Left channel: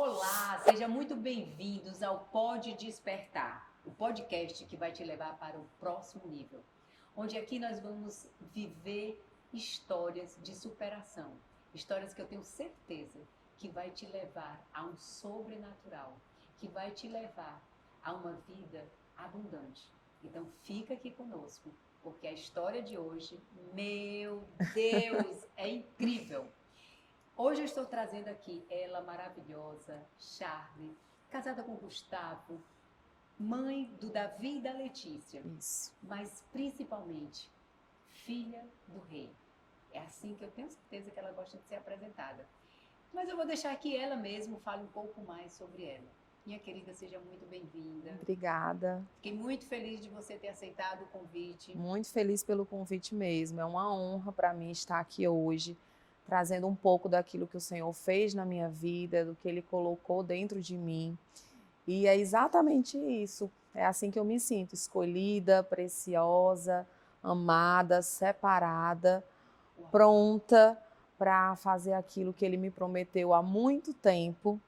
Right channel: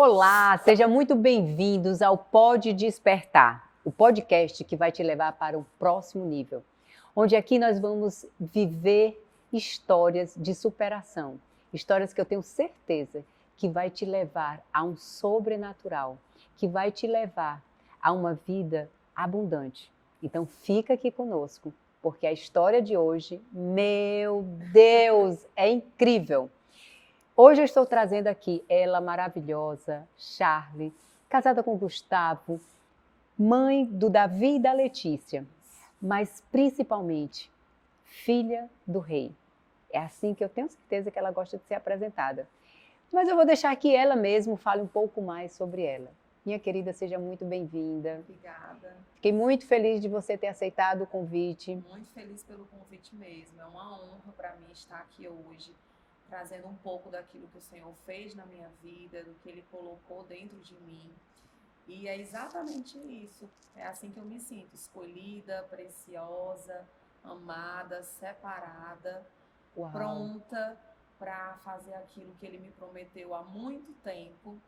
Olá, sejam muito bem-vindos ao Pode Despertar, o podcast que vai te levar para o próximo nível, onde aqui nós vamos viver histórias de superação, histórias que eu tenho certeza que vai te levar a um sobrenatural, que vai te levar a uma vida abundante. Então fica aqui conosco, porque a história de hoje, meu Deus, é incrível. Hoje eu estou trazendo aqui ela maravilhosa, Charlie, casada com Gustavo, mãe do Davi e da Letícia, mas principalmente filha do rei. É assim que eu tenho certeza que ela gosta de ser apresentada. Mas eu vou deixar que ela mesma fale um pouco mais sobre ela. Minha querida, seja muito bem-vinda. Obrigada. Fiquei muito feliz de você ter aceitado o convite. Muito feliz pelo convite mesmo. É uma honra para mim estar aqui hoje, trazendo um pouco daquilo que o Senhor fez na minha vida, do que Ele colocou dentro de mim. E é exatamente isso. É assim que eu me sinto, escolhida, preciosa, amada, separada, Uau. pronta para fazer aquilo que Ele me prometeu há muito tempo.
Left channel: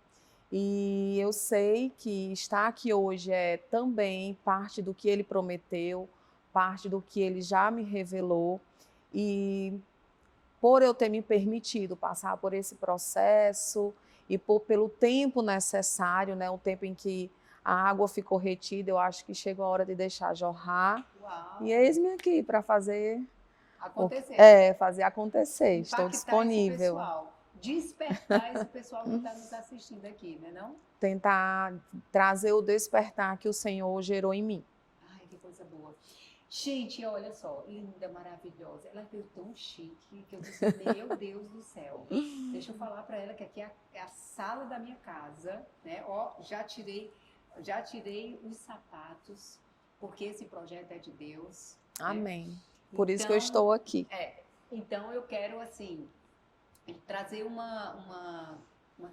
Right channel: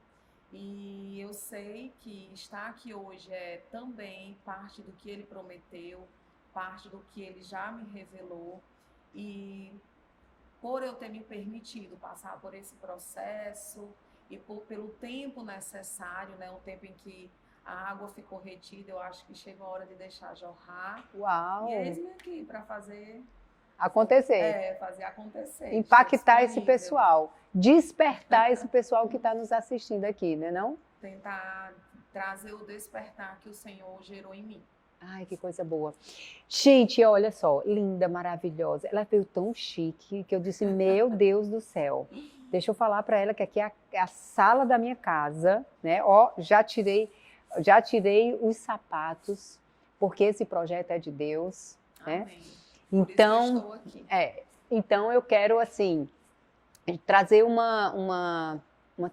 E eu sei que estar aqui hoje é também parte do que Ele prometeu, parte do que Ele já me revelou. E por eu ter me permitido passar por esse processo e pelo tempo necessário, né, o tempo em que a água ficou retida, eu acho que chegou a hora de deixar jorrar. Uau! E eis-me aqui para fazer acontecer. fazer acontecer. Estou Impactar esse disponível. pessoal, despertar esse pessoal que está nos assistindo aqui, né não? Tentar trazer o despertar que o Senhor gerou em mim. Ai, que coisa boa. Gente, olha só, linda, maravilhosa. Ela veio tão chique que eu disse, meu Deus do céu. Deixa eu falar para ela que aqui é a sala da minha casa, né? Ó, já tirei os sapatos, porque esse projeto é de Deus. Amém. Né? Por isso que eu estou aqui. Então eu quero, assim, trazer uma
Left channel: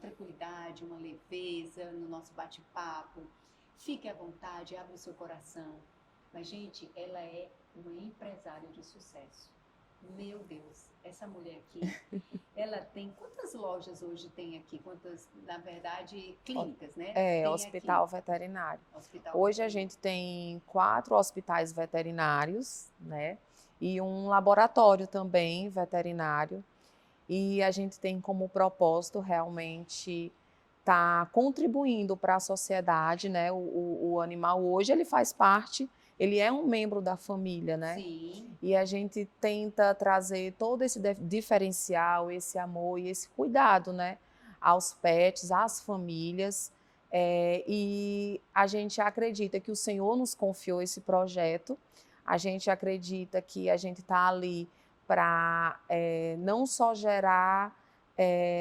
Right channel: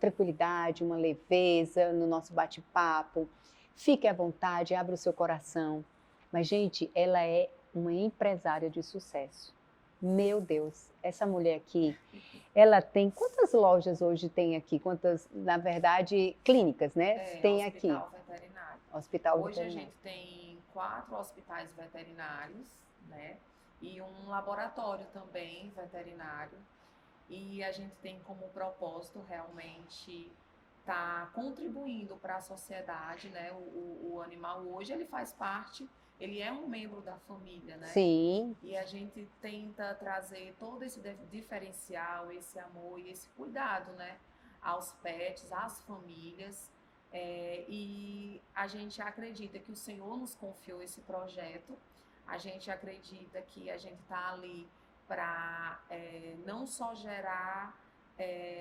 tranquilidade, uma leveza no nosso bate-papo. Fique à vontade, abra o seu coração. Mas, gente, ela é uma empresária de sucesso. Meu Deus, essa mulher aqui, ela tem... Quantas lojas hoje tem aqui? Quantas, na verdade, clínicas, né? Tem hospital aqui. veterinário. Hospital Hoje veterinário. A gente tem 4 hospitais veterinários, né? E um laboratório também veterinário. E a gente tem como propósito realmente estar contribuindo para a sociedade, né? O animal hoje ele faz parte, ele é um membro da família, né? Sim. E a gente tenta trazer todo esse diferencial, esse amor e esse cuidado, né? Aos pets, às famílias. E a gente acredita que o Senhor nos confiou esse projeto. A gente acredita que a gente está ali para não só gerar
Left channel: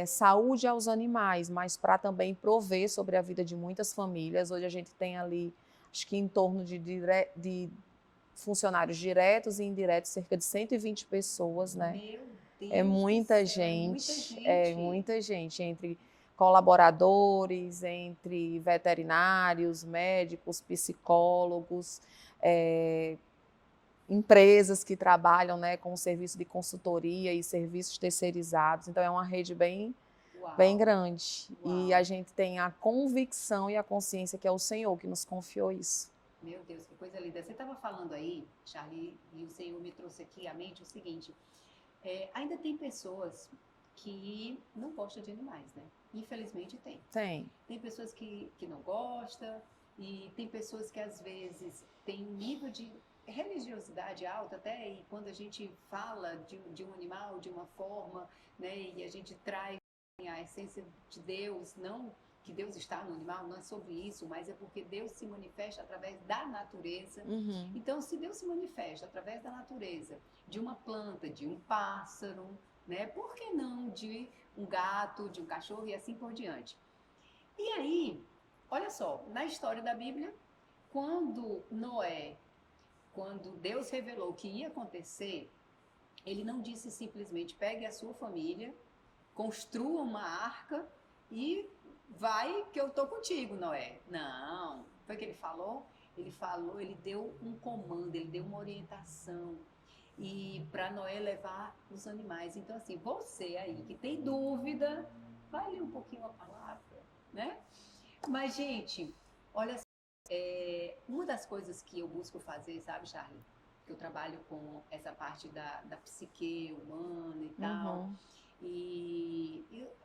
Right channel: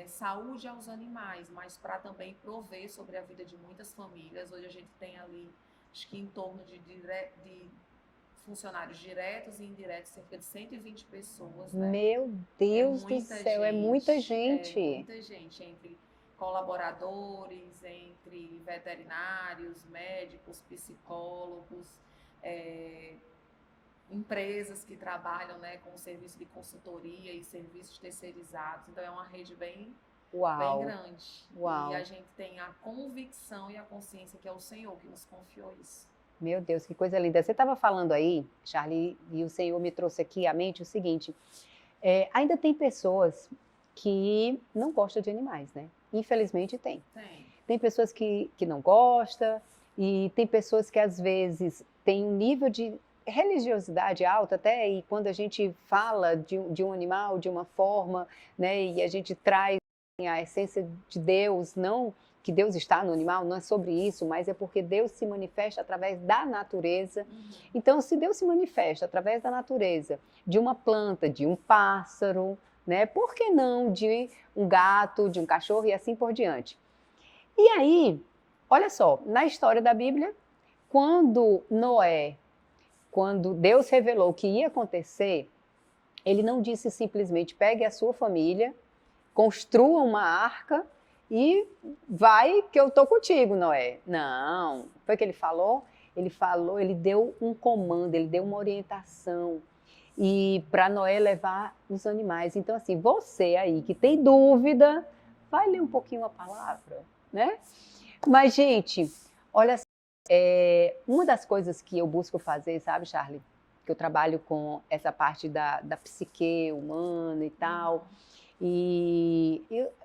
saúde aos animais, mas para também prover sobre a vida de muitas famílias. Hoje a gente tem ali, acho que em torno de funcionários diretos e indiretos, cerca de 120 pessoas, né? Meu Deus É muita do céu, é muita gente. É muita gente, entre colaboradores, entre veterinários, médicos, psicólogos, empresas que trabalham, né, com serviço de consultoria e serviços terceirizados. Então é uma rede bem grande. Uau. E a gente tem a convicção e a consciência que é o Senhor que nos confiou isso. Meu Deus, que coisa linda. Você estava falando aí, Charlie, e o Senhor me trouxe aqui à mente o seguinte, ainda tem pessoas que não gostam de animais, né? Infelizmente tem. Tem pessoas que não gostam, e tem pessoas que às vezes têm um nível de religiosidade alta até, e quando a gente fala de um animal de uma forma, né, e a gente traz a essência de Deus, não que Deus está no animal, não é sobre isso, mas é porque Deus se manifesta através da natureza. Uhum. Então, se Deus se manifesta através da natureza, de uma planta, de um pássaro, né, por que não de um gato, de um cachorro e assim por diante? E aí, olha só, na história da Bíblia, quando Deus revelou o que ia acontecer, ele não disse simplesmente pegue a sua família, construa uma arca e vai que eu estou contigo, Noé. Não, foi o que ele falou? Ele deu um comando, ele deu uma orientação e para Noé levar os animais. Então assim, você aí que tem dúvida, vai ler um pouquinho a palavra, né? Mas, gente, olha, uma das coisas que eu busco fazer, sabe, Charlie? Que eu trabalho com essa parte da psique humana e tal. Uhum.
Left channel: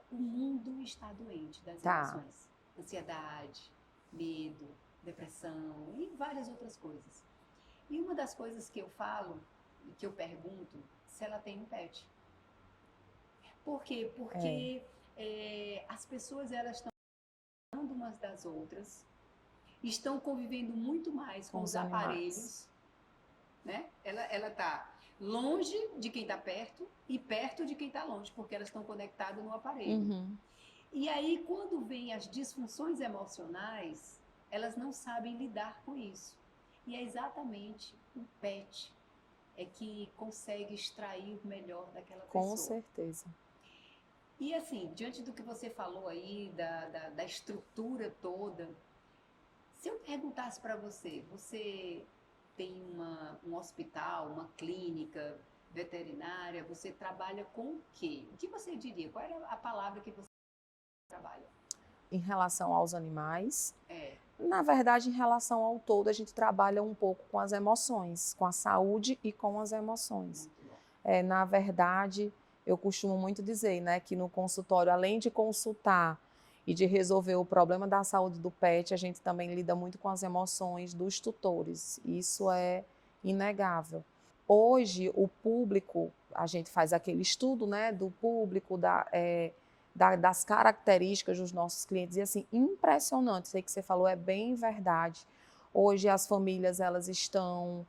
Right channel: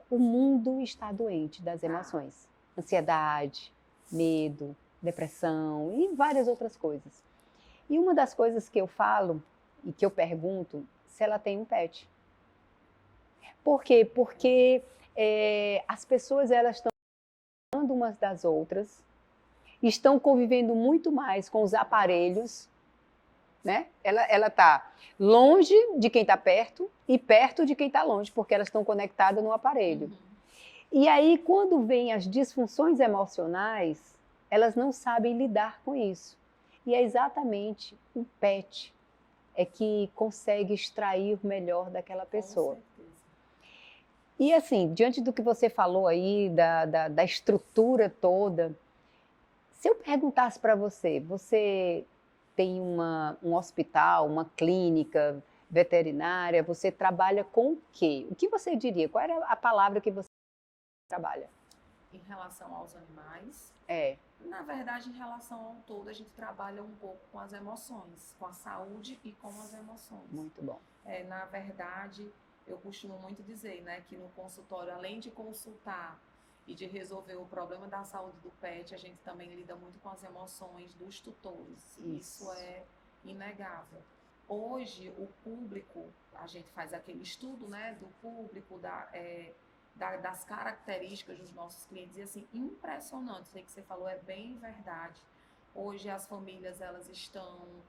O mundo está doente das Tá. emoções. Ansiedade, medo, depressão e várias outras coisas. E uma das coisas que eu falo e que eu pergunto se ela tem um pet. Por quê? Porque as pessoas elas estão falando umas das outras, estão convivendo muito mais com os aparelhos, né? Ela está longe de quem está perto e perto de quem está longe, porque elas estão conectadas no aparelho. Uhum. E aí, quando vem as disfunções emocionais, elas não sabem lidar com isso. E é exatamente o pet que consegue extrair o melhor daquela pessoa. Com certeza. E assim, diante do que você falou aí, da estrutura toda, se eu perguntasse para você, você tem um hospital, uma clínica veterinária, você trabalha com o quê? O que você diria? Qual era a palavra que você trabalha? Em relação aos animais, É. na verdade, em relação ao todo, a gente trabalha um pouco com as emoções, com a saúde e com as emoções. Muito bom. Na verdade, eu costumo muito dizer, né, que no consultório, além de consultar e de resolver o problema da saúde do pet, a gente também lida muito com as emoções dos tutores. Isso é inegável. Hoje, o público, a gente faz aquele estudo, né, do público, das características dos nossos clientes, e assim, impressionante, isso aí que você falou é bem verdade. Hoje as famílias, elas estão,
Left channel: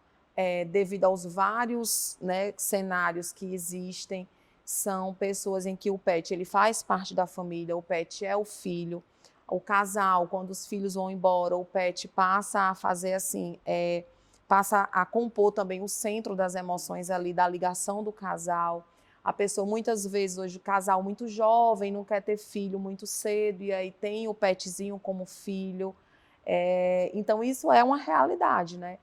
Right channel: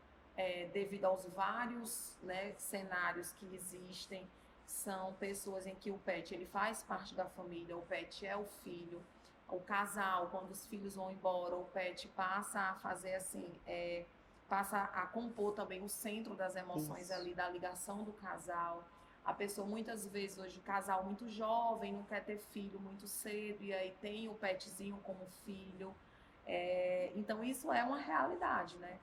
devido aos vários, né, cenários que existem, são pessoas em que o pet ele faz parte da família, o pet é o filho, o casal, quando os filhos vão embora, o pet passa a fazer assim, passa a compor também o centro das emoções ali, da ligação do casal. A pessoa, muitas vezes, hoje, o casal muito jovem, não quer ter filho muito cedo, e aí tem o petzinho como filho. Então, isso é uma realidade, né?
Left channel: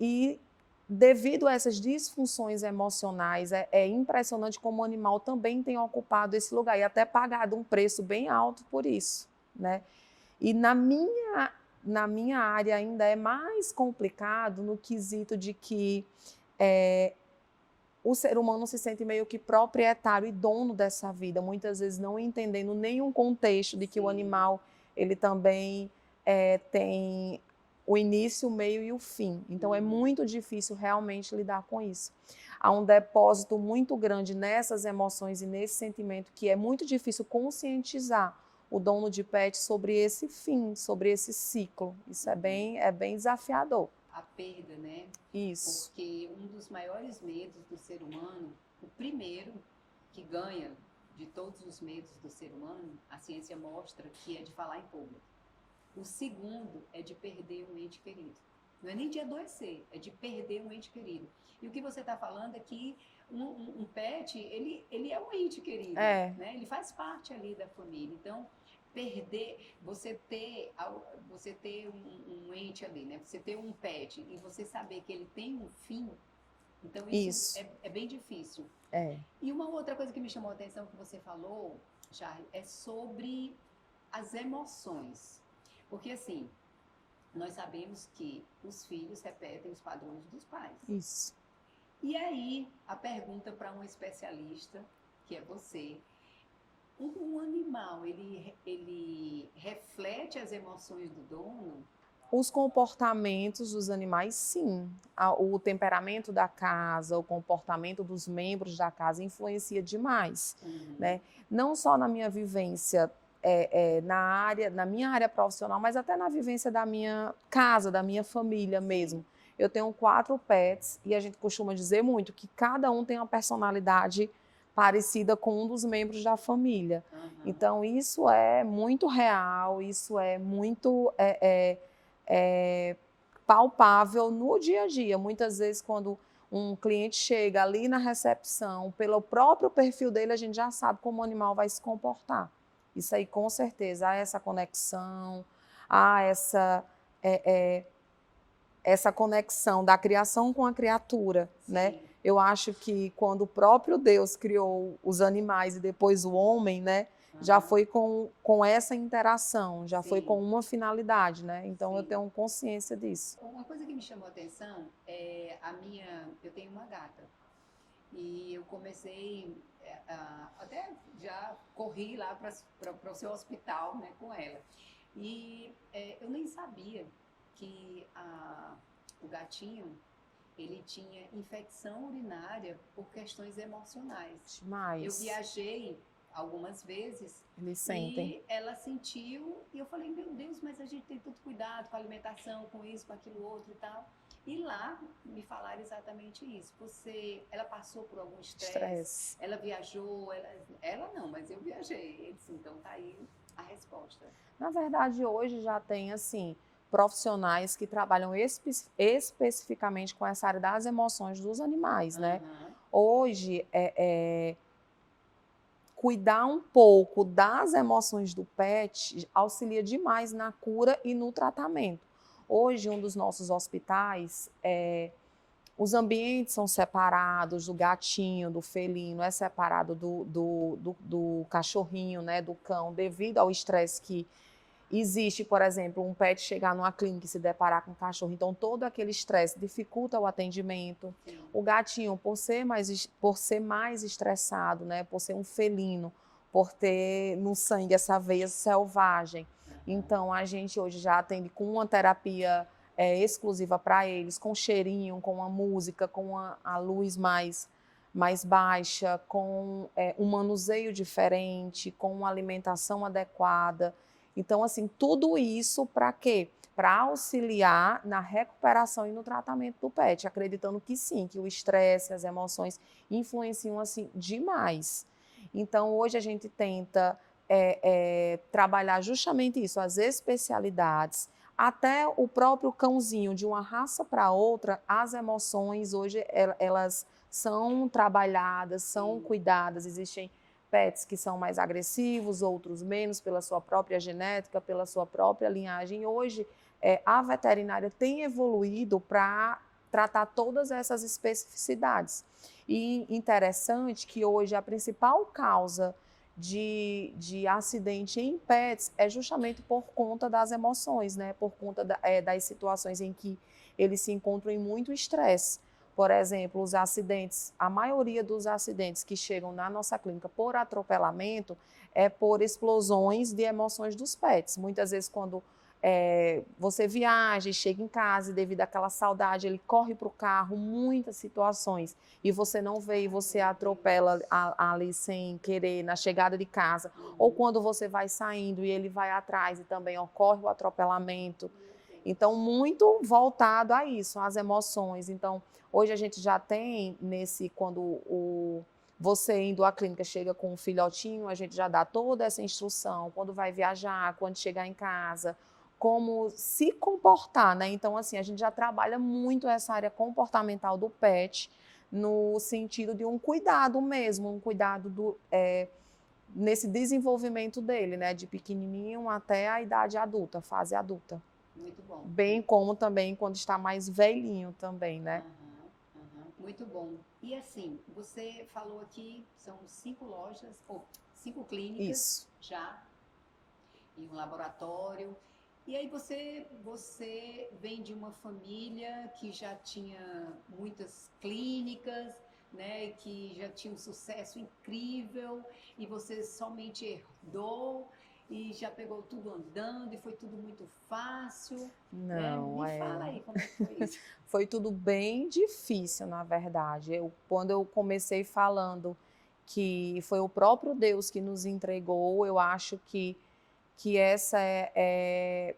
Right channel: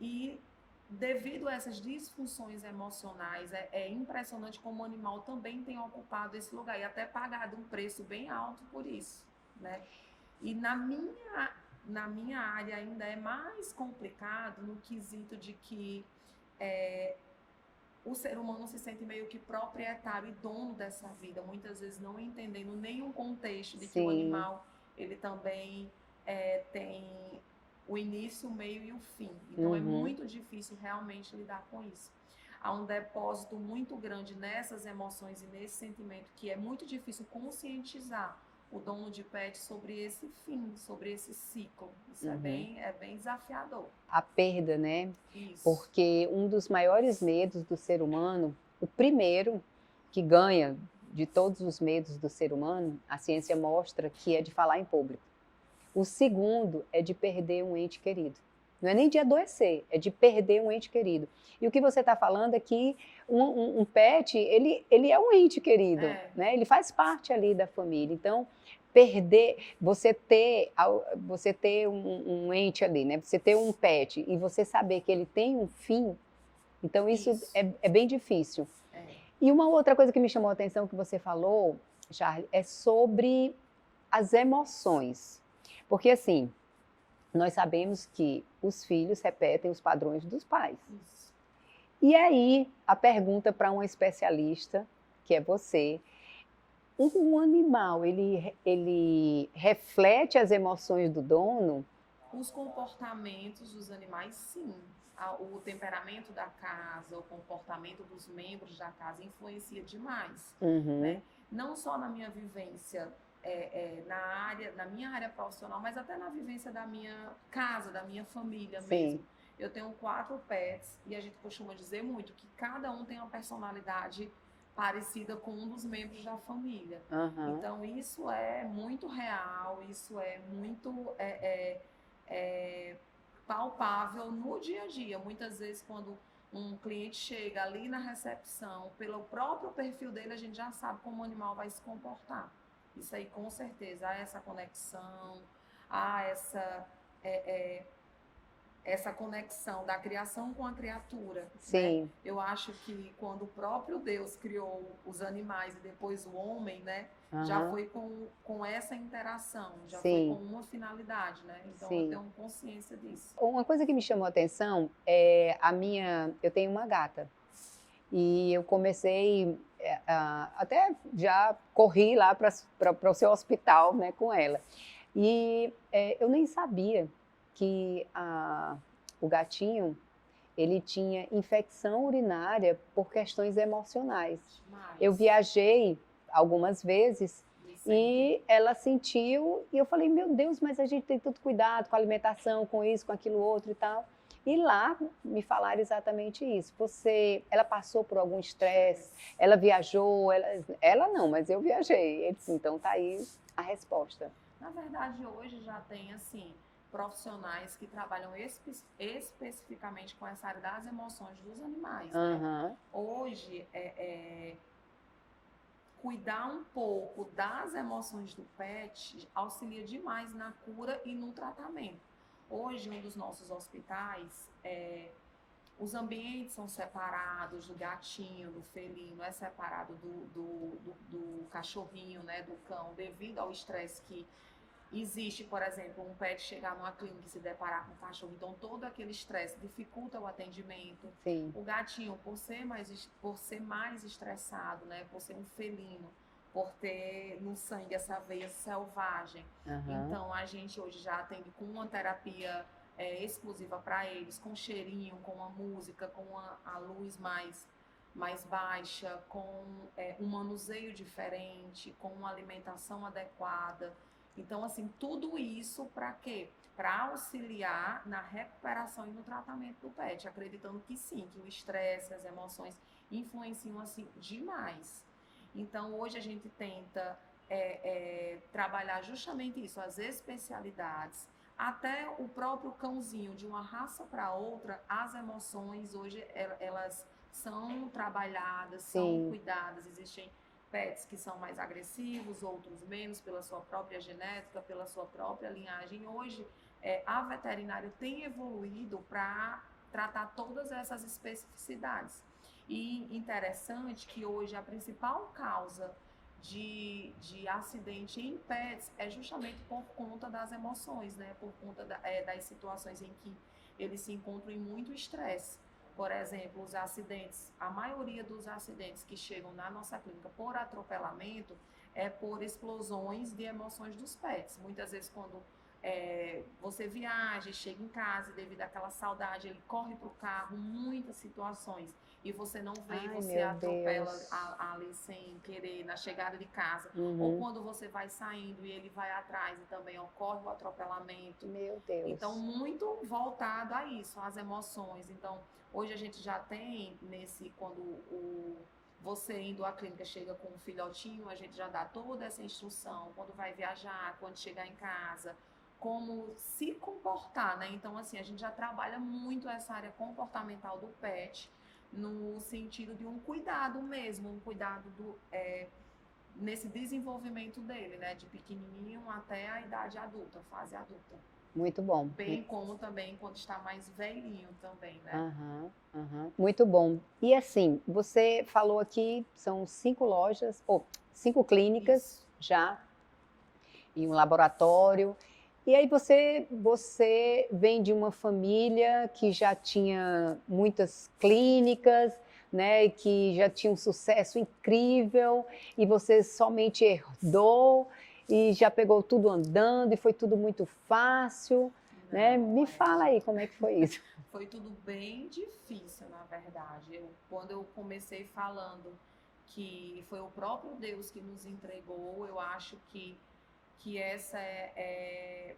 E devido a essas disfunções emocionais, é impressionante como o animal também tem ocupado esse lugar e até pagado um preço bem alto por isso, né? E na minha área ainda é mais complicado no quesito de que o ser humano se sente meio que proprietário e dono dessa vida, muitas vezes não entendendo nenhum contexto de que o animal ele também tem o início, o meio e o fim. Então é muito difícil realmente lidar com isso. Há um depósito muito grande nessas emoções e nesse sentimento que é muito difícil conscientizar o dono de pet sobre esse fim, sobre esse ciclo. Isso é bem desafiador. A perda, né? Isso. Porque um dos maiores medos do ser humano, o primeiro que ganha de todos os medos do ser humano, a ciência mostra que é de falar em público. O segundo é de perder um ente querido. Não é nem de adoecer, é de perder um ente querido. E o que você está falando é que um pet, ele é um ente querido, né? Ele faz parte ali da família. Então, perder, você ter um ente ali, né? Você ter um pet e você saber que ele tem um fim, então isso. É bem difícil. E uma outra coisa que me chamou a atenção que você falou, Charlie, é sobre as emoções. Porque assim, nós sabemos que os filhos repetem os padrões dos pais. Isso. E aí, a pergunta para uma especialista, que é você, um animal, ele reflete as emoções do dono? Os comportamentos dos animais, sim. O temperamento da casa, o comportamento dos membros da casa influencia demais, né? Não só na minha vivência na minha área profissional, mas até na vivência da minha casa, da minha família mesmo. Eu tenho 4 pets e a gente costuma dizer muito que cada um tem uma personalidade parecida com um dos membros da família. Então, isso é muito real, isso é muito palpável no dia a dia. Muitas vezes, quando um cliente chega ali na recepção, pelo próprio perfil dele, a gente já sabe como o animal vai se comportar. Isso aí, com certeza, há essa conexão, há essa conexão da criação com a criatura, né? Eu acho que quando o próprio Deus criou os animais e depois o homem, né? já Aham. foi com essa interação, já foi Sim, com uma finalidade, né? Então eu sim. tenho consciência disso. Uma coisa que me chamou a atenção é eu tenho uma gata e eu comecei, até já corri lá para o seu hospital, né, com ela. E eu nem sabia que o gatinho, ele tinha infecção urinária por questões emocionais. Eu Demais. viajei algumas vezes Eles sentem. e ela sentiu, e eu falei, meu Deus, mas a gente tem tanto cuidado com a alimentação, com isso, com aquilo outro e tal. E lá me falaram exatamente isso. Ela passou por algum estresse, Estresse. ela viajou, ela não, mas eu viajei. Ele disse, então tá aí a resposta. Na verdade, hoje já tem, assim, profissionais que trabalham especificamente com essa área das emoções dos animais, né? Aham, Hoje, cuidar um pouco das emoções do pet auxilia demais na cura e no tratamento. Hoje, um dos nossos hospitais, os ambientes são separados, do gatinho, do felino, é separado do cachorrinho, né, do cão, devido ao estresse que existe, por exemplo, um pet chegar numa clínica e se deparar com um cachorro, então todo aquele estresse dificulta o atendimento. sim. O gatinho, por ser mais estressado, né, por ser um felino, por ter no sangue essa veia selvagem, Aham. então a gente hoje já atende com uma terapia exclusiva para eles, com cheirinho, com a música, com a luz mais baixa, com um manuseio diferente, com uma alimentação adequada. Então, assim, tudo isso para quê? Para auxiliar na recuperação e no tratamento do pet, acreditando que sim, que o estresse, as emoções influenciam assim demais. Então, hoje a gente tenta trabalhar justamente isso, as especialidades, até o próprio cãozinho, de uma raça para outra, as emoções hoje elas são trabalhadas, são Sim. cuidadas, existem pets que são mais agressivos, outros menos, pela sua própria genética, pela sua própria linhagem. Hoje, a veterinária tem evoluído para tratar todas essas especificidades. E interessante que hoje a principal causa de acidente em pets é justamente por conta das emoções, né? Por conta das situações em que eles se encontram em muito estresse. Por exemplo, os acidentes, a maioria dos acidentes que chegam na nossa clínica por atropelamento é por explosões de emoções dos pets. Muitas vezes, quando você viaja e chega em casa e devido àquela saudade, ele corre para o carro, muitas situações, e você não vê e você atropela ali sem querer na chegada de casa. Uhum. Ou quando você vai saindo e ele vai atrás e também ocorre o atropelamento. Meu Deus. Então, muito voltado a isso, às emoções. Então, hoje a gente já tem quando você indo à clínica chega com um filhotinho, a gente já dá toda essa instrução, quando vai viajar, quando chegar em casa, como se comportar, né? Então, assim, a gente já trabalha muito essa área comportamental do pet, no sentido de um cuidado mesmo, um cuidado nesse desenvolvimento dele, né? De pequenininho até a idade adulta, fase adulta. Muito bom. Bem como também quando está mais velhinho também, né? Aham, aham. Muito bom. E assim, você falou aqui, são 5 lojas, ou 5 clínicas Isso. já, e um laboratório. E aí você vem de uma família que já tinha muitas clínicas, né, e que já tinha um sucesso incrível, e você somente herdou e já pegou tudo andando e foi tudo muito fácil, né? Me fala aí como é que foi isso. Foi tudo bem difícil, na verdade. Quando eu comecei falando que foi o próprio Deus que nos entregou, eu acho que essa é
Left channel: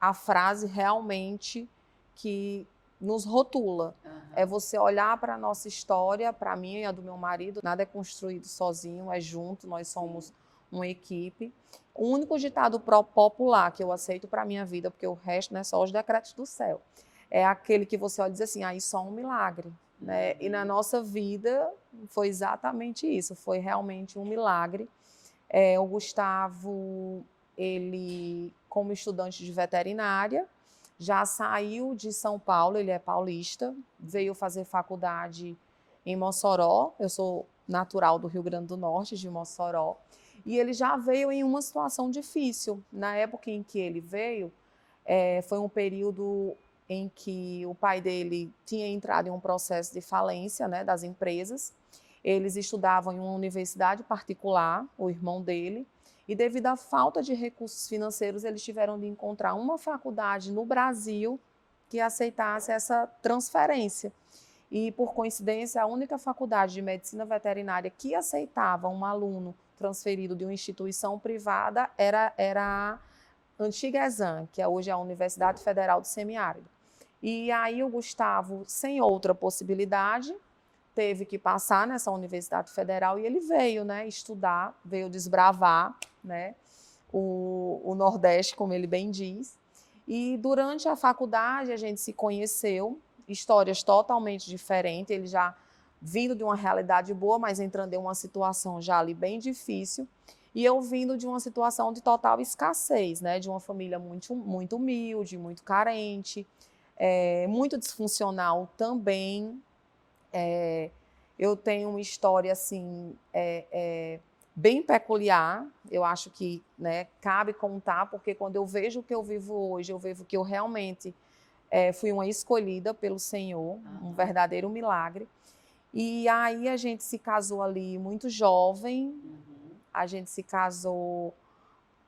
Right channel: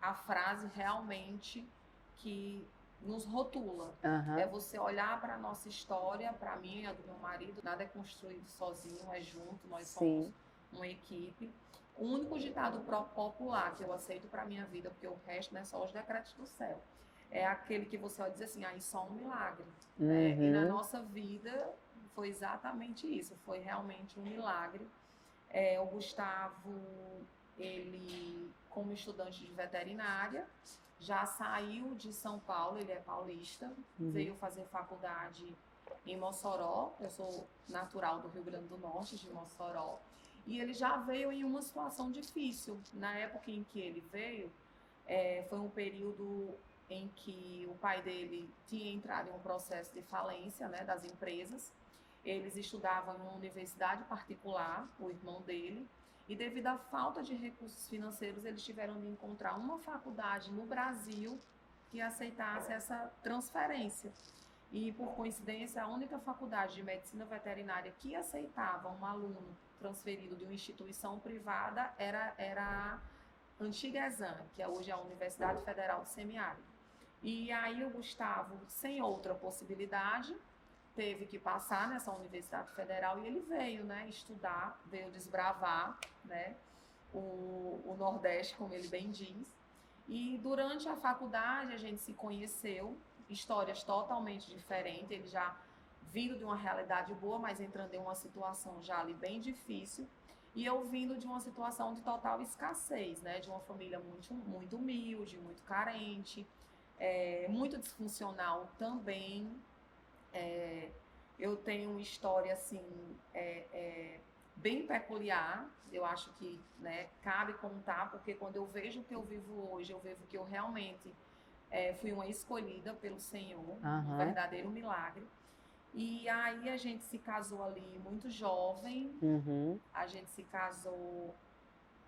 a frase realmente que nos rotula. Aham. É você olhar para a nossa história, para mim e a do meu marido, nada é construído sozinho, é junto, nós somos Sim. uma equipe. O único ditado popular que eu aceito para a minha vida, porque o resto não é só os decretos do céu, é aquele que você olha e diz assim, aí só um milagre. Né? E na Uhum. nossa vida foi exatamente isso, foi realmente um milagre. O Gustavo, ele, como estudante de veterinária, já saiu de São Paulo, ele é paulista, veio fazer faculdade em Mossoró, eu sou natural do Rio Grande do Norte, de Mossoró, e ele já veio em uma situação difícil. Na época em que ele veio, foi um período em que o pai dele tinha entrado em um processo de falência, né, das empresas. Eles estudavam em uma universidade particular, o irmão dele, e devido à falta de recursos financeiros, eles tiveram de encontrar uma faculdade no Brasil que aceitasse essa transferência. E, por coincidência, a única faculdade de medicina veterinária que aceitava um aluno transferido de uma instituição privada era a antiga ESAM, que hoje é a Universidade Federal do Semiárido. E aí o Gustavo, sem outra possibilidade, teve que passar nessa Universidade Federal e ele veio, né, estudar, veio desbravar, né, o Nordeste, como ele bem diz. E durante a faculdade a gente se conheceu, histórias totalmente diferentes, ele já vindo de uma realidade boa, mas entrando em uma situação já ali bem difícil, e eu vindo de uma situação de total escassez, né, de uma família muito, muito humilde, muito carente, muito disfuncional também. Eu tenho uma história assim bem peculiar, eu acho que, né, cabe contar, porque quando eu vejo o que eu vivo hoje, eu vejo que eu realmente fui uma escolhida pelo Senhor, um verdadeiro milagre. E aí a gente se casou ali muito jovem, a gente se casou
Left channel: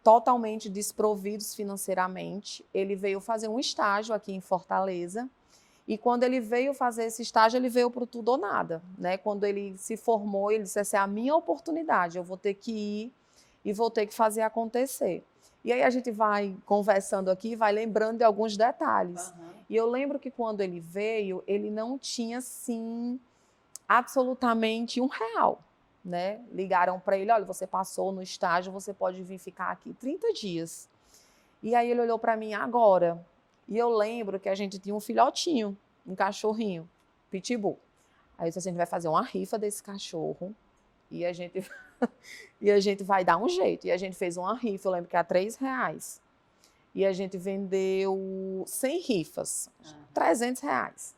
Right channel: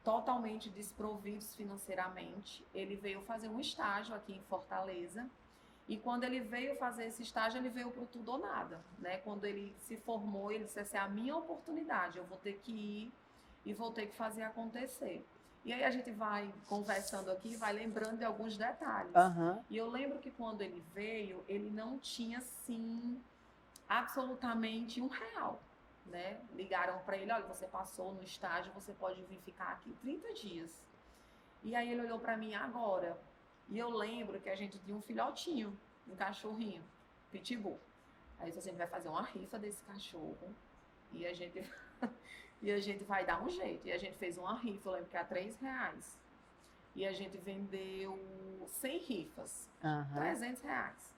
totalmente desprovidos financeiramente. Ele veio fazer um estágio aqui em Fortaleza, e quando ele veio fazer esse estágio, ele veio para o tudo ou nada, né? Quando ele se formou, ele disse assim, é a minha oportunidade, eu vou ter que ir e vou ter que fazer acontecer. E aí a gente vai conversando aqui, vai lembrando de alguns detalhes. E eu lembro que quando ele veio, ele não tinha, sim, absolutamente R$1, né? Ligaram para ele, olha, você passou no estágio, você pode vir ficar aqui 30 dias. E aí ele olhou para mim, agora... E eu lembro que a gente tinha um filhotinho, um cachorrinho, pitbull. Aí eu disse assim, a gente vai fazer uma rifa desse cachorro e a gente vai dar um jeito. E a gente fez uma rifa, eu lembro que era R$3. E a gente vendeu 100 rifas, R$300.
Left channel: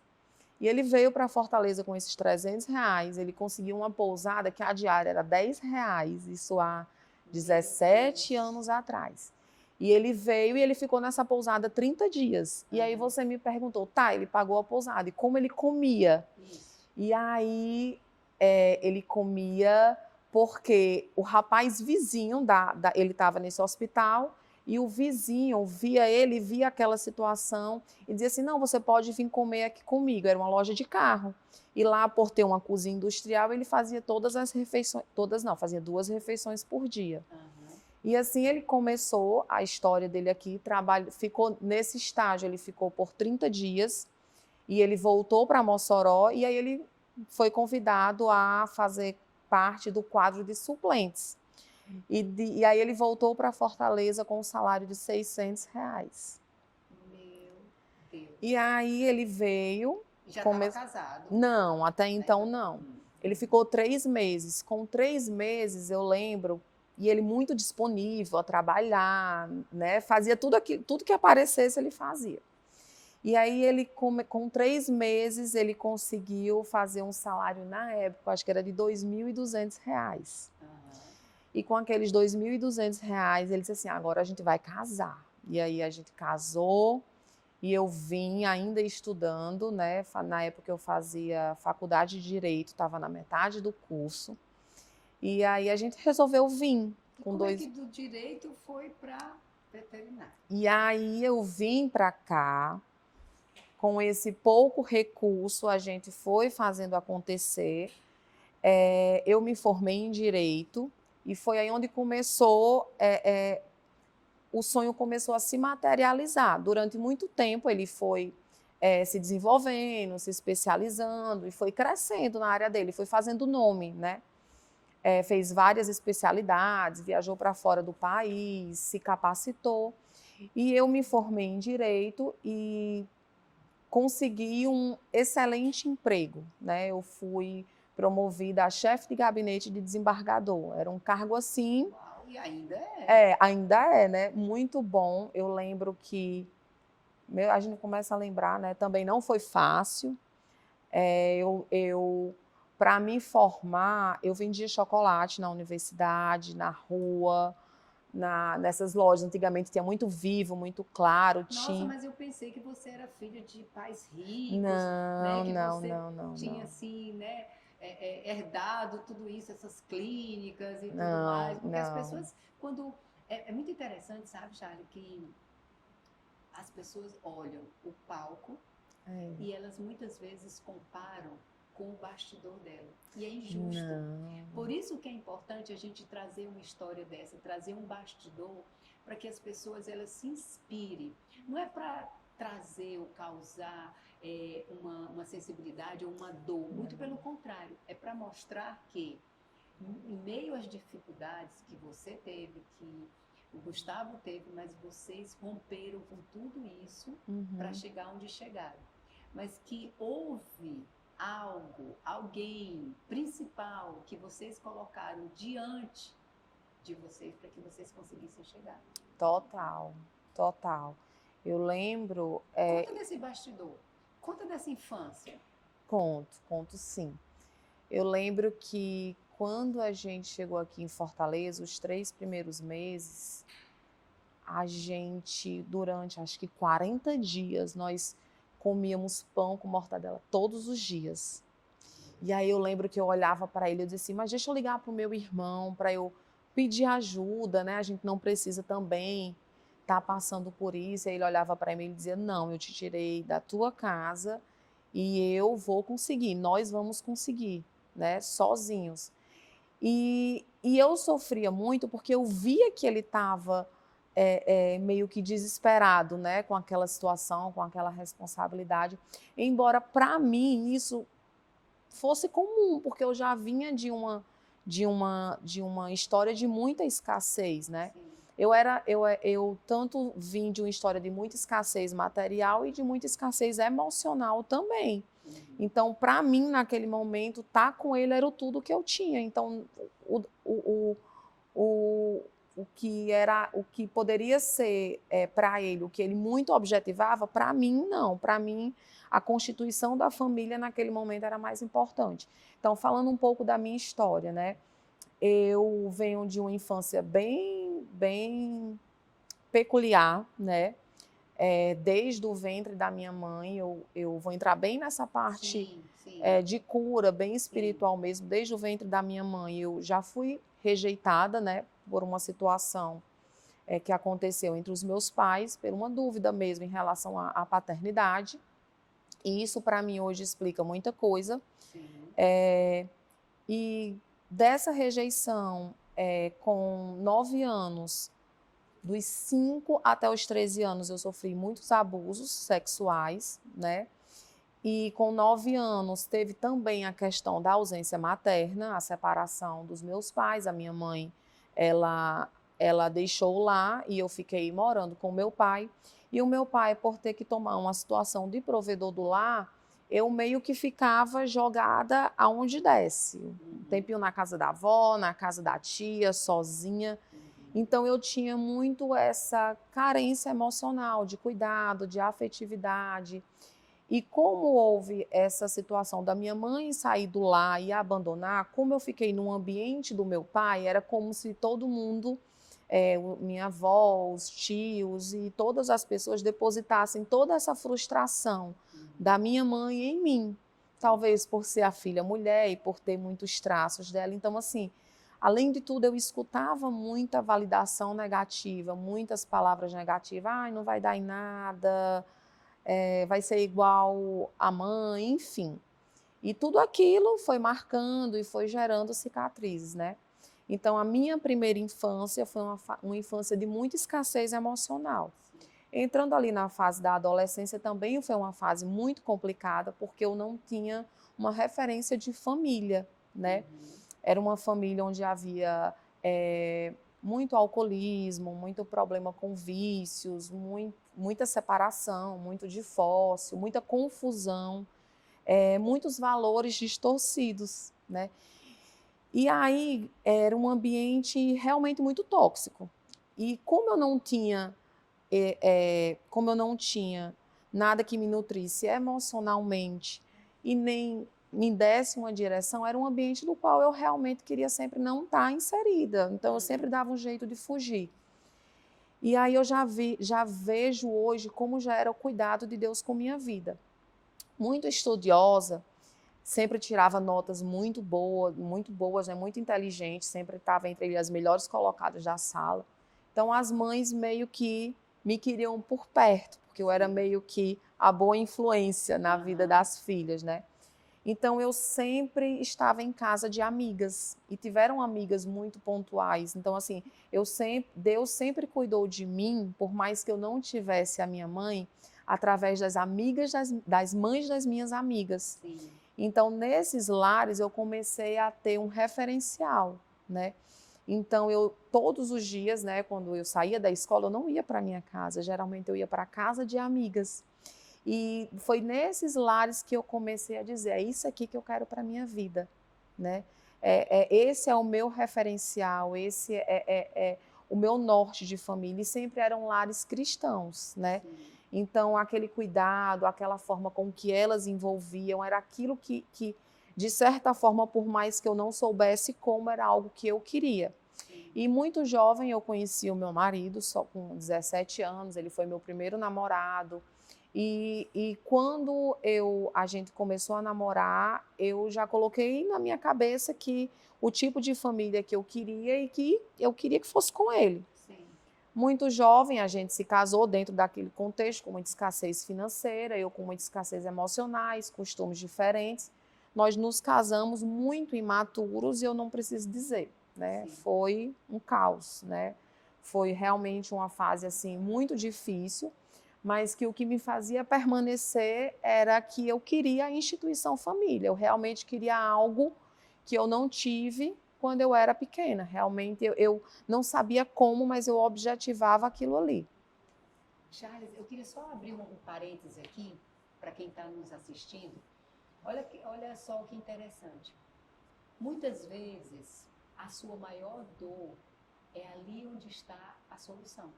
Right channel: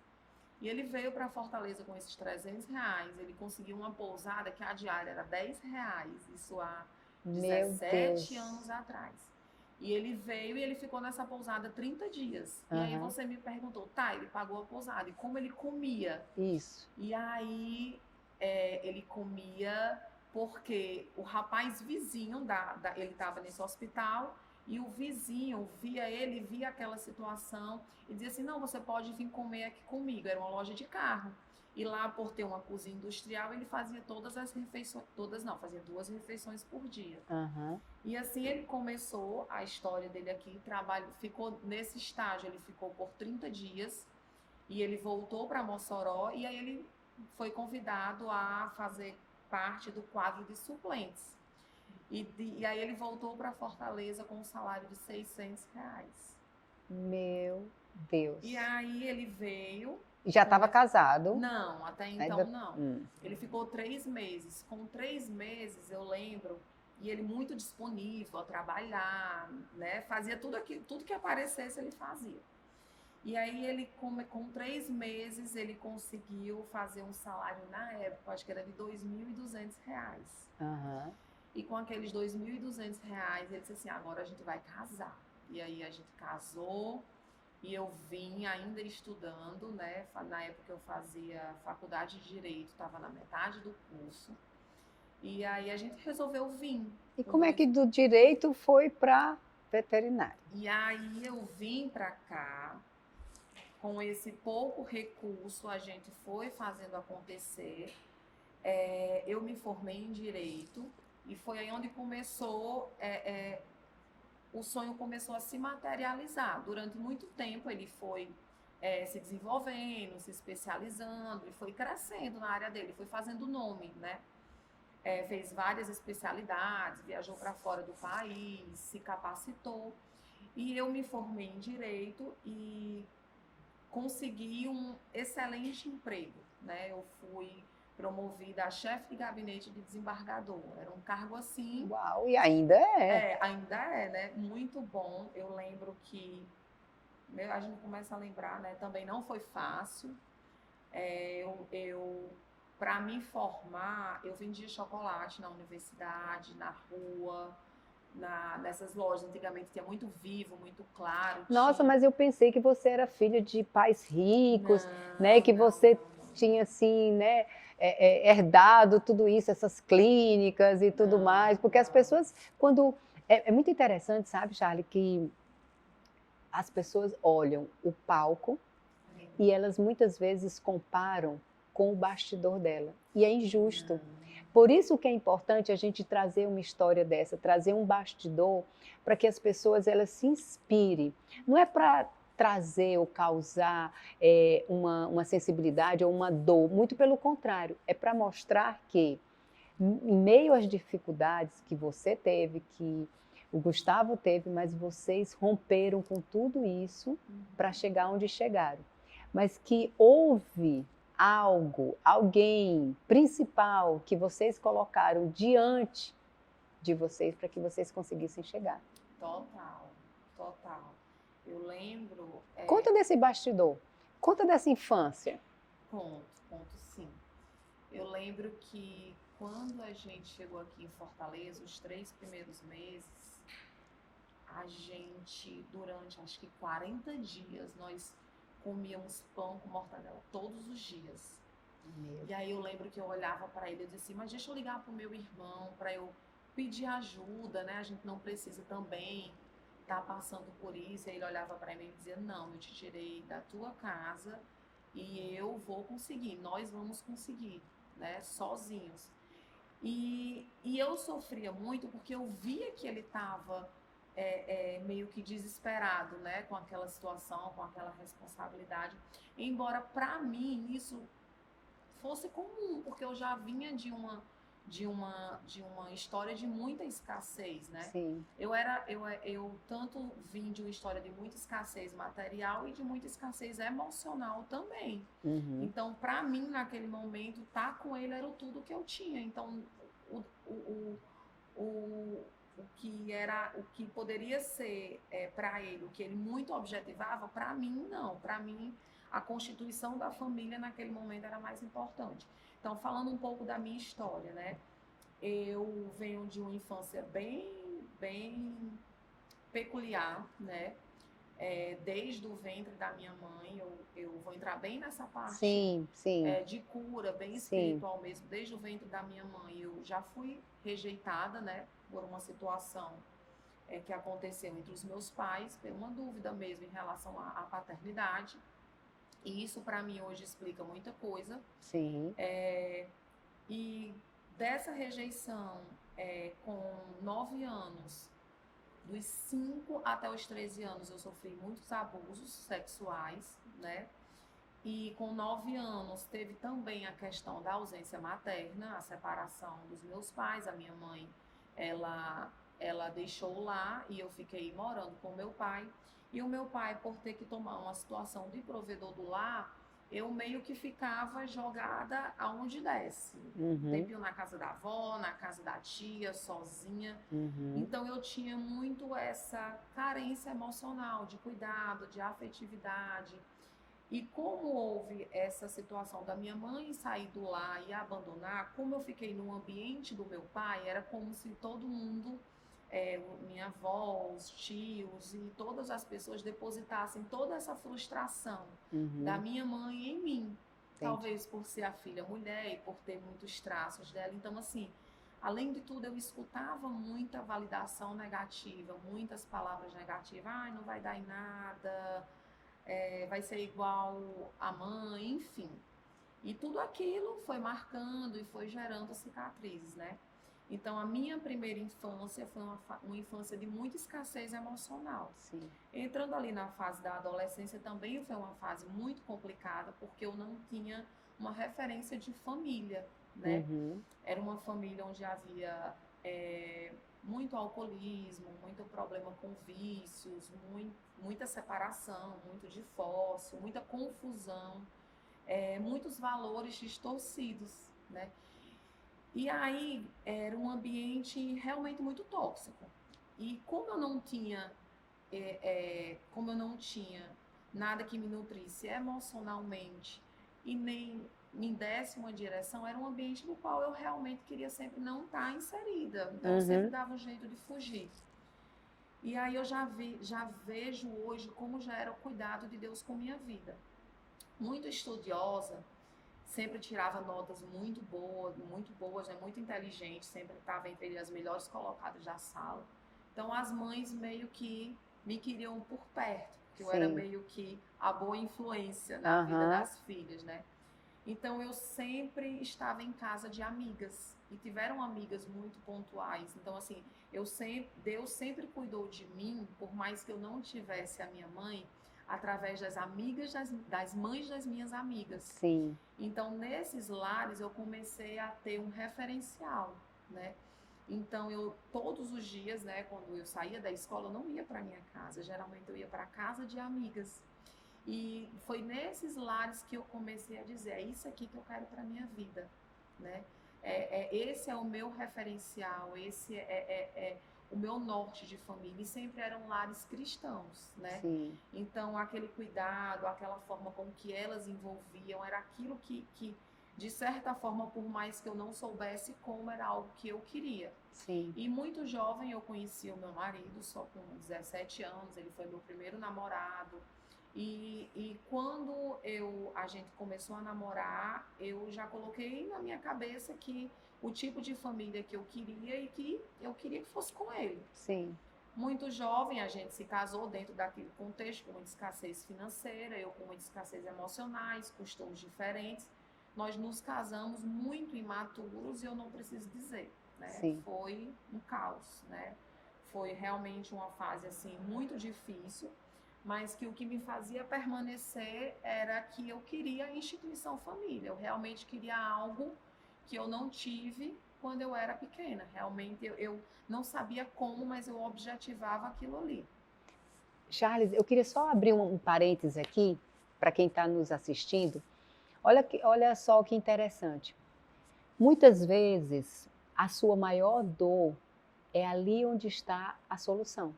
E ele veio para Fortaleza com esses R$300, ele conseguiu uma pousada que a diária era R$10, isso há 17 anos atrás. E ele veio e ele ficou nessa pousada 30 dias. E aí você me perguntou, tá, ele pagou a pousada. E como ele comia? Isso. E aí ele comia porque o rapaz vizinho, ele estava nesse hospital, e o vizinho via ele, via aquela situação, e dizia assim, não, você pode vir comer aqui comigo. Era uma loja de carro. E lá, por ter uma cozinha industrial, ele fazia todas as refeições, fazia 2 refeições por dia. E assim ele começou a história dele aqui, ficou nesse estágio, ele ficou por 30 dias, e ele voltou para Mossoró, e aí ele foi convidado a fazer parte do quadro de suplentes. E aí ele voltou para Fortaleza com um salário de R$600. Meu Deus. E aí ele veio... Já estava casado? Não, até então não. Ele ficou 3 meses. Com 3 meses, eu lembro, e ele muito disponível a trabalhar, né? Fazia tudo que aparecesse, ele fazia. E aí ele, com 3 meses, ele conseguiu fazer um salário, na época, acho que era de R$2.200. E com aqueles R$2.200, ele disse assim, agora a gente vai casar. E aí a gente casou, e eu vim ainda estudando, né? Na época eu fazia faculdade de Direito, estava na metade do curso. E aí a gente resolveu vir. E como é que do direito foi para veterinário? E aí eu vim para cá, com esse pouco recurso, a gente foi fazendo acontecer. Eu me formei em Direito, e foi aí onde começou... o sonho começou a se materializar. Durante muito tempo ele foi se desenvolvendo, se especializando, e foi crescendo na área dele, foi fazendo nome, né? Fez várias especialidades, viajou para fora do país, se capacitou. E eu me formei em Direito e consegui um excelente emprego, né? Eu fui promovida a chefe de gabinete de desembargador. Era um cargo assim... Uau, e ainda é. Ainda é, né? Muito bom. Eu lembro que... a gente começa a lembrar, né? Também não foi fácil. Eu para me formar, eu vendia chocolate na universidade, na rua, nessas lojas. Antigamente tinha muito Vivo, muito Claro. Nossa, tinha... mas eu pensei que você era filha de pais ricos, né? Não, Que não, você não, não, tinha, não. assim, né? Herdado tudo isso, essas clínicas e tudo mais. Não, Porque as não. pessoas, quando... É muito interessante, sabe, Charlie, que as pessoas olham o palco e elas muitas vezes comparam com o bastidor dela. E é injusto. Não. Por isso que é importante a gente trazer uma história dessa, trazer um bastidor para que as pessoas elas se inspirem. Não é para trazer ou causar uma sensibilidade ou uma dor, muito pelo contrário, é para mostrar que em meio às dificuldades que você teve, que o Gustavo teve, mas vocês romperam com tudo isso para chegar onde chegaram. Mas que houve algo, alguém principal que vocês colocaram diante de vocês para que vocês conseguissem chegar. Total, total. Eu lembro... Conta desse bastidor, conta dessa infância. Conto sim. Eu lembro que quando a gente chegou aqui em Fortaleza, os 3 primeiros meses, a gente, durante acho que 40 dias, nós comíamos pão com mortadela todos os dias. E aí eu lembro que eu olhava para ele e dizia assim, mas deixa eu ligar para o meu irmão, para eu pedir ajuda, né? A gente não precisa também estar passando por isso. E aí ele olhava para mim e dizia, não, eu te tirei da tua casa e eu vou conseguir, nós vamos conseguir, né? Sozinhos. E eu sofria muito porque eu via que ele estava meio que desesperado, né? Com aquela situação, com aquela responsabilidade. Embora para mim isso fosse comum, porque eu já vinha de uma história de muita escassez, né? Sim. Eu tanto vim de uma história de muita escassez material e de muita escassez emocional também. Então, para mim, naquele momento, estar com ele era tudo que eu tinha. Então, o que poderia ser para ele, o que ele muito objetivava, para mim não. Para mim, a constituição da família naquele momento era mais importante. Então, falando um pouco da minha história, né? Eu venho de uma infância bem peculiar, né? Desde o ventre da minha mãe, eu vou entrar bem nessa parte Sim, sim. De cura, bem espiritual mesmo. Desde o ventre da minha mãe, eu já fui rejeitada, né? Por uma situação que aconteceu entre os meus pais, por uma dúvida mesmo em relação à paternidade. E isso, para mim, hoje explica muita coisa. Sim. E dessa rejeição, com 9 anos, dos 5 até os 13 anos, eu sofri muitos abusos sexuais, né? E com 9 anos, teve também a questão da ausência materna, a separação dos meus pais. A minha mãe, ela deixou lá e eu fiquei morando com meu pai. E o meu pai, por ter que tomar uma situação de provedor do lar, eu meio que ficava jogada aonde desce. Um tempinho na casa da avó, na casa da tia, sozinha. Então eu tinha muito essa carência emocional, de cuidado, de afetividade. E como houve essa situação da minha mãe sair do lar e abandonar, como eu fiquei no ambiente do meu pai, era como se todo mundo, minha avó, os tios e todas as pessoas depositassem toda essa frustração da minha mãe em mim. Talvez por ser a filha mulher e por ter muitos traços dela. Então, assim, além de tudo, eu escutava muita validação negativa, muitas palavras negativas. Ai, não vai dar em nada, vai ser igual a mãe, enfim. E tudo aquilo foi marcando e foi gerando cicatrizes, né? Então, a minha primeira infância foi uma infância de muita escassez emocional. Sim. Entrando ali na fase da adolescência também foi uma fase muito complicada, porque eu não tinha uma referência de família, né? Era uma família onde havia muito alcoolismo, muito problema com vícios, muita separação, muito divórcio, muita confusão, muitos valores distorcidos, né? E aí era um ambiente realmente muito tóxico. E como eu não tinha, nada que me nutrisse emocionalmente e nem me desse uma direção, era um ambiente no qual eu realmente queria sempre não estar inserida. Então, eu sempre dava um jeito de fugir. E aí eu já vejo hoje como já era o cuidado de Deus com minha vida. Muito estudiosa, sempre tirava notas muito boas, né? Muito inteligentes, sempre estava entre as melhores colocadas da sala. Então, as mães meio que me queriam por perto, porque eu era meio que a boa influência na vida das filhas, né? Então, eu sempre estava em casa de amigas, e tiveram amigas muito pontuais. Então, assim, Deus sempre cuidou de mim, por mais que eu não tivesse a minha mãe, através das amigas, das mães das minhas amigas. Sim. Então, nesses lares, eu comecei a ter um referencial, né? Então, todos os dias, né, quando eu saía da escola, eu não ia para minha casa. Geralmente, eu ia para a casa de amigas. E foi nesses lares que eu comecei a dizer, é isso aqui que eu quero para a minha vida, né? Esse é o meu referencial, esse é o meu norte de família, e sempre eram lares cristãos, né? Sim. Então, aquele cuidado, aquela forma com que elas envolviam, era aquilo que, de certa forma, por mais que eu não soubesse como, era algo que eu queria. Sim. E muito jovem eu conheci o meu marido, só com 17 anos, ele foi meu primeiro namorado. E quando a gente começou a namorar, eu já coloquei na minha cabeça que o tipo de família que eu queria e que eu queria que fosse com ele. Sim. Muito jovem, a gente se casou dentro daquele contexto, com muita escassez financeira, eu com muita escassez emocionais, costumes diferentes. Nós nos casamos muito imaturos e eu não preciso dizer, né? Sim. Foi um caos, né? Foi realmente uma fase assim muito difícil, mas que o que me fazia permanecer era que eu queria a instituição família, eu realmente queria algo que eu não tive quando eu era pequena. Realmente eu não sabia como, mas eu objetivava aquilo ali. Charles, eu queria só abrir um parênteses aqui, para quem está nos assistindo. Olha só que interessante. Muitas vezes, a sua maior dor é ali onde está a solução.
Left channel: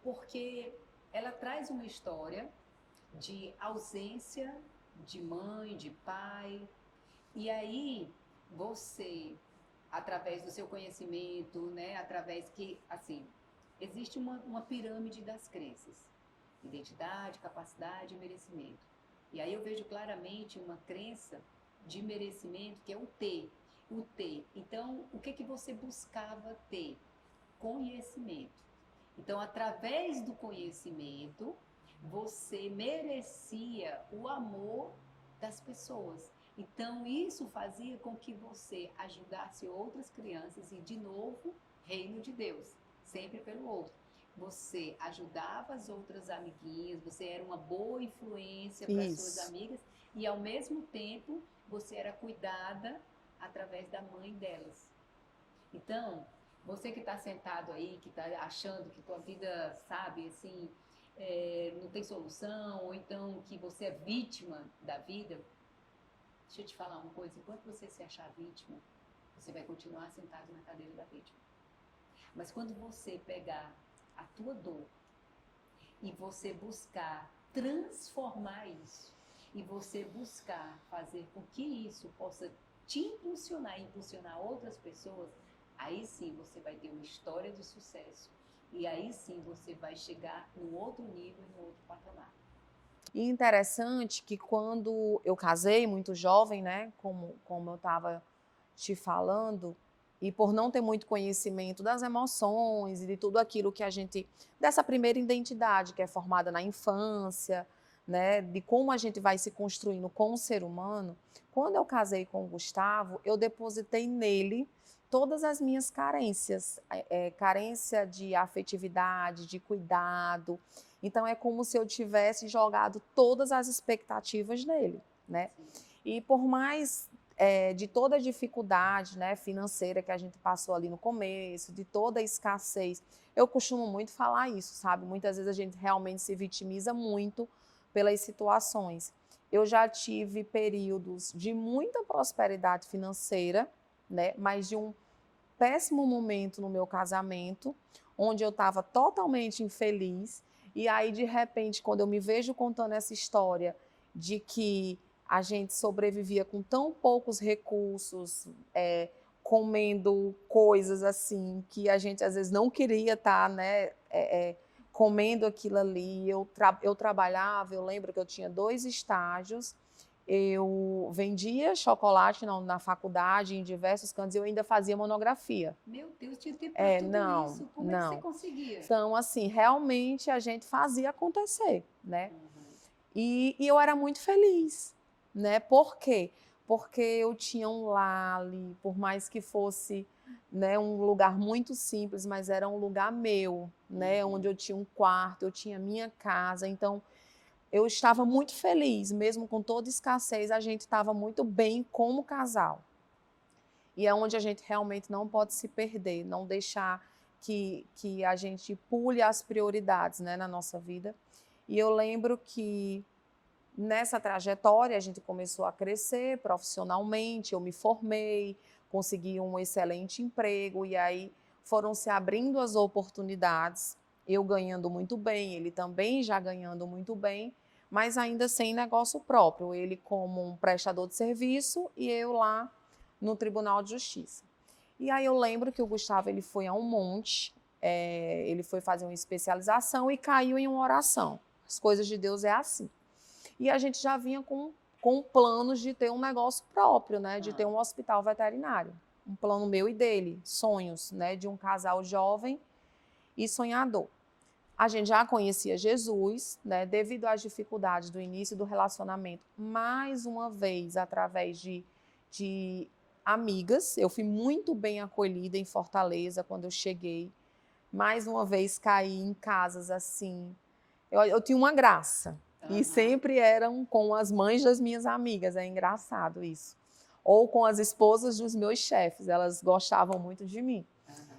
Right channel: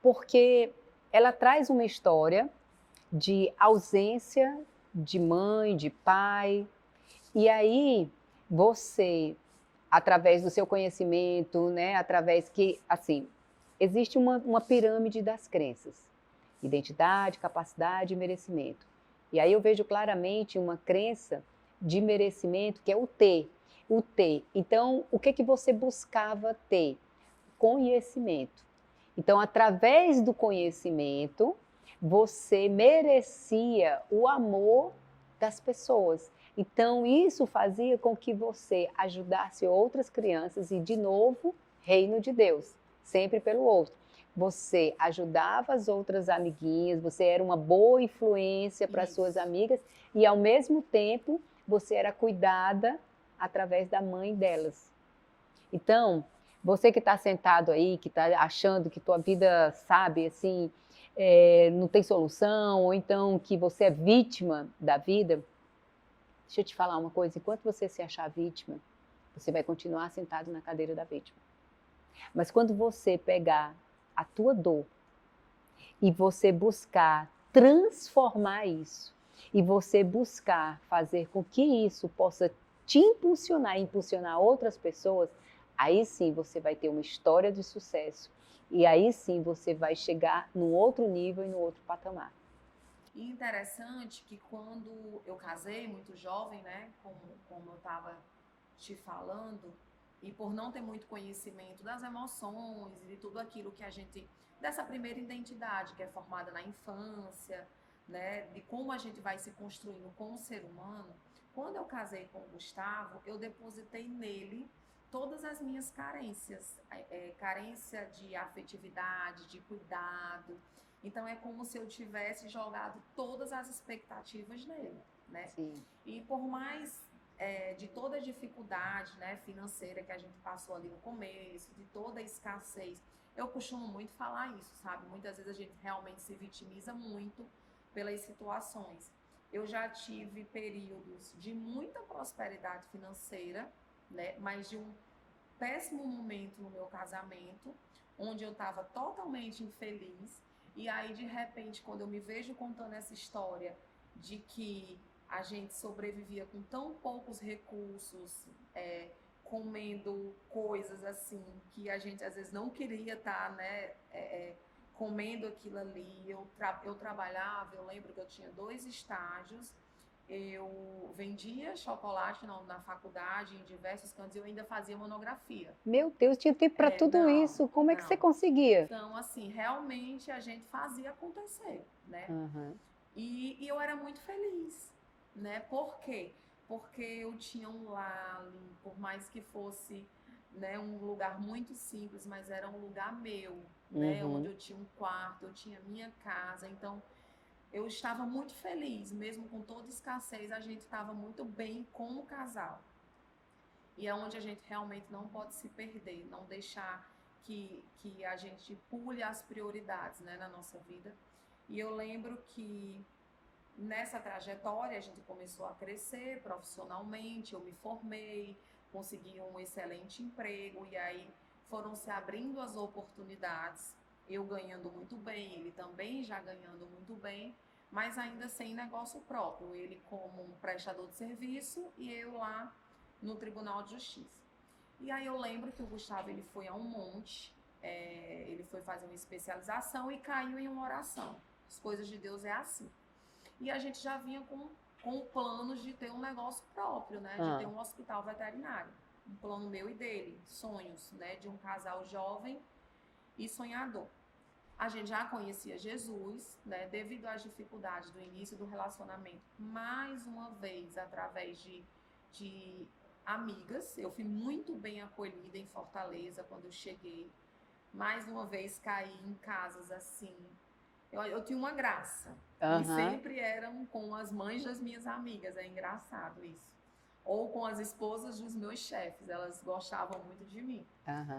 Porque ela traz uma história de ausência de mãe, de pai, e aí você, através do seu conhecimento, né, através que, assim, existe uma pirâmide das crenças: identidade, capacidade e merecimento. E aí eu vejo claramente uma crença de merecimento, que é o ter. O ter. Então, o que você buscava ter? Conhecimento. Então, através do conhecimento, você merecia o amor das pessoas. Então, isso fazia com que você ajudasse outras crianças e, de novo, reino de Deus, sempre pelo outro. Você ajudava as outras amiguinhas, você era uma boa influência para as suas amigas e, ao mesmo tempo, você era cuidada através da mãe delas. Então, você que está sentado aí, que está achando que tua vida, sabe, assim, não tem solução, ou então que você é vítima da vida, deixa eu te falar uma coisa: enquanto você se achar vítima, você vai continuar sentado na cadeira da vítima. Mas quando você pegar a tua dor e você buscar transformar isso, e você buscar fazer com que isso possa te impulsionar e impulsionar outras pessoas, aí sim você vai ter uma história de sucesso. E aí sim você vai chegar num outro nível e num outro patamar. E interessante que quando eu casei, muito jovem, né, como eu estava te falando, e por não ter muito conhecimento das emoções e de tudo aquilo que a gente, dessa primeira identidade que é formada na infância, né, de como a gente vai se construindo com o ser humano, quando eu casei com o Gustavo, eu depositei nele todas as minhas carências, carência de afetividade, de cuidado. Então, é como se eu tivesse jogado todas as expectativas nele, né? Sim. E por mais de toda a dificuldade, né, financeira que a gente passou ali no começo, de toda a escassez, eu costumo muito falar isso, sabe? Muitas vezes a gente realmente se vitimiza muito pelas situações. Eu já tive períodos de muita prosperidade financeira, né, mas de um péssimo momento no meu casamento, onde eu estava totalmente infeliz. E aí, de repente, quando eu me vejo contando essa história de que a gente sobrevivia com tão poucos recursos, comendo coisas assim que a gente às vezes não queria estar, né, comendo aquilo ali. Eu trabalhava, eu lembro que eu tinha 2 estágios, eu vendia chocolate na faculdade, em diversos cantos, e eu ainda fazia monografia. Meu Deus, tinha tempo para tudo Não, isso. Como é que você não. conseguia? Então, assim, realmente a gente fazia acontecer, né? Uhum. E eu era muito feliz, né? Por quê? Porque eu tinha um lar ali, por mais que fosse, né, um lugar muito simples, mas era um lugar meu, né? Onde eu tinha um quarto, eu tinha minha casa. Então, eu estava muito feliz, mesmo com toda escassez, a gente estava muito bem como casal. E é onde a gente realmente não pode se perder, não deixar que a gente pule as prioridades, né, na nossa vida. E eu lembro que nessa trajetória a gente começou a crescer profissionalmente, eu me formei, consegui um excelente emprego e aí foram se abrindo as oportunidades, eu ganhando muito bem, ele também já ganhando muito bem, mas ainda sem negócio próprio, ele como um prestador de serviço e eu lá no Tribunal de Justiça. E aí eu lembro que o Gustavo ele foi a um monte, ele foi fazer uma especialização e caiu em uma oração. As coisas de Deus é assim. E a gente já vinha com planos de ter um negócio próprio, né? De ter um hospital veterinário. Um plano meu e dele, sonhos, né? De um casal jovem e sonhador. A gente já conhecia Jesus, né? Devido às dificuldades do início do relacionamento, mais uma vez, através de amigas. Eu fui muito bem acolhida em Fortaleza quando eu cheguei. Mais uma vez caí em casas assim. Eu tinha uma graça. E sempre eram com as mães das minhas amigas, é engraçado isso. Ou com as esposas dos meus chefes, elas gostavam muito de mim.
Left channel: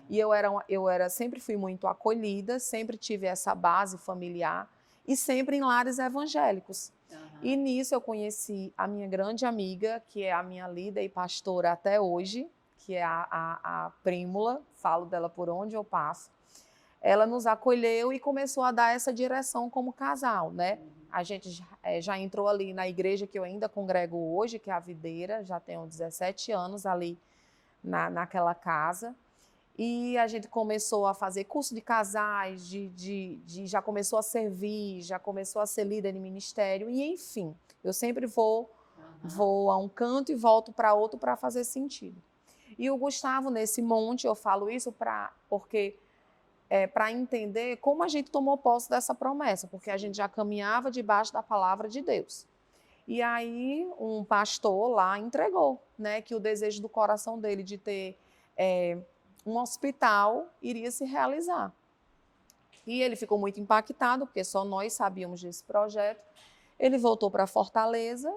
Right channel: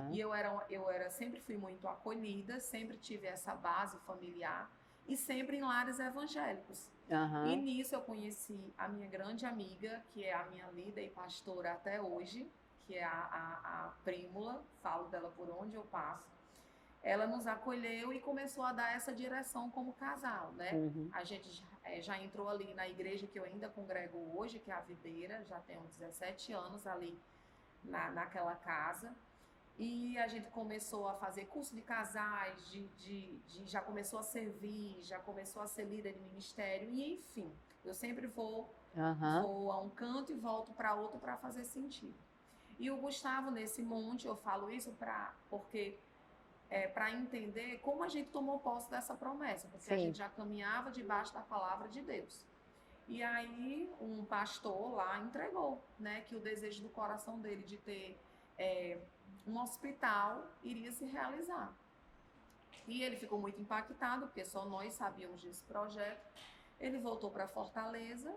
E sempre fui muito acolhida, sempre tive essa base familiar e sempre em lares evangélicos. E nisso eu conheci a minha grande amiga, que é a minha líder e pastora até hoje, que é a Prímula, falo dela por onde eu passo. Ela nos acolheu e começou a dar essa direção como casal, né? A gente já entrou ali na igreja que eu ainda congrego hoje, que é a Videira, já tenho 17 anos ali naquela casa. E a gente começou a fazer curso de casais, já começou a servir, já começou a ser líder de ministério, e enfim, eu sempre vou a um canto e volto para outro para fazer sentido. E o Gustavo, nesse monte, eu falo isso porque para entender como a gente tomou posse dessa promessa, porque a gente já caminhava debaixo da palavra de Deus. E aí um pastor lá entregou, né, que o desejo do coração dele de ter um hospital iria se realizar. E ele ficou muito impactado, porque só nós sabíamos desse projeto. Ele voltou para Fortaleza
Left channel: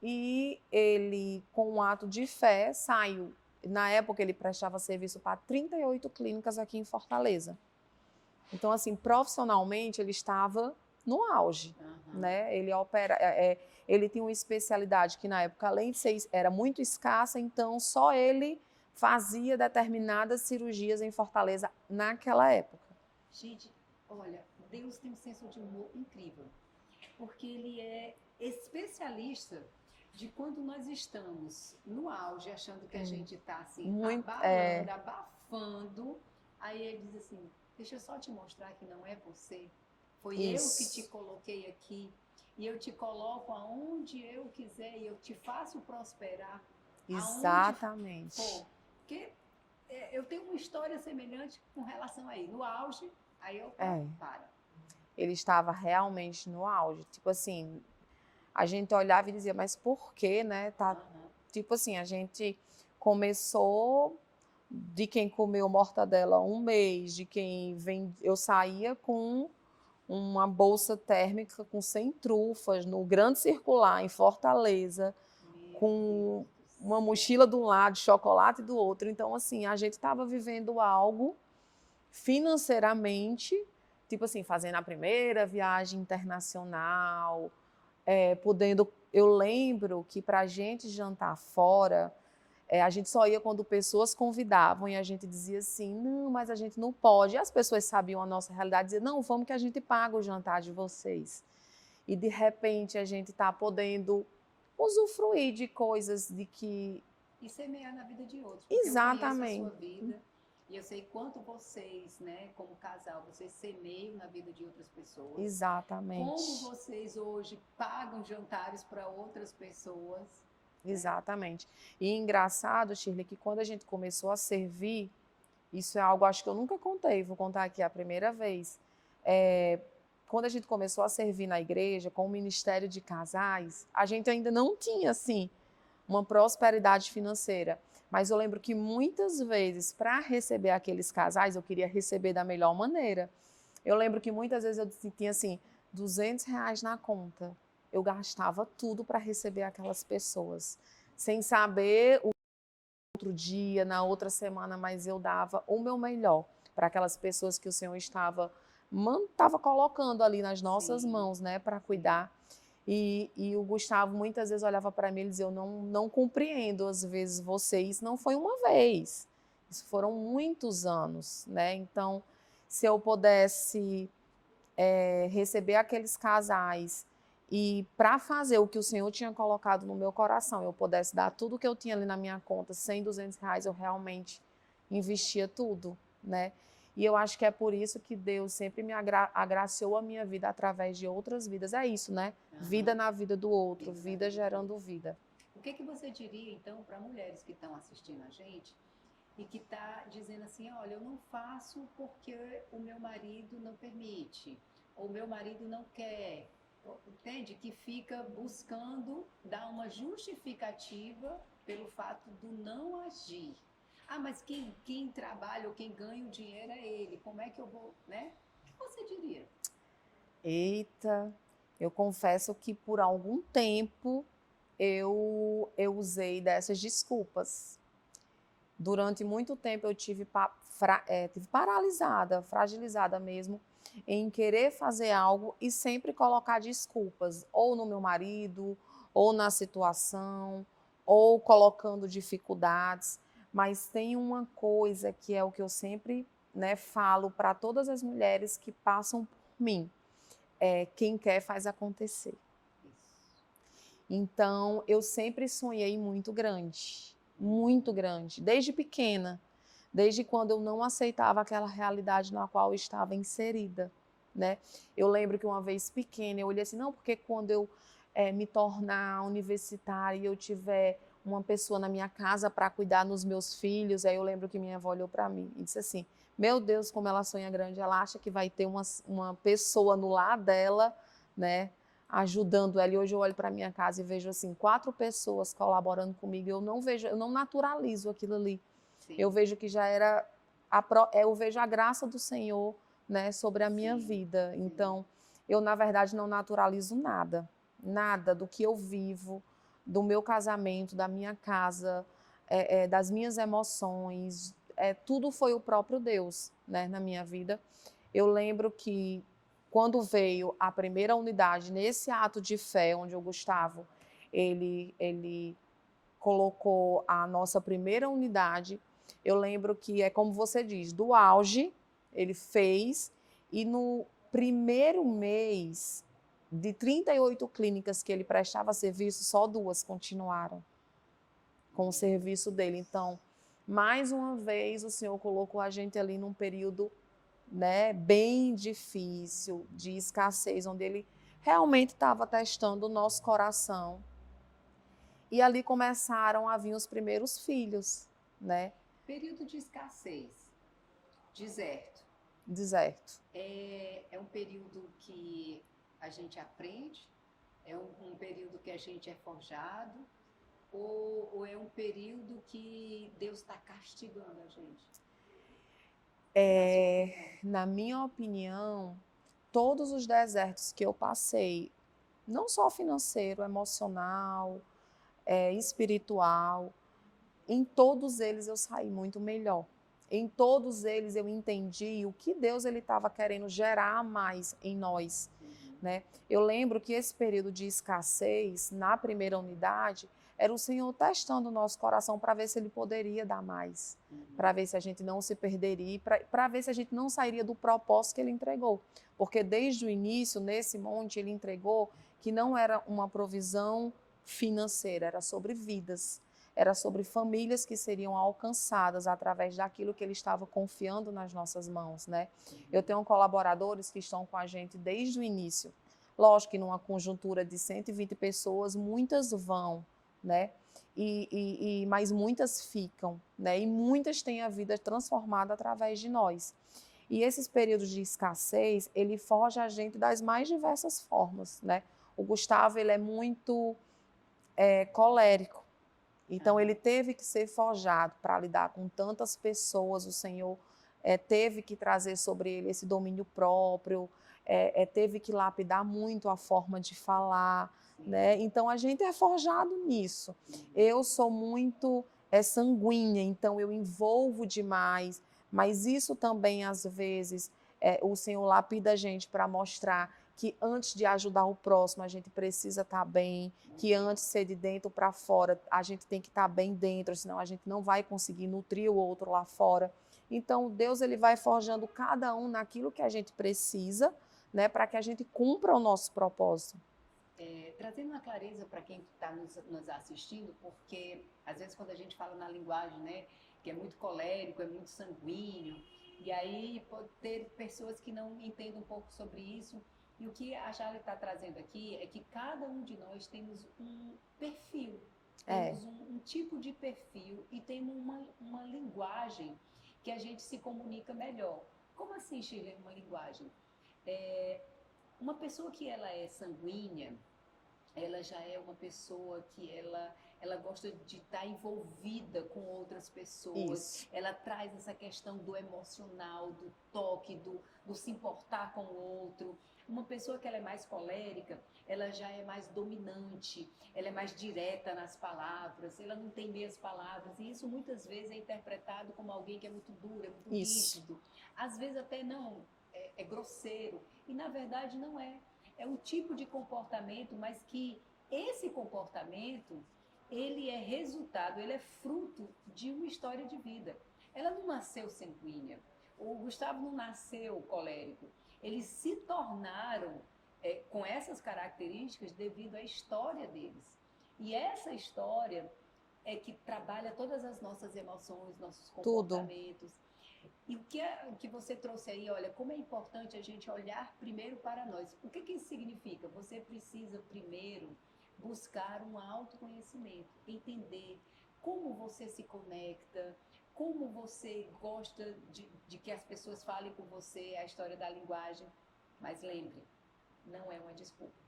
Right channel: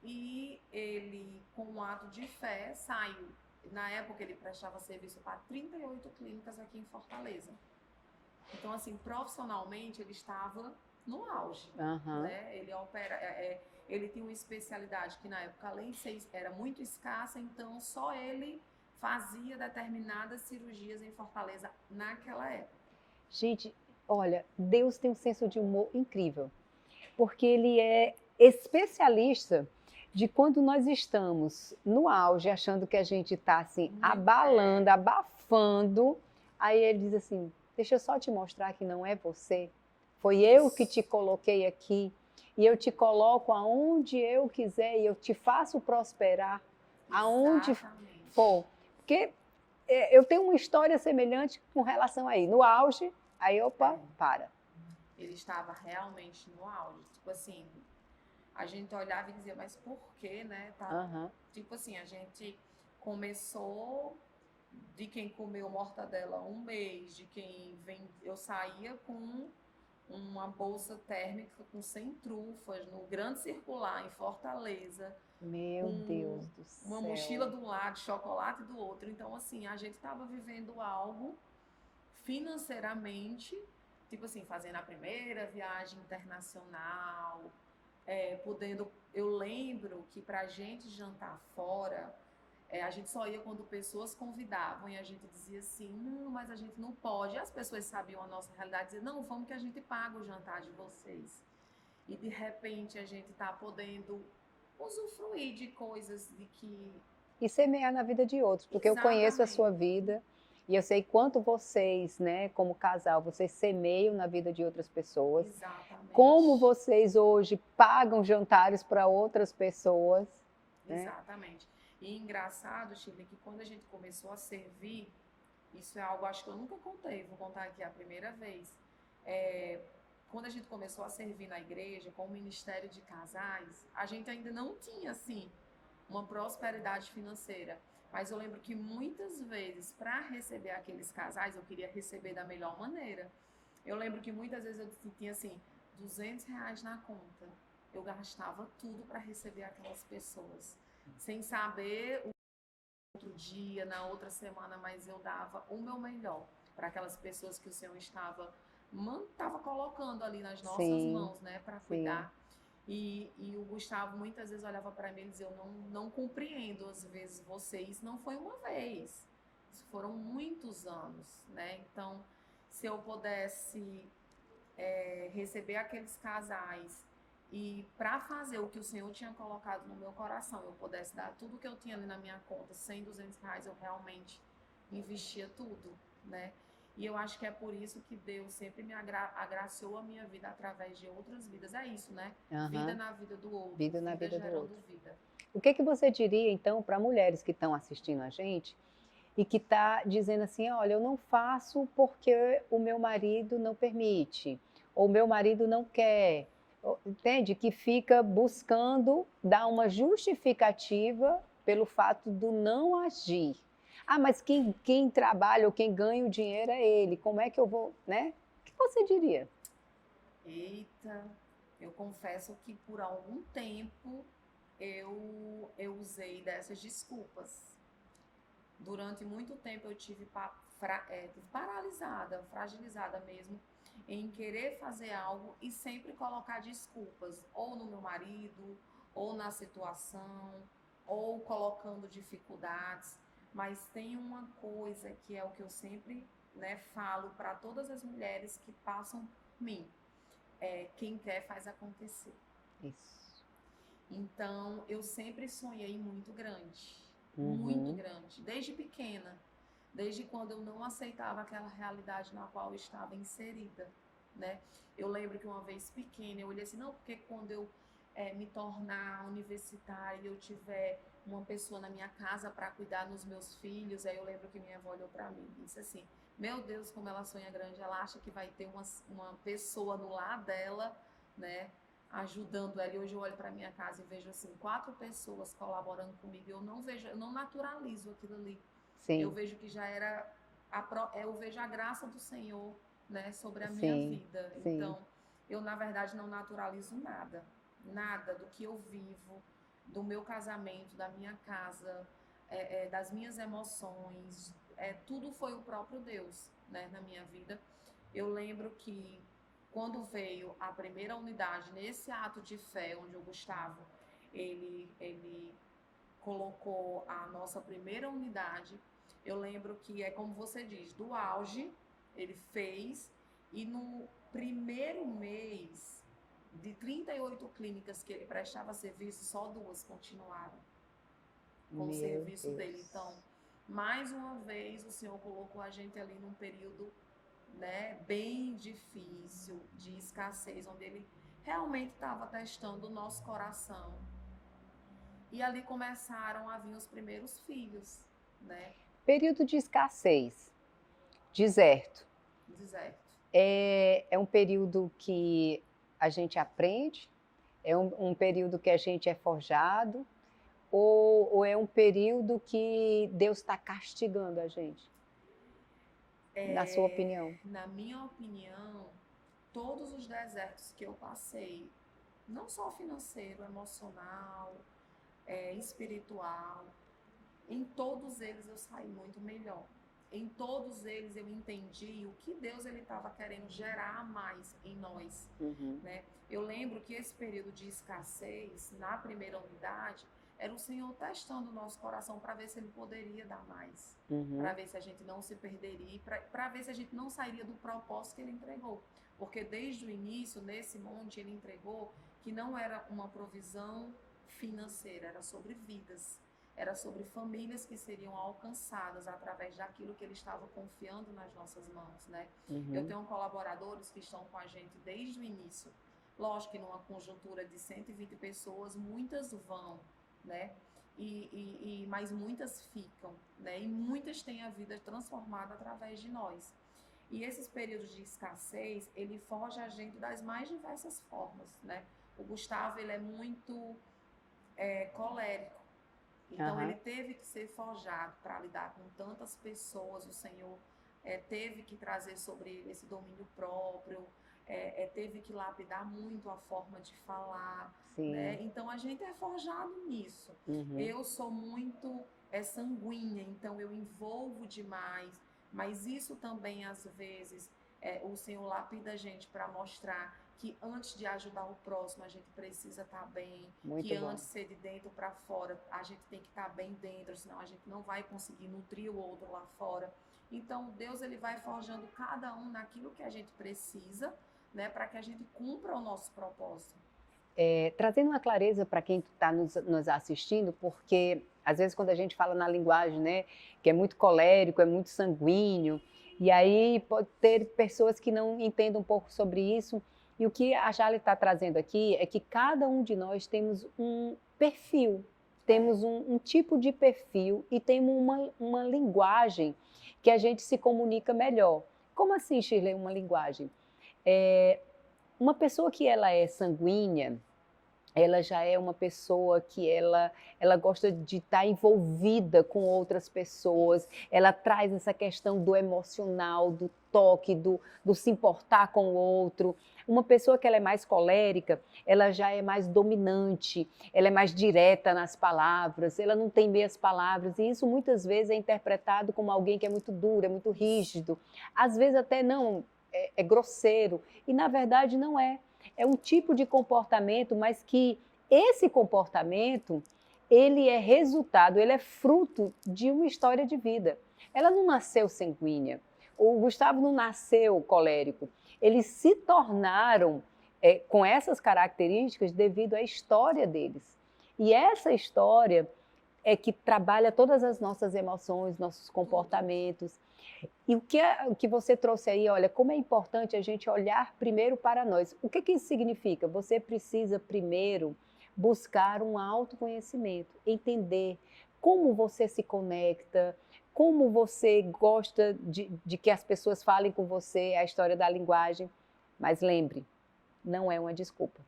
e ele, com um ato de fé, saiu. Na época ele prestava serviço para 38 clínicas aqui em Fortaleza. Então, assim, profissionalmente ele estava no auge, né? Ele tinha uma especialidade que na época, além de ser, era muito escassa, então só ele fazia determinadas cirurgias em Fortaleza naquela época. Gente, olha, Deus tem um senso de humor incrível, porque ele é especialista de quando nós estamos no auge, achando que a gente está assim, abalando, abafando, aí ele diz assim, deixa eu só te mostrar que não é você, foi eu que te coloquei aqui, e eu te coloco aonde eu quiser, e eu te faço prosperar aonde for. Porque eu tenho uma história semelhante com relação aí, no auge, aí para. Ele estava realmente no auge, tipo assim, a gente olhava e dizia, mas por quê, né? Tipo assim, a gente começou de quem comeu mortadela 1 mês, de quem eu saía com uma bolsa térmica com 100 trufas no Grande Circular, em Fortaleza, com uma mochila de um lado, chocolate do outro. Então, assim, a gente estava vivendo algo financeiramente, tipo assim, fazendo a primeira viagem internacional, podendo... Eu lembro que para a gente jantar fora, a gente só ia quando pessoas convidavam e a gente dizia assim, não, mas a gente não pode. E as pessoas sabiam a nossa realidade, diziam, não, vamos que a gente paga o jantar de vocês. E de repente a gente está podendo usufruir de coisas de que... E semear na vida de outros, porque eu conheço a sua Exatamente. vida e eu sei quanto vocês, né, como casal, vocês semeiam na vida de outras pessoas. Como Exatamente. vocês hoje pagam jantares para outras pessoas, né? Exatamente. E engraçado, Shirley, que quando a gente começou a servir, isso é algo, acho que eu nunca contei, vou contar aqui a primeira vez. Quando a gente começou a servir na igreja com o Ministério de Casais, a gente ainda não tinha, assim, uma prosperidade financeira. Mas eu lembro que muitas vezes, para receber aqueles casais, eu queria receber da melhor maneira. Eu lembro que muitas vezes eu tinha, assim, R$ 200 na conta. Eu gastava tudo para receber aquelas pessoas, sem saber o outro dia, na outra semana, mas eu dava o meu melhor para aquelas pessoas que o Senhor estava colocando ali nas nossas Sim, mãos, né, para sim. cuidar. E o Gustavo muitas vezes olhava para mim e dizia: eu não compreendo, às vezes, você. Isso não foi uma vez, isso foram muitos anos, né? Então, se eu pudesse receber aqueles casais e para fazer o que o Senhor tinha colocado no meu coração, eu pudesse dar tudo que eu tinha ali na minha conta, 100, R$ 200, eu realmente investia tudo, né? E eu acho que é por isso que Deus sempre me agraciou a minha vida através de outras vidas. É isso, né? Vida na vida do outro, vida gerando vida. O que você diria, então, para mulheres que estão assistindo a gente e que está dizendo assim, olha, eu não faço porque o meu marido não permite, ou o meu marido não quer, entende? Que fica buscando dar uma justificativa pelo fato do não agir. Ah, mas quem trabalha ou quem ganha o dinheiro é ele, como é que eu vou, né? O que você diria? Eita, eu confesso que por algum tempo eu usei dessas desculpas. Durante muito tempo eu tive paralisada, fragilizada mesmo, em querer fazer algo e sempre colocar desculpas, ou no meu marido, ou na situação, ou colocando dificuldades. Mas tem uma coisa que é o que eu sempre, né, falo para todas as mulheres que passam por mim: quem quer faz acontecer. Isso. Então, eu sempre sonhei muito grande, desde pequena, desde quando eu não aceitava aquela realidade na qual eu estava inserida, né? Eu lembro que uma vez pequena eu olhei assim, não, porque quando eu me tornar universitária e eu tiver uma pessoa na minha casa para cuidar dos meus filhos, aí eu lembro que minha avó olhou para mim e disse assim, meu Deus, como ela sonha grande, ela acha que vai ter uma pessoa no lar dela, né, ajudando ela. E hoje eu olho para minha casa e vejo assim 4 pessoas colaborando comigo. Eu não naturalizo aquilo ali. Sim. Eu vejo que já era eu vejo a graça do Senhor, né, sobre a minha vida. Sim. Então, eu na verdade não naturalizo nada do que eu vivo, do meu casamento, da minha casa, das minhas emoções. Tudo foi o próprio Deus, né, na minha vida. Eu lembro que quando veio a primeira unidade, nesse ato de fé, onde o Gustavo, ele colocou a nossa primeira unidade, eu lembro que é como você diz, do auge, ele fez, e no primeiro mês, de 38 clínicas que ele prestava serviço, só 2 continuaram com o serviço dele. Então, mais uma vez, o Senhor colocou a gente ali num período, né, bem difícil, de escassez, onde ele realmente estava testando o nosso coração. E ali começaram a vir os primeiros filhos, né? Período de escassez, deserto. Deserto. É um período que a gente aprende? É um período que a gente é forjado? Ou é um período que Deus está castigando a gente? Na sua opinião? Na minha opinião, todos os desertos que eu passei, não só financeiro, emocional, espiritual, em todos eles eu saí muito melhor. Em todos eles eu entendi o que Deus estava querendo gerar mais em nós. Né? Eu lembro que esse período de escassez, na primeira unidade, era o Senhor testando o nosso coração para ver se Ele poderia dar mais, para ver se a gente não se perderia, para ver se a gente não sairia do propósito que Ele entregou. Porque desde o início, nesse monte, Ele entregou que não era uma provisão financeira, era sobre vidas. Era sobre famílias que seriam alcançadas através daquilo que ele estava confiando nas nossas mãos, né? Eu tenho colaboradores que estão com a gente desde o início. Lógico que numa conjuntura de 120 pessoas, muitas vão, né? Mas muitas ficam, né? E muitas têm a vida transformada através de nós. E esses períodos de escassez, ele foge a gente das mais diversas formas, né? O Gustavo, ele é muito colérico. Então, ele teve que ser forjado para lidar com tantas pessoas. O Senhor teve que trazer sobre ele esse domínio próprio, teve que lapidar muito a forma de falar, né? Então, a gente é forjado nisso. Eu sou muito sanguínea, então eu envolvo demais, mas isso também, às vezes, o Senhor lapida a gente para mostrar que antes de ajudar o próximo, a gente precisa estar bem, que antes de ser de dentro para fora, a gente tem que estar bem dentro, senão a gente não vai conseguir nutrir o outro lá fora. Então, Deus, ele vai forjando cada um naquilo que a gente precisa, né, para que a gente cumpra o nosso propósito. Trazendo uma clareza para quem está nos assistindo, porque às vezes quando a gente fala na linguagem, né, que é muito colérico, é muito sanguíneo, e aí pode ter pessoas que não entendem um pouco sobre isso. E o que a Jale está trazendo aqui é que cada um de nós temos um perfil, temos um tipo de perfil e temos uma linguagem que a gente se comunica melhor. Como assim, Shirley, uma linguagem? Uma pessoa que ela é sanguínea, ela já é uma pessoa que ela gosta de estar envolvida com outras pessoas. Isso. Ela traz essa questão do emocional, do toque, do se importar com o outro. Uma pessoa que ela é mais colérica, ela já é mais dominante, ela é mais direta nas palavras, ela não tem meias palavras, e isso muitas vezes é interpretado como alguém que é muito duro, é muito rígido. Às vezes até não, é grosseiro, e na verdade não é. É um tipo de comportamento, mas que esse comportamento, ele é resultado, ele é fruto de uma história de vida. Ela não nasceu sanguínea, o Gustavo não nasceu colérico, eles se tornaram com essas características devido à história deles. E essa história é que trabalha todas as nossas emoções, nossos comportamentos. Tudo. E o que você trouxe aí, olha, como é importante a gente olhar primeiro para nós. O que isso significa? Você precisa primeiro buscar um autoconhecimento, entender como você se conecta, como você gosta de que as pessoas falem com você, a história da linguagem. Mas lembre, não é uma desculpa,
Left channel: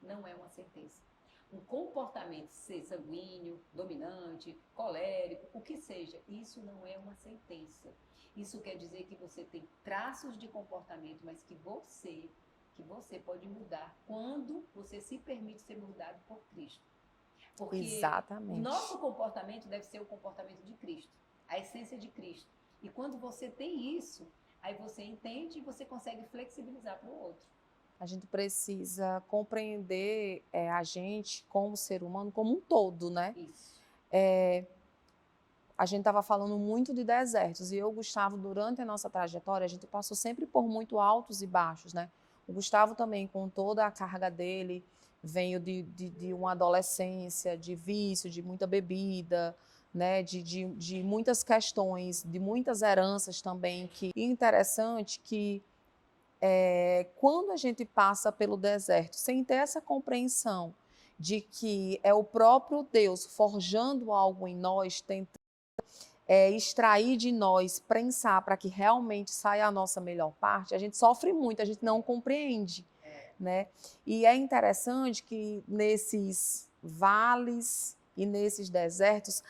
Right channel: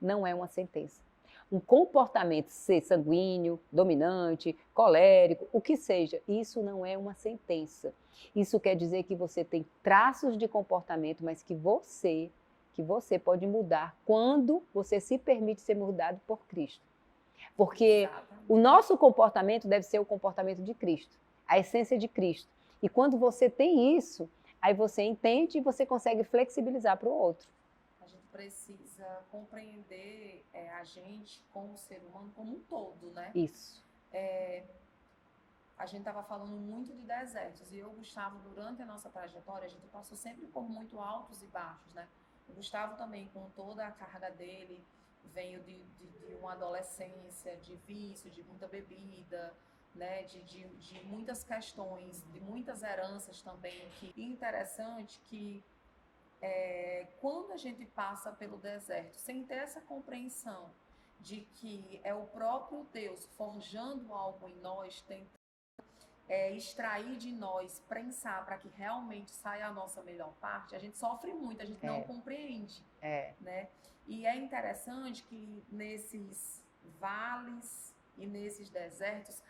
não é uma sentença. Um comportamento, ser sanguíneo, dominante, colérico, o que seja, isso não é uma sentença. Isso quer dizer que você tem traços de comportamento, mas que você pode mudar quando você se permite ser mudado por Cristo. Porque Exatamente. O nosso comportamento deve ser o comportamento de Cristo, a essência de Cristo. E quando você tem isso, aí você entende e você consegue flexibilizar para o outro. A gente precisa compreender a gente como ser humano como um todo, né? Isso. A gente estava falando muito de desertos, e eu, Gustavo, durante a nossa trajetória, a gente passou sempre por muito altos e baixos, né? O Gustavo também, com toda a carga dele, veio de uma adolescência, de vício, de muita bebida, né? De muitas questões, de muitas heranças também. E interessante que quando a gente passa pelo deserto, sem ter essa compreensão de que é o próprio Deus forjando algo em nós, tentando extrair de nós, prensar para que realmente saia a nossa melhor parte, a gente sofre muito, a gente não compreende. Né? E é interessante que nesses vales e nesses desertos,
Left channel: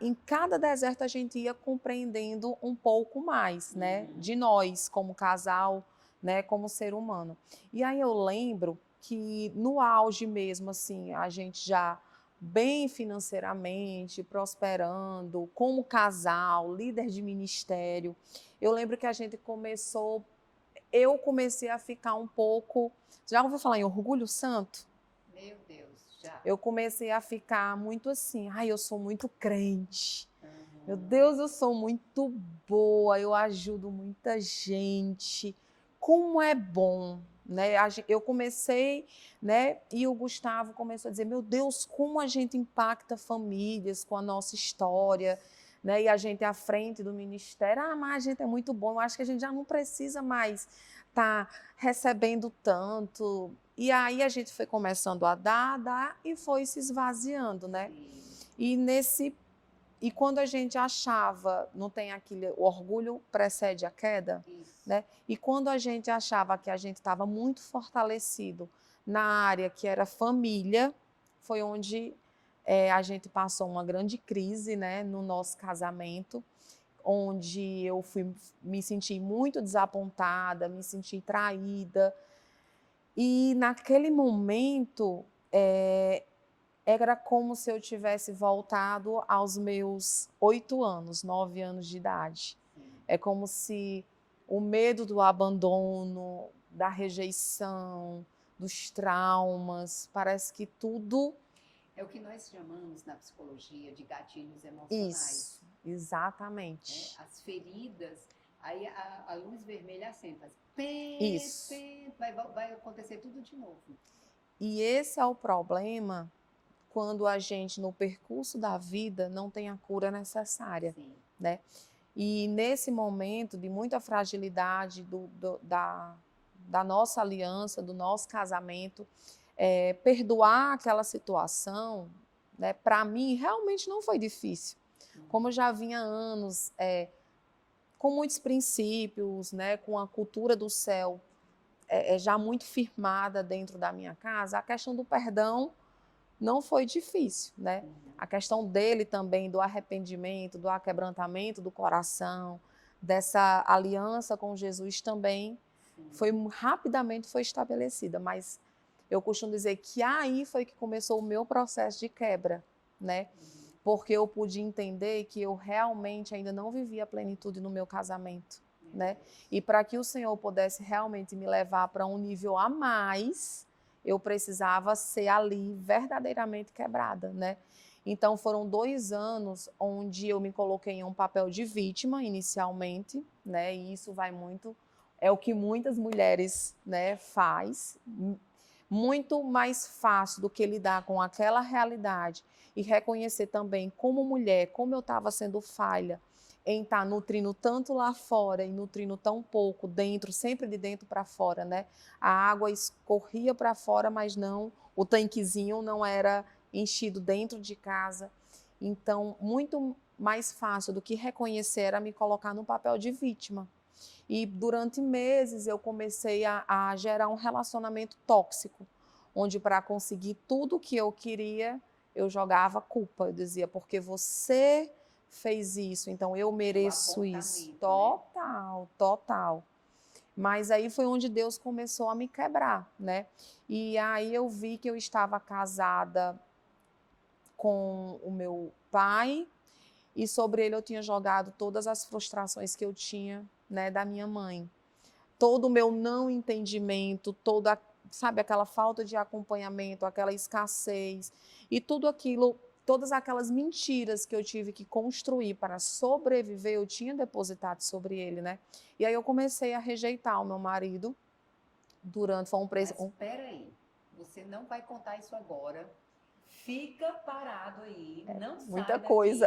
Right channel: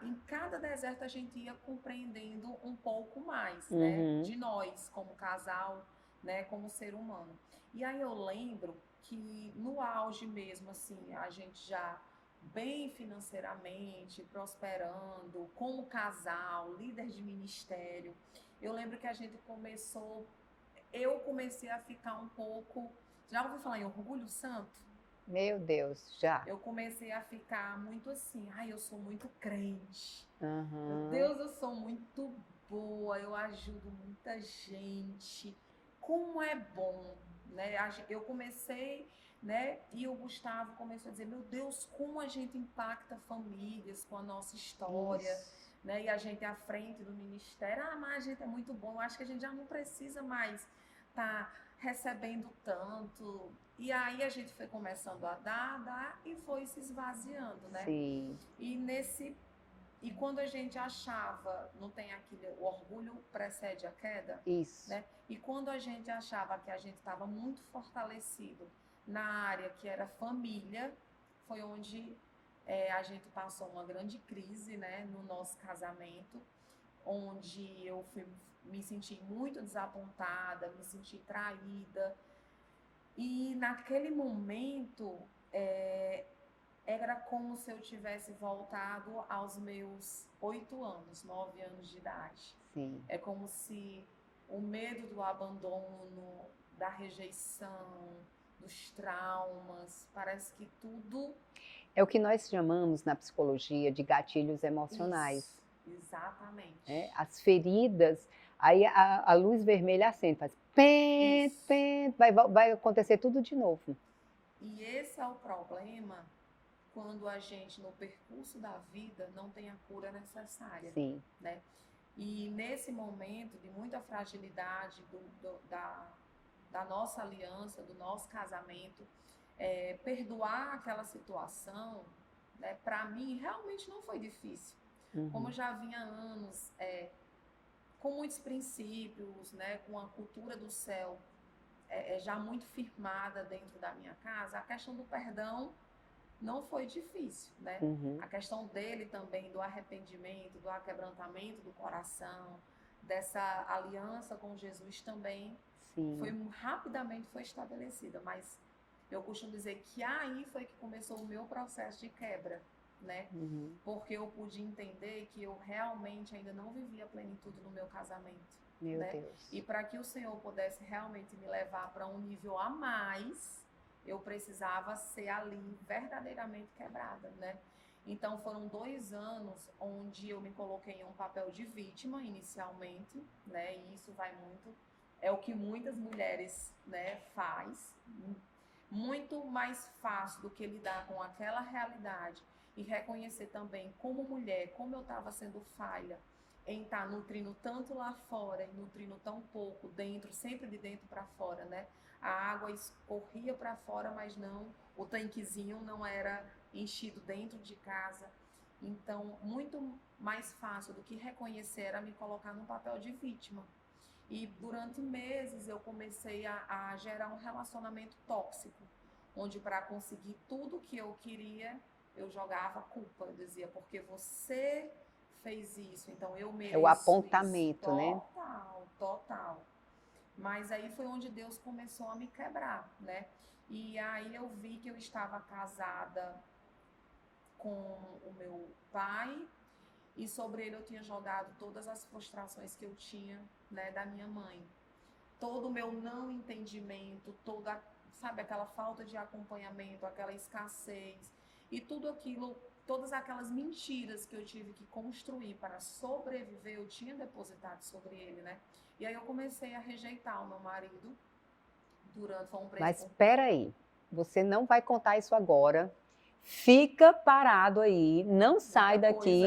em cada deserto a gente ia compreendendo um pouco mais, né? De nós como casal, né, como ser humano. E aí eu lembro que no auge mesmo, assim, a gente já bem financeiramente, prosperando, como casal, líder de ministério, eu lembro que a gente eu comecei a ficar um pouco, já ouviu falar em orgulho santo? Meu Deus, já. Eu comecei a ficar muito assim, eu sou muito crente. Meu Deus, eu sou muito boa, eu ajudo muita gente. Como é bom, né? Eu comecei, né? E o Gustavo começou a dizer, meu Deus, como a gente impacta famílias com a nossa história, né? E a gente à frente do ministério, mas a gente é muito bom, eu acho que a gente já não precisa mais estar recebendo tanto. E aí a gente foi começando a dar e foi se esvaziando, né? Sim. E quando a gente achava, não tem aquele, o orgulho precede a queda, Isso. né? E quando a gente achava que a gente estava muito fortalecido na área que era família, foi onde a gente passou uma grande crise, né, no nosso casamento, onde me senti muito desapontada, me senti traída. E naquele momento, era como se eu tivesse voltado aos meus 8 anos, 9 anos de idade. Sim. É como se o medo do abandono, da rejeição, dos traumas, parece que tudo... É o que nós chamamos na psicologia de gatilhos emocionais. Isso, exatamente. Né? As feridas, aí a luz vermelha acende, faz pent, Isso. pent, vai acontecer tudo de novo. E esse é o problema quando a gente, no percurso da vida, não tem a cura necessária. Sim. Né? E nesse momento de muita fragilidade da nossa aliança, do nosso casamento, perdoar aquela situação, né, para mim, realmente não foi difícil. Como eu já vinha há anos com muitos princípios, né, com a cultura do céu já muito firmada dentro da minha casa, a questão do perdão não foi difícil, né? A questão dele também, do arrependimento, do aquebrantamento do coração, dessa aliança com Jesus também, rapidamente foi estabelecida. Mas eu costumo dizer que aí foi que começou o meu processo de quebra, né? Porque eu pude entender que eu realmente ainda não vivia a plenitude no meu casamento, né? E para que o Senhor pudesse realmente me levar para um nível a mais, eu precisava ser ali verdadeiramente quebrada, né? Então foram 2 anos onde eu me coloquei em um papel de vítima inicialmente, né? E isso vai muito, é o que muitas mulheres, né, faz, muito mais fácil do que lidar com aquela realidade e reconhecer também como mulher, como eu estava sendo falha em estar nutrindo tanto lá fora e nutrindo tão pouco dentro, sempre de dentro para fora, né? A água escorria para fora, mas não, o tanquezinho não era enchido dentro de casa. Então, muito mais fácil do que reconhecer era me colocar no papel de vítima. E durante meses eu comecei a gerar um relacionamento tóxico, onde para conseguir tudo que eu queria, eu jogava culpa. Eu dizia, porque você fez isso, então eu mereço isso. Total, né? Total. Mas aí foi onde Deus começou a me quebrar, né? E aí eu vi que eu estava casada com o meu pai e sobre ele eu tinha jogado todas as frustrações que eu tinha, né, da minha mãe. Todo o meu não entendimento, sabe, aquela falta de acompanhamento, aquela escassez e tudo aquilo, todas aquelas mentiras que eu tive que construir para sobreviver, eu tinha depositado sobre ele, né? E aí eu comecei a rejeitar o meu marido Mas espera aí, você não vai contar isso agora. Fica parado aí, não sai daqui,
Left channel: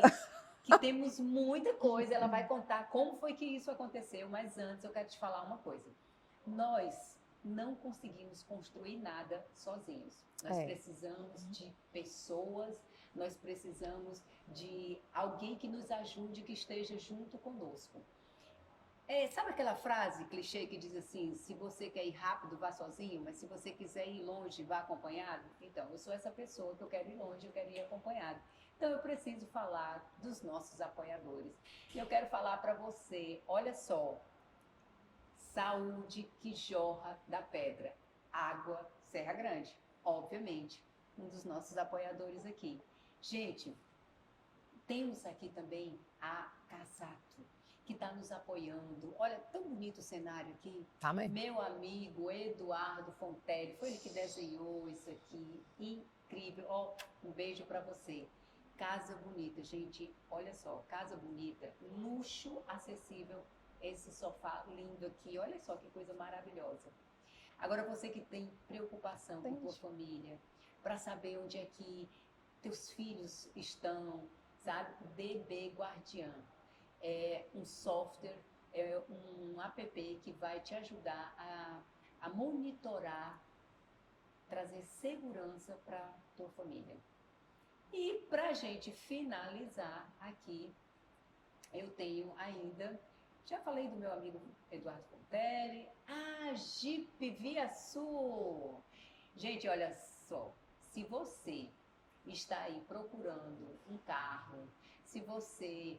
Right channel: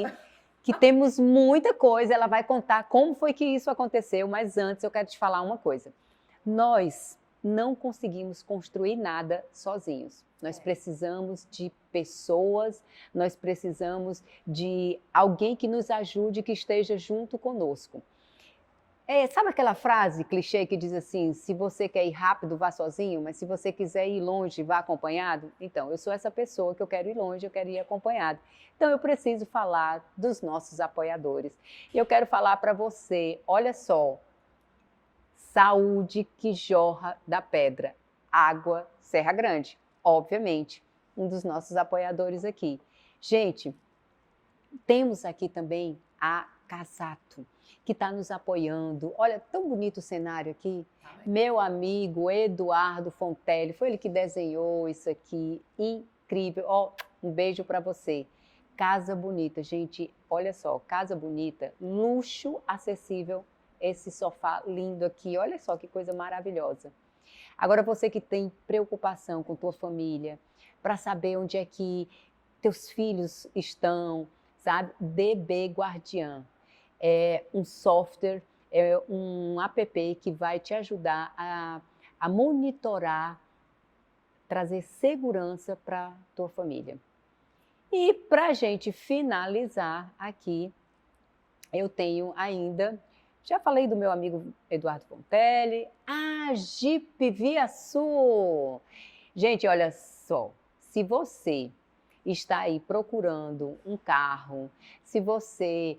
que temos muita coisa. Ela vai contar como foi que isso aconteceu, mas antes eu quero te falar uma coisa. Nós não conseguimos construir nada sozinhos. Nós precisamos de pessoas, nós precisamos de alguém que nos ajude, que esteja junto conosco. Sabe aquela frase clichê que diz assim, se você quer ir rápido, vá sozinho, mas se você quiser ir longe, vá acompanhado? Então, eu sou essa pessoa que eu quero ir longe, eu quero ir acompanhado. Então, eu preciso falar dos nossos apoiadores. E eu quero falar para você, olha só, saúde que jorra da pedra, água Serra Grande, obviamente, um dos nossos apoiadores aqui. Gente, temos aqui também a Casato, que está nos apoiando. Olha, tão bonito o cenário aqui. Meu amigo Eduardo Fontelli, foi ele que desenhou isso aqui, incrível. Ó, um beijo para você. Casa bonita, gente, olha só, casa bonita, luxo acessível, esse sofá lindo aqui, olha só que coisa maravilhosa. Agora você que tem preocupação com tua família, para saber onde é que teus filhos estão, sabe? DB Guardiã é um software, é um app que vai te ajudar a monitorar, trazer segurança para tua família. E para a gente finalizar aqui, eu tenho ainda, já falei do meu amigo Eduardo Fontelli, a Jeep Via Sul. Gente, olha só, se você está aí procurando um carro, se você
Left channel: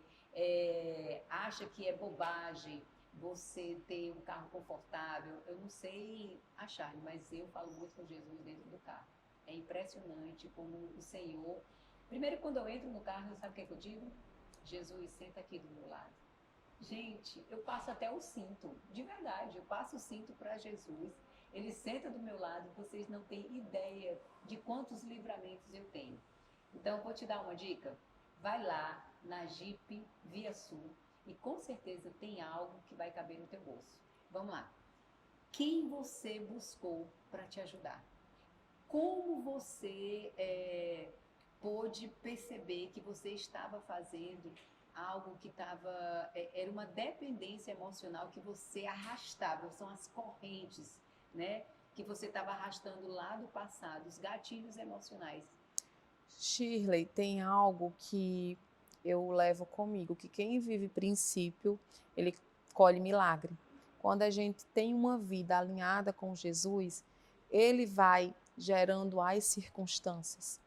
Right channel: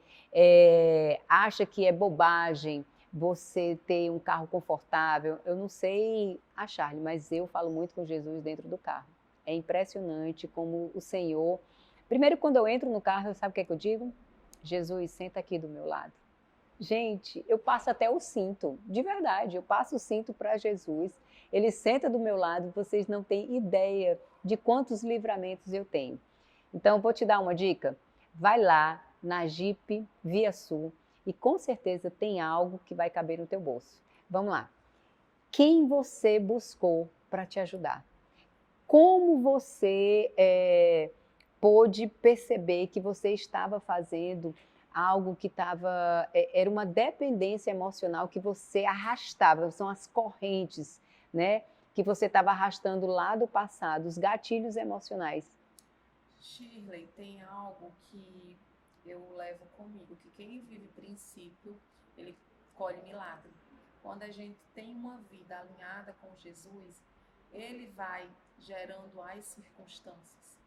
acha que é bobagem você ter um carro confortável, eu não sei a Charlie, mas eu falo muito com Jesus dentro do carro. É impressionante como o Senhor... Primeiro, quando eu entro no carro, sabe o que é que eu digo? Jesus, senta aqui do meu lado. Gente, eu passo até o cinto, de verdade, eu passo o cinto para Jesus, ele senta do meu lado, vocês não têm ideia de quantos livramentos eu tenho. Então, eu vou te dar uma dica, vai lá na Jeep Via Sul e com certeza tem algo que vai caber no teu bolso. Vamos lá. Quem você buscou para te ajudar? Como você pôde perceber que você estava fazendo algo que era uma dependência emocional que você arrastava, são as correntes, né? Que você estava arrastando lá do passado, os gatilhos emocionais. Shirley, tem algo que eu levo comigo, que quem vive princípio, ele colhe milagre. Quando a gente tem uma vida alinhada com Jesus, ele vai gerando as circunstâncias.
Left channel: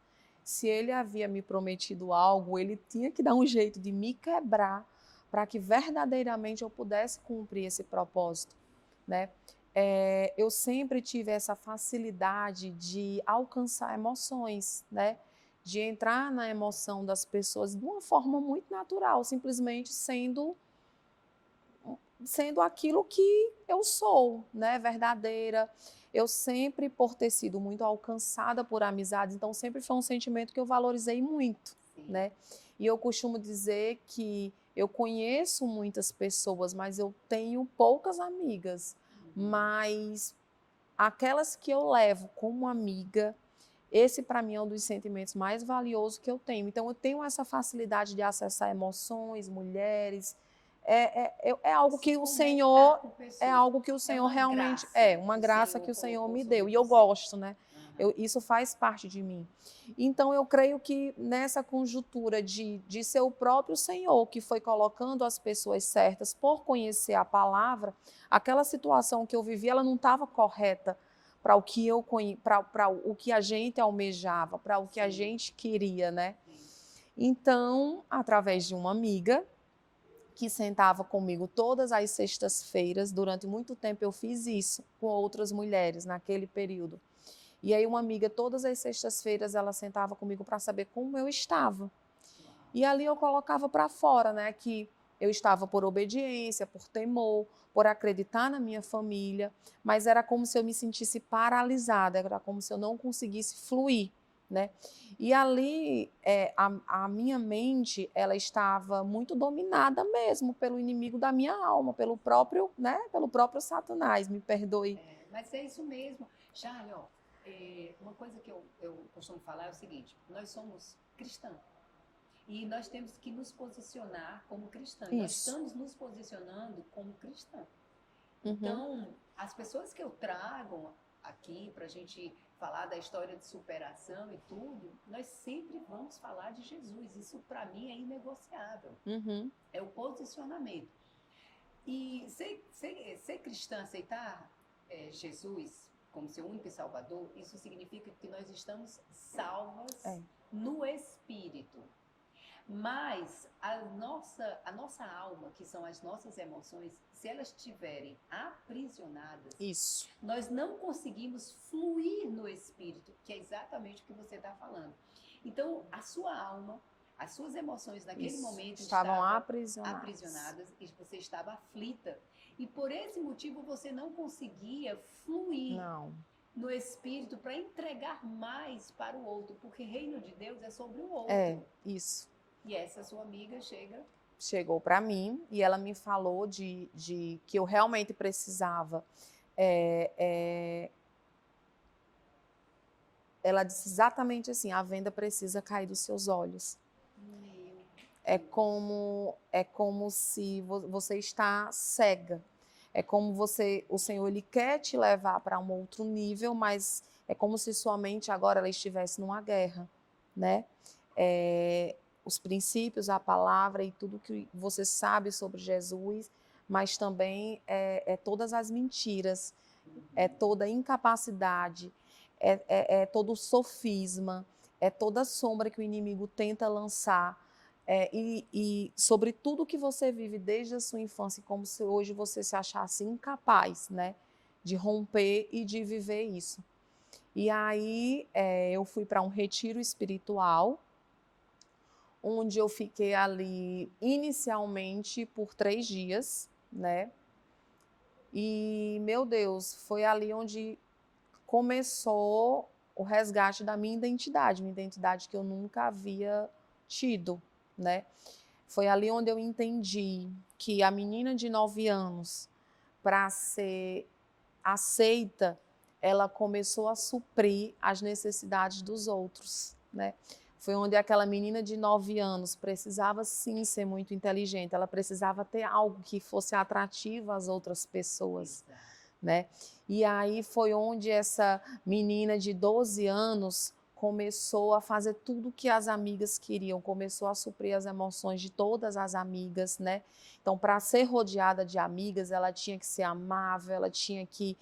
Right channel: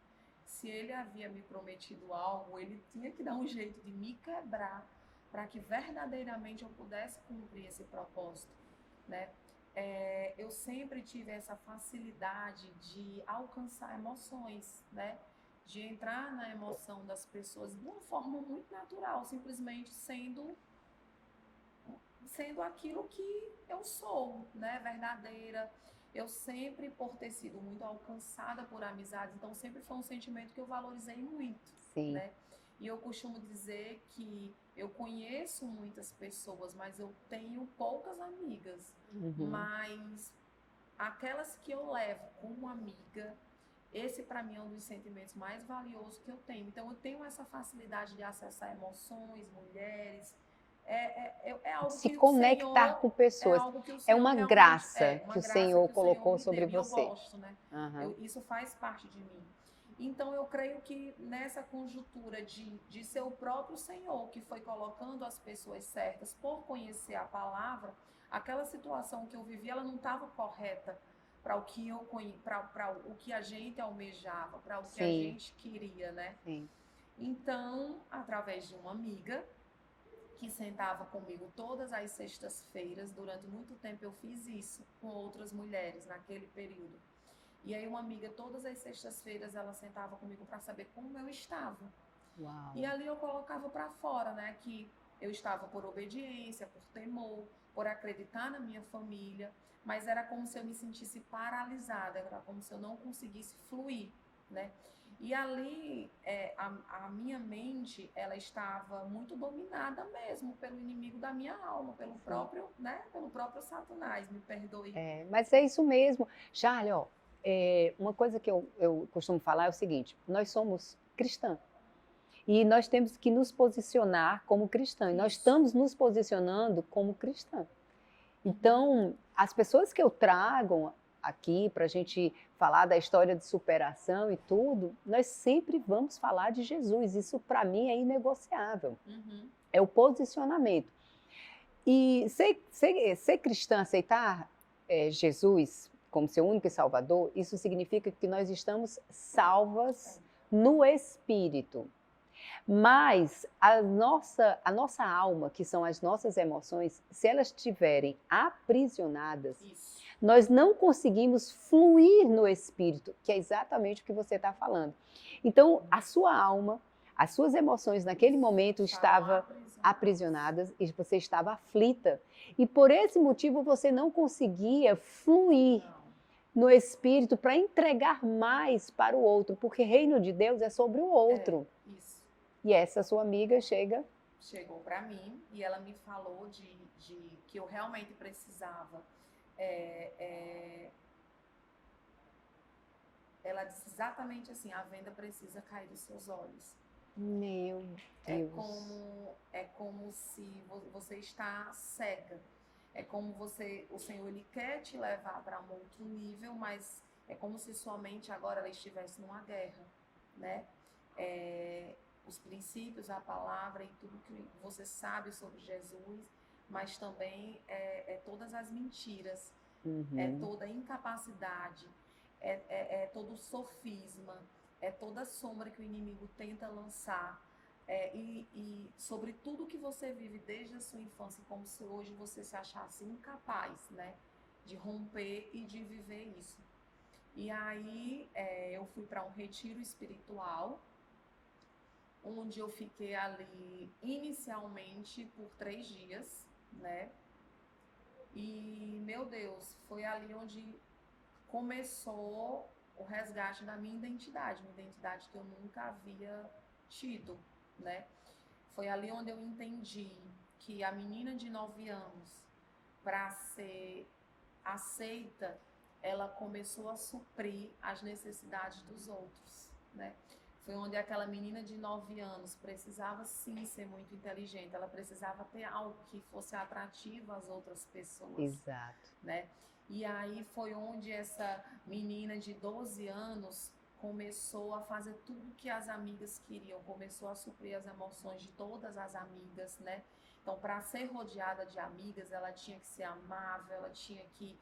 Se ele havia me prometido algo, ele tinha que dar um jeito de me quebrar para que verdadeiramente eu pudesse cumprir esse propósito, né? Eu sempre tive essa facilidade de alcançar emoções, né? De entrar na emoção das pessoas de uma forma muito natural, simplesmente sendo aquilo que eu sou, né? Verdadeira. Eu sempre, por ter sido muito alcançada por amizades, então sempre foi um sentimento que eu valorizei muito, Sim. né? E eu costumo dizer que eu conheço muitas pessoas, mas eu tenho poucas amigas. Mas aquelas que eu levo como amiga, esse para mim é um dos sentimentos mais valiosos que eu tenho. Então eu tenho essa facilidade de acessar emoções, mulheres. É algo Se que o conectar Senhor com pessoas. é algo que o É Senhor uma realmente graça uma que o graça Senhor que o Senhor colocou me sobre deu e eu você. gosto, né? Isso faz parte de mim. Então eu creio que nessa conjuntura de ser o próprio Senhor que foi colocando as pessoas certas por conhecer a palavra, aquela situação que eu vivi, ela não estava correta para o que para o que a gente almejava, para o que a gente queria, né? Sim. Então, através de uma amiga que sentava comigo todas as sextas-feiras, durante muito tempo eu fiz isso com outras mulheres naquele período. E aí uma amiga, todas as sextas-feiras, ela sentava comigo para saber como eu estava. Uau. E ali eu colocava para fora, né, que eu estava por obediência, por temor, por acreditar na minha família, mas era como se eu me sentisse paralisada, era como se eu não conseguisse fluir, né? E ali a minha mente, ela estava muito dominada mesmo pelo inimigo da minha alma, pelo próprio, né, pelo próprio Satanás, me perdoe. Mas é isso mesmo. Charlie, ó, uma coisa que eu costumo falar é o seguinte, nós somos cristãs. E nós temos que nos posicionar como cristãs. Nós estamos nos posicionando como cristãs. Então, as pessoas que eu trago aqui para a gente falar da história de superação e tudo, nós sempre vamos falar de Jesus. Isso para mim é inegociável. É o posicionamento. E ser cristã, aceitar Jesus como seu único salvador, isso significa que nós estamos salvas no Espírito. Mas a nossa alma, que são as nossas emoções, se elas estiverem aprisionadas, nós não conseguimos fluir no Espírito, que é exatamente o que você está falando. Então, a sua alma, as suas emoções naquele momento estavam aprisionadas e você estava aflita. E por esse motivo você não conseguia fluir no Espírito para entregar mais para o outro, porque reino de Deus é sobre o outro. Isso. E essa sua amiga chegou para mim e ela me falou de que eu realmente precisava ela disse exatamente assim: a venda precisa cair dos seus olhos. Meu É Deus. como se você está cega. É como o Senhor ele quer te levar para um outro nível, mas é como se sua mente agora ela estivesse numa guerra, né? Os princípios, a palavra e tudo que você sabe sobre Jesus, mas também todas as mentiras, é toda a incapacidade, é todo o sofisma, é toda a sombra que o inimigo tenta lançar. E sobre tudo que você vive desde a sua infância, como se hoje você se achasse incapaz, né, de romper e de viver isso. E aí eu fui para um retiro espiritual, onde eu fiquei ali inicialmente por 3 dias, né? E, meu Deus, foi ali onde começou o resgate da minha identidade que eu nunca havia tido, né? Foi ali onde eu entendi que a menina de 9 anos, para ser aceita, ela começou a suprir as necessidades dos outros, né? Foi onde aquela menina de 9 anos precisava sim ser muito inteligente, ela precisava ter algo que fosse atrativo às outras pessoas. Exato. Né? E aí foi onde essa menina de 12 anos começou a fazer tudo o que as amigas queriam, começou a suprir as emoções de todas as amigas, né? Então, para ser rodeada de amigas, ela tinha que ser amável, ela tinha que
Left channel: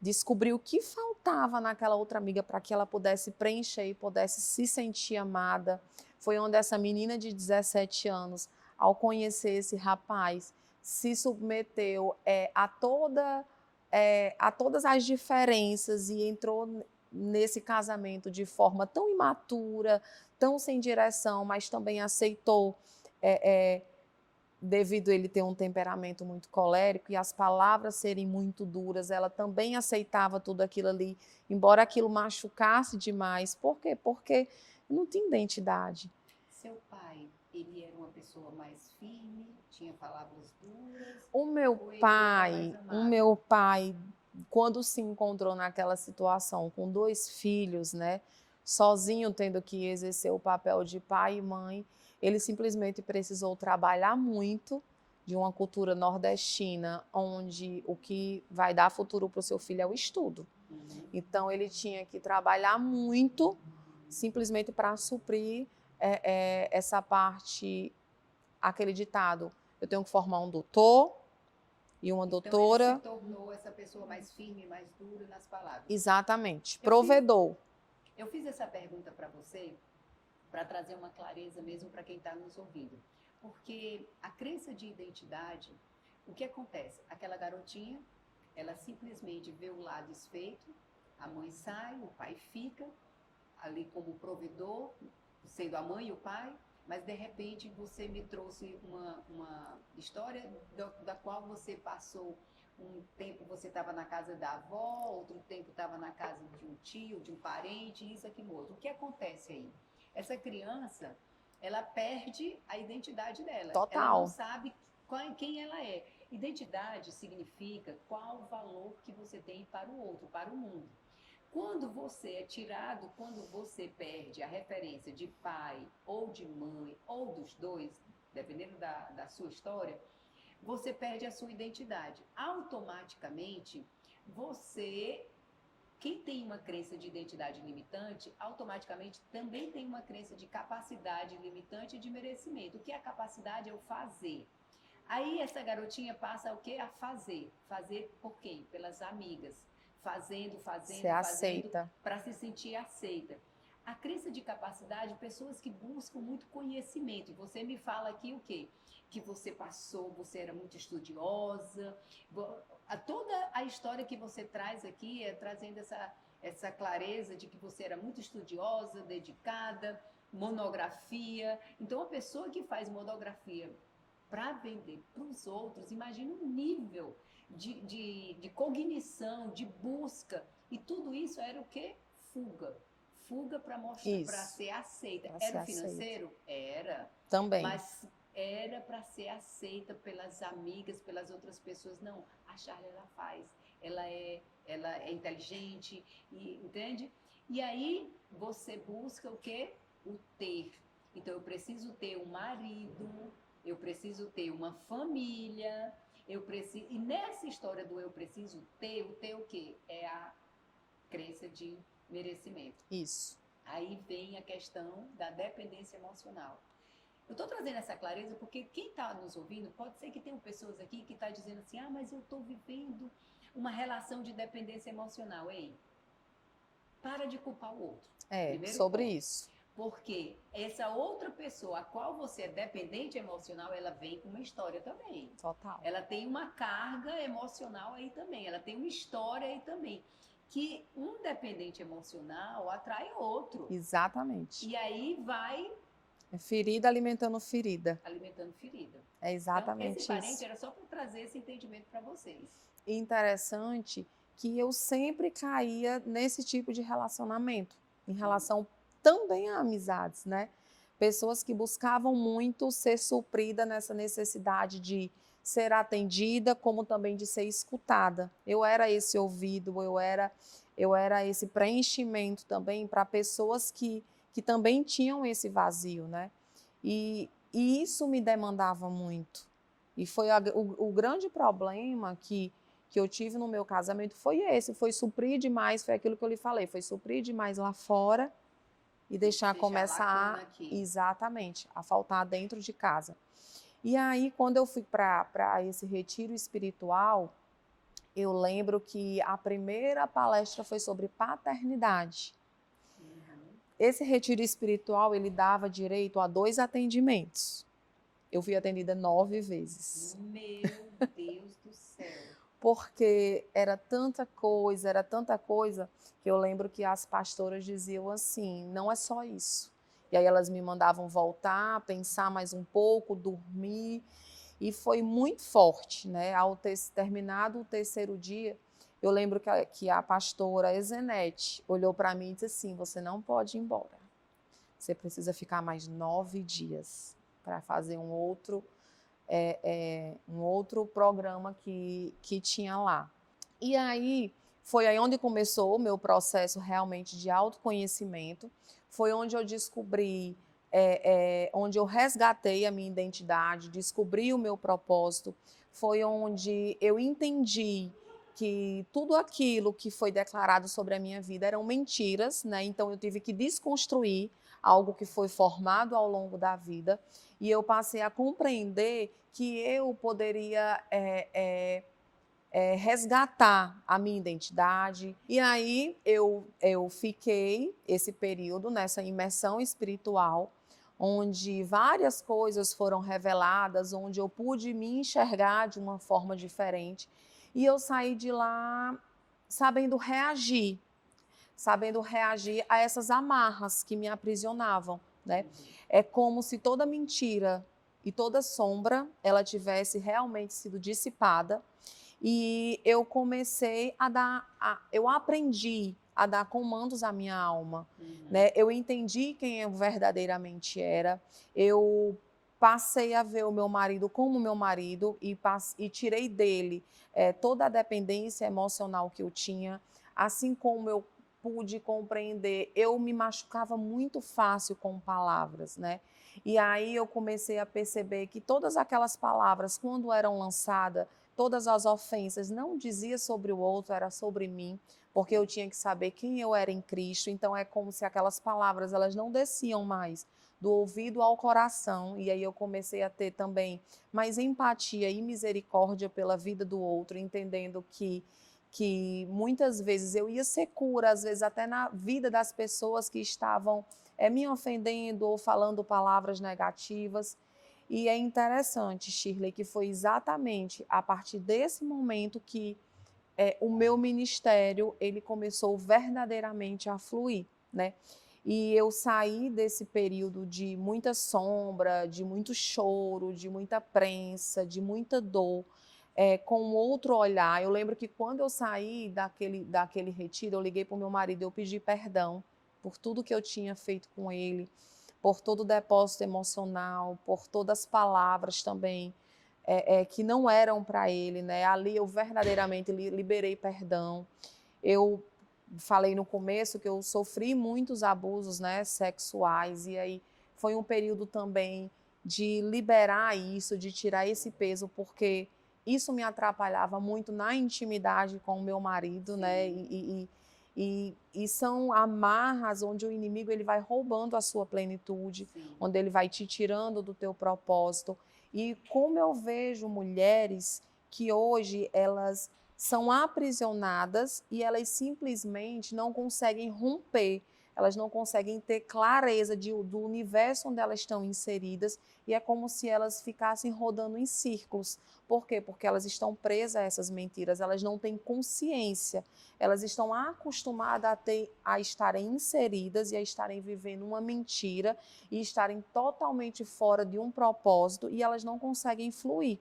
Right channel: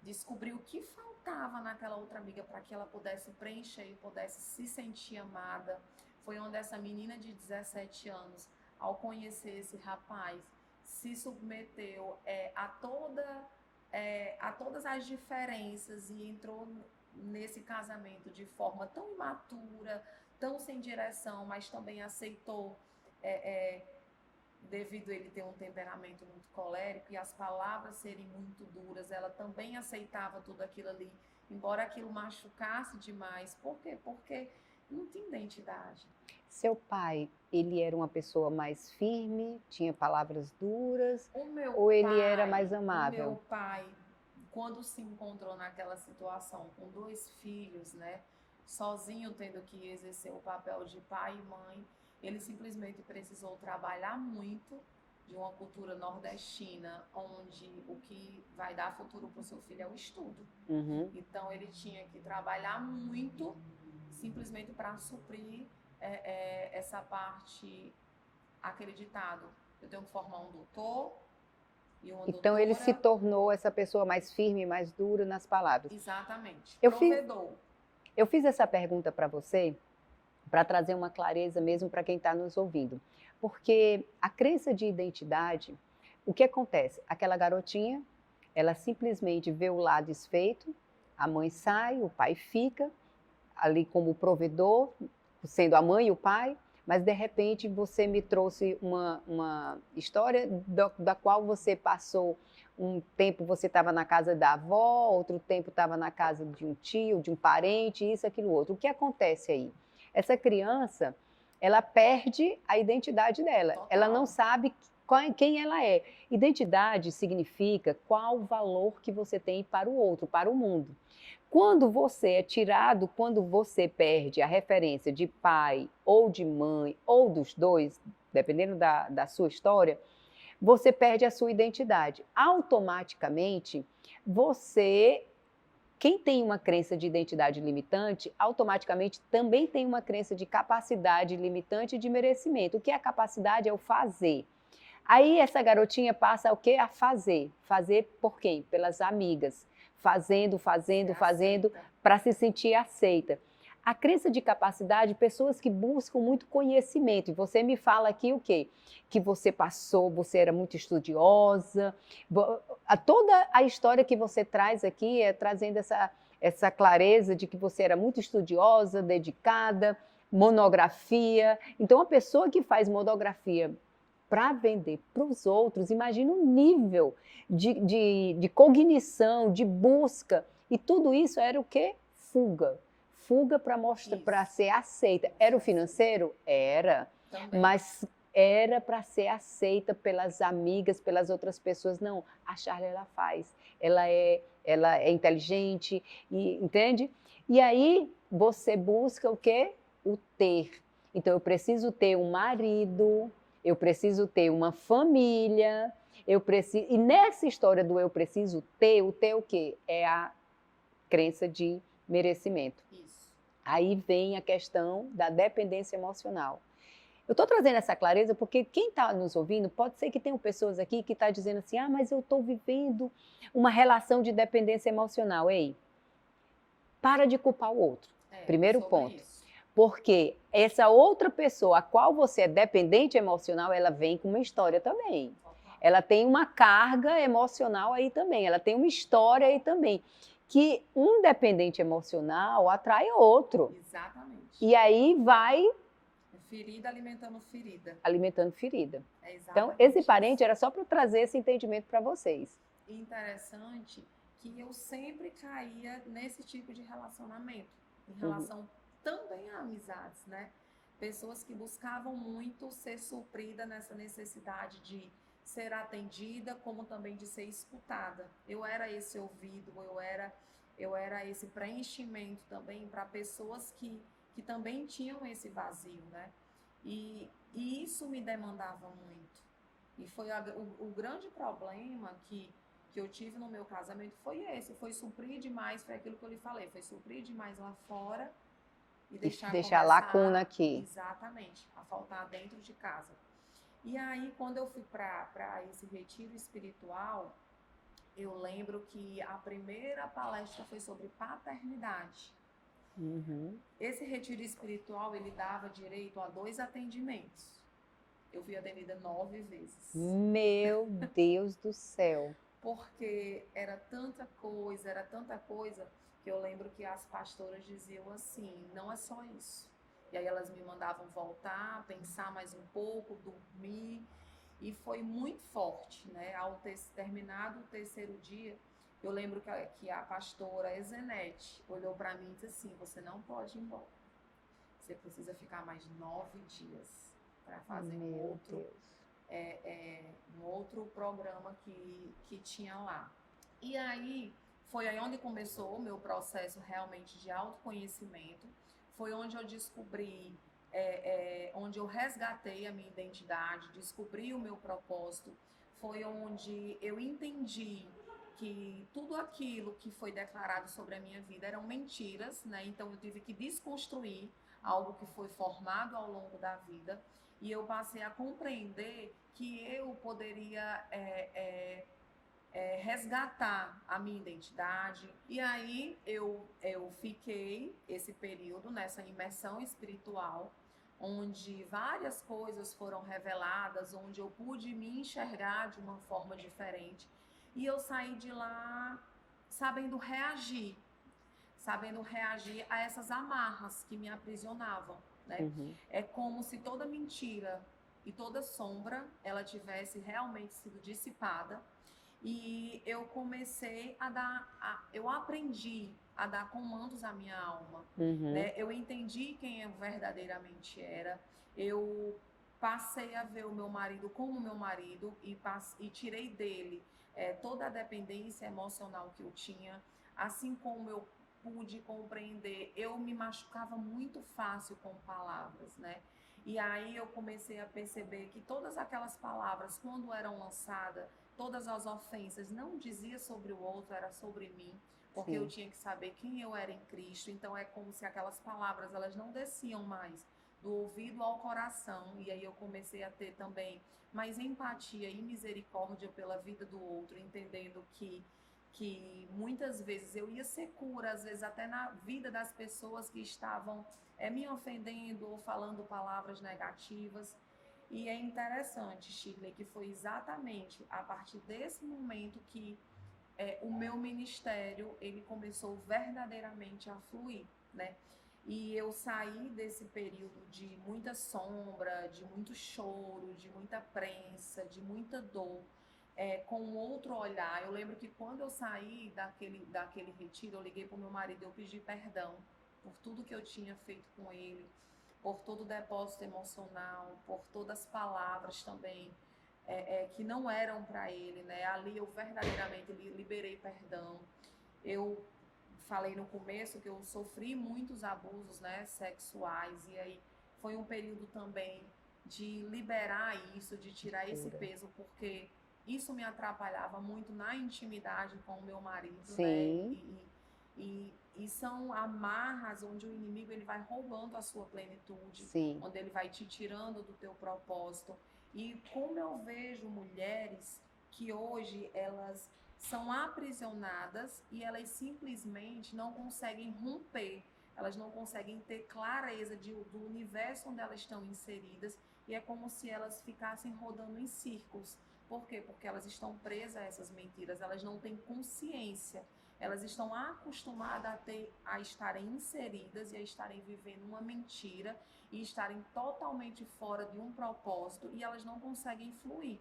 descobrir o que faltava naquela outra amiga para que ela pudesse preencher e pudesse se sentir amada. Foi onde essa menina de 17 anos, ao conhecer esse rapaz, se submeteu a todas as diferenças e entrou nesse casamento de forma tão imatura, tão sem direção, mas também aceitou, devido a ele ter um temperamento muito colérico e as palavras serem muito duras, ela também aceitava tudo aquilo ali, embora aquilo machucasse demais. Por quê? Porque não tinha identidade. Seu pai, ele era uma pessoa mais firme, tinha palavras duras, O meu ou ele era mais pai, amável? quando se encontrou naquela situação com 2 filhos, né, sozinho tendo que exercer o papel de pai e mãe, ele simplesmente precisou trabalhar muito, de uma cultura nordestina, onde o que vai dar futuro para o seu filho é o estudo. Uhum. Então ele tinha que trabalhar muito, simplesmente para suprir essa parte, aquele ditado: eu tenho que formar um doutor e uma Então ele se doutora. tornou essa pessoa mais firme, mais dura nas palavras. Exatamente, Eu fiz, provedor. eu fiz essa pergunta para você para trazer uma clareza mesmo para quem está nos ouvindo. Porque a crença de identidade, o que acontece? Aquela garotinha, ela simplesmente vê o lado desfeito, a mãe sai, o pai fica ali como provedor, sendo a mãe e o pai, mas de repente você me trouxe uma história da qual você passou um tempo, você estava na casa da avó, outro tempo estava na casa de um tio, de um parente, isso, aquilo, outro. O que acontece aí? Essa criança, ela perde a identidade dela. Total. Ela não sabe quem ela é. Identidade significa qual o valor que você tem para o outro, para o mundo. Quando você é tirado, quando você perde a referência de pai ou de mãe, ou dos dois, dependendo da sua história, você perde a sua identidade. Automaticamente, quem tem uma crença de identidade limitante, automaticamente também tem uma crença de capacidade limitante e de merecimento. O que é a capacidade? É o fazer. Aí essa garotinha passa o quê? A fazer. Fazer por quem? Pelas amigas. Fazendo para se sentir aceita. A crença de capacidade, pessoas que buscam muito conhecimento. E você me fala aqui o quê? Que você passou, você era muito estudiosa. Toda a história que você traz aqui é trazendo essa clareza de que você era muito estudiosa, dedicada, monografia. Então, a pessoa que faz monografia para vender para os outros, imagina o nível de cognição, de busca. E tudo isso era o quê? Fuga. Fuga para mostrar, para ser aceita. Era o financeiro? Era. Também. Mas era para ser aceita pelas amigas, pelas outras pessoas. Não, a Charlie ela faz. ela é inteligente, entende? E aí você busca o quê? O ter. Então eu preciso ter um marido, eu preciso ter uma família, eu preciso. E nessa história do eu preciso ter, o ter o quê? É a crença de merecimento. Isso. Aí vem a questão da dependência emocional. Eu estou trazendo essa clareza porque quem está nos ouvindo, pode ser que tenham pessoas aqui que estão dizendo assim, mas eu estou vivendo uma relação de dependência emocional. Ei, para de culpar o outro. Primeiro sobre ponto. isso. Porque essa outra pessoa a qual você é dependente emocional, ela vem com uma história também. Total. Ela tem uma carga emocional aí também, ela tem uma história aí também. Que um dependente emocional atrai outro. Exatamente. E aí vai... ferida alimentando ferida. Alimentando ferida. É exatamente então, esse parente isso. era só para trazer esse entendimento para vocês. Interessante que eu sempre caía nesse tipo de relacionamento, em relação também a amizades, né? Pessoas que buscavam muito ser suprida nessa necessidade de ser atendida, como também de ser escutada. Eu era esse ouvido, eu era esse preenchimento também para pessoas que também tinham esse vazio, né? E isso me demandava muito. E foi o grande problema que eu tive no meu casamento foi esse, foi suprir demais, foi aquilo que eu lhe falei, foi suprir demais lá fora e deixar a começar lacuna aqui. Exatamente, a faltar dentro de casa. E aí, quando eu fui para esse retiro espiritual, eu lembro que a primeira palestra foi sobre paternidade. Esse retiro espiritual, ele dava direito a 2 atendimentos. Eu fui atendida 9 vezes. Meu Deus do céu. Porque era tanta coisa, que eu lembro que as pastoras diziam assim, não é só isso. E aí elas me mandavam voltar, pensar mais um pouco, dormir, e foi muito forte, né? Ao ter terminado o 3º dia, eu lembro que a pastora Ezenete olhou para mim e disse assim, você não pode ir embora, você precisa ficar mais 9 dias para fazer um outro programa que tinha lá. E aí, foi aí onde começou o meu processo realmente de autoconhecimento, foi onde eu descobri, onde eu resgatei a minha identidade, descobri o meu propósito, foi onde eu entendi que tudo aquilo que foi declarado sobre a minha vida eram mentiras, né? Então eu tive que desconstruir algo que foi formado ao longo da vida, e eu passei a compreender que eu poderia resgatar a minha identidade. E aí eu fiquei esse período nessa imersão espiritual, onde várias coisas foram reveladas, onde eu pude me enxergar de uma forma diferente. E eu saí de lá sabendo reagir a essas amarras que me aprisionavam, né? É como se toda mentira e toda sombra, ela tivesse realmente sido dissipada, e eu comecei eu aprendi a dar comandos à minha alma, né? Eu entendi quem eu verdadeiramente era, eu passei a ver o meu marido como meu marido e tirei dele toda a dependência emocional que eu tinha, assim como eu pude compreender, eu me machucava muito fácil com palavras, né? E aí eu comecei a perceber que todas aquelas palavras, quando eram lançadas, todas as ofensas, não dizia sobre o outro, era sobre mim, porque eu tinha que saber quem eu era em Cristo. Então é como se aquelas palavras, elas não desciam mais do ouvido ao coração, e aí eu comecei a ter também mais empatia e misericórdia pela vida do outro, entendendo que muitas vezes eu ia ser cura, às vezes até na vida das pessoas que estavam me ofendendo ou falando palavras negativas. E é interessante, Shirley, que foi exatamente a partir desse momento que o meu ministério ele começou verdadeiramente a fluir, né? E eu saí desse período de muita sombra, de muito choro, de muita prensa, de muita dor, com outro olhar. Eu lembro que quando eu saí daquele retiro, eu liguei para o meu marido, eu pedi perdão por tudo que eu tinha feito com ele, por todo o depósito emocional, por todas as palavras também que não eram para ele, né? Ali eu verdadeiramente liberei perdão. Eu falei no começo que eu sofri muitos abusos, né, sexuais, e aí foi um período também de liberar isso, de tirar esse peso, porque isso me atrapalhava muito na intimidade com o meu marido, né? E são amarras onde o inimigo ele vai roubando a sua plenitude, onde ele vai te tirando do teu propósito. E como eu vejo mulheres que hoje elas são aprisionadas e elas simplesmente não conseguem romper, elas não conseguem ter clareza do universo onde elas estão inseridas, e é como se elas ficassem rodando em círculos. Por quê? Porque elas estão presas a essas mentiras, elas não têm consciência, elas estão acostumadas a estarem inseridas e a estarem vivendo uma mentira e estarem totalmente fora de um propósito, e elas não conseguem fluir.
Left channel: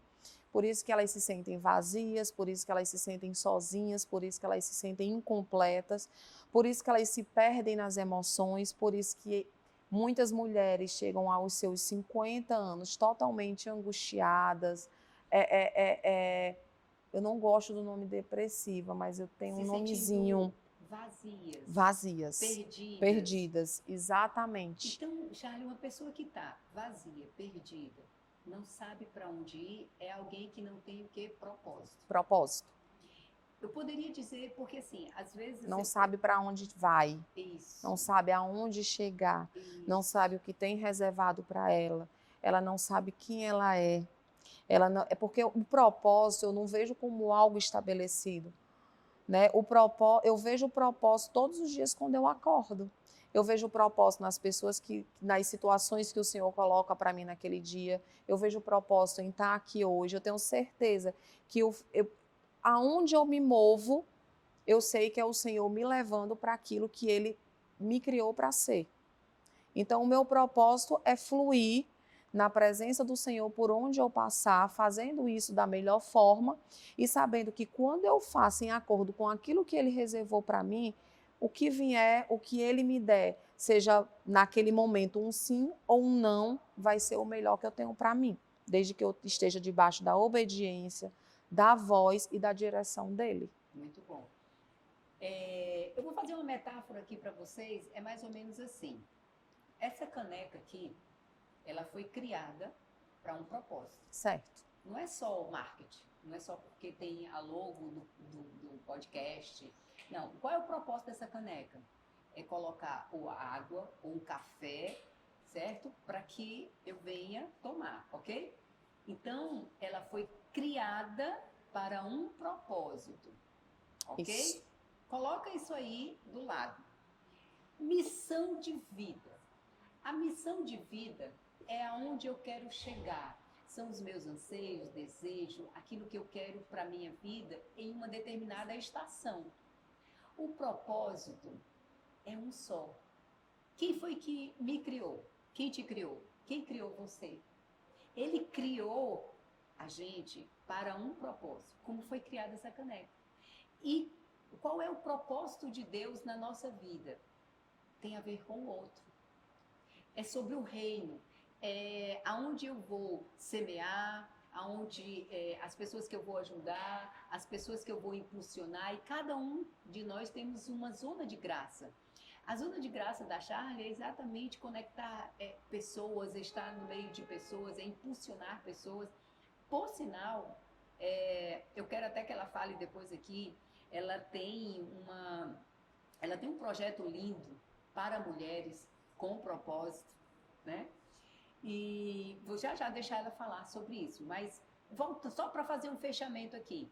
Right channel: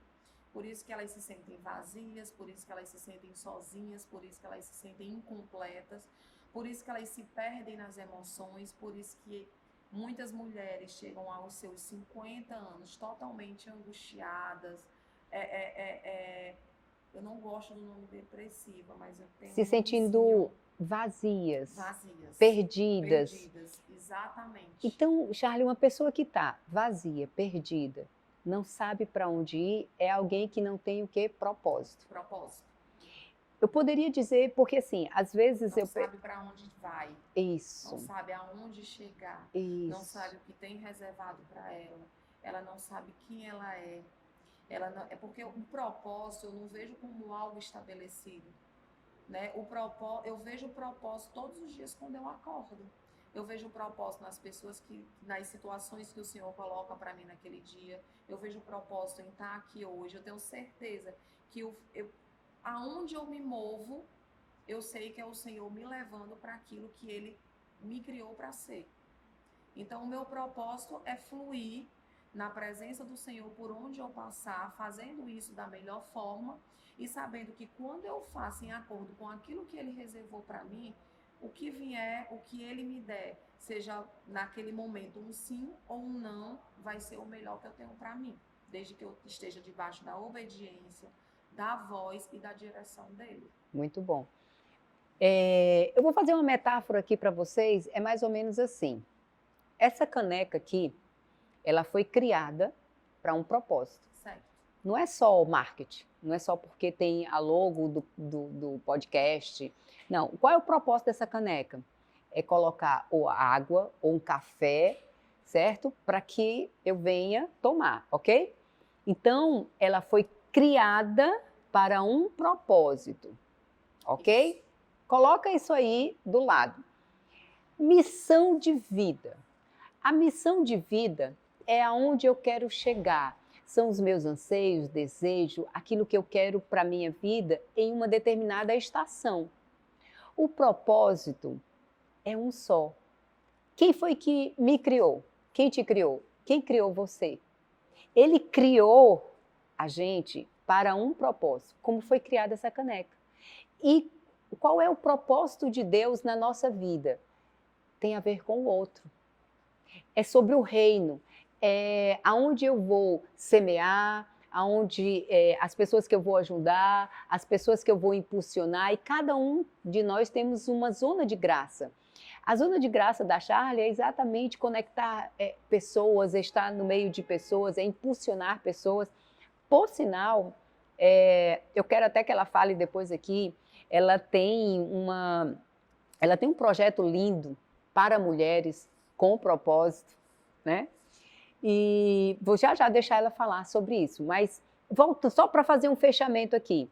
Por isso que elas se sentem vazias, por isso que elas se sentem sozinhas, por isso que elas se sentem incompletas, por isso que elas se perdem nas emoções, por isso que muitas mulheres chegam aos seus 50 anos totalmente angustiadas. Eu não gosto do nome depressiva, mas eu tenho se um nomezinho. Sentindo vazias. Vazias. Perdidas. Perdidas, exatamente. Então, Charlie, uma pessoa que está vazia, perdida, não sabe para onde ir, é alguém que não tem o quê? Propósito. Propósito. Eu poderia dizer, porque assim, às vezes... Não sabe para onde vai. Isso. Não sabe aonde chegar. Isso. Não sabe o que tem reservado para ela. Ela não sabe quem ela é. Ela não, é porque o propósito eu não vejo como algo estabelecido, né? Eu vejo o propósito todos os dias quando eu acordo. Eu vejo o propósito nas pessoas nas situações que o Senhor coloca para mim naquele dia. Eu vejo o propósito em estar aqui hoje. Eu tenho certeza que aonde eu me movo, eu sei que é o Senhor me levando para aquilo que Ele me criou para ser. Então, o meu propósito é fluir na presença do Senhor por onde eu passar, fazendo isso da melhor forma e sabendo que quando eu faço em acordo com aquilo que Ele reservou para mim, o que vier, o que Ele me der, seja naquele momento um sim ou um não, vai ser o melhor que eu tenho para mim, desde que eu esteja debaixo da obediência, da voz e da direção dEle. Muito bom. Eu vou fazer uma metáfora aqui para vocês, é mais ou menos assim. Essa caneca aqui, ela foi criada para um propósito. Certo. Não é só o marketing, não é só porque tem a logo do podcast. Não, qual é o propósito dessa caneca? É colocar ou água ou um café, certo? Para que eu venha tomar, ok? Então, ela foi criada para um propósito, ok? Isso. Coloca isso aí do lado. Missão de vida. A missão de vida é aonde eu quero chegar. São os meus anseios, desejos, aquilo que eu quero para a minha vida em uma determinada estação. O propósito é um só. Quem foi que me criou? Quem te criou? Quem criou você? Ele criou a gente para um propósito, como foi criada essa caneca. E qual é o propósito de Deus na nossa vida? Tem a ver com o outro. É sobre o reino. Aonde eu vou semear, as pessoas que eu vou ajudar, as pessoas que eu vou impulsionar, e cada um de nós temos uma zona de graça. A zona de graça da Charlie é exatamente conectar pessoas, estar no meio de pessoas, é impulsionar pessoas. Por sinal, eu quero até que ela fale depois aqui, ela tem um projeto lindo para mulheres com propósito, né? E vou já deixar ela falar sobre isso, mas volto só para fazer um fechamento aqui.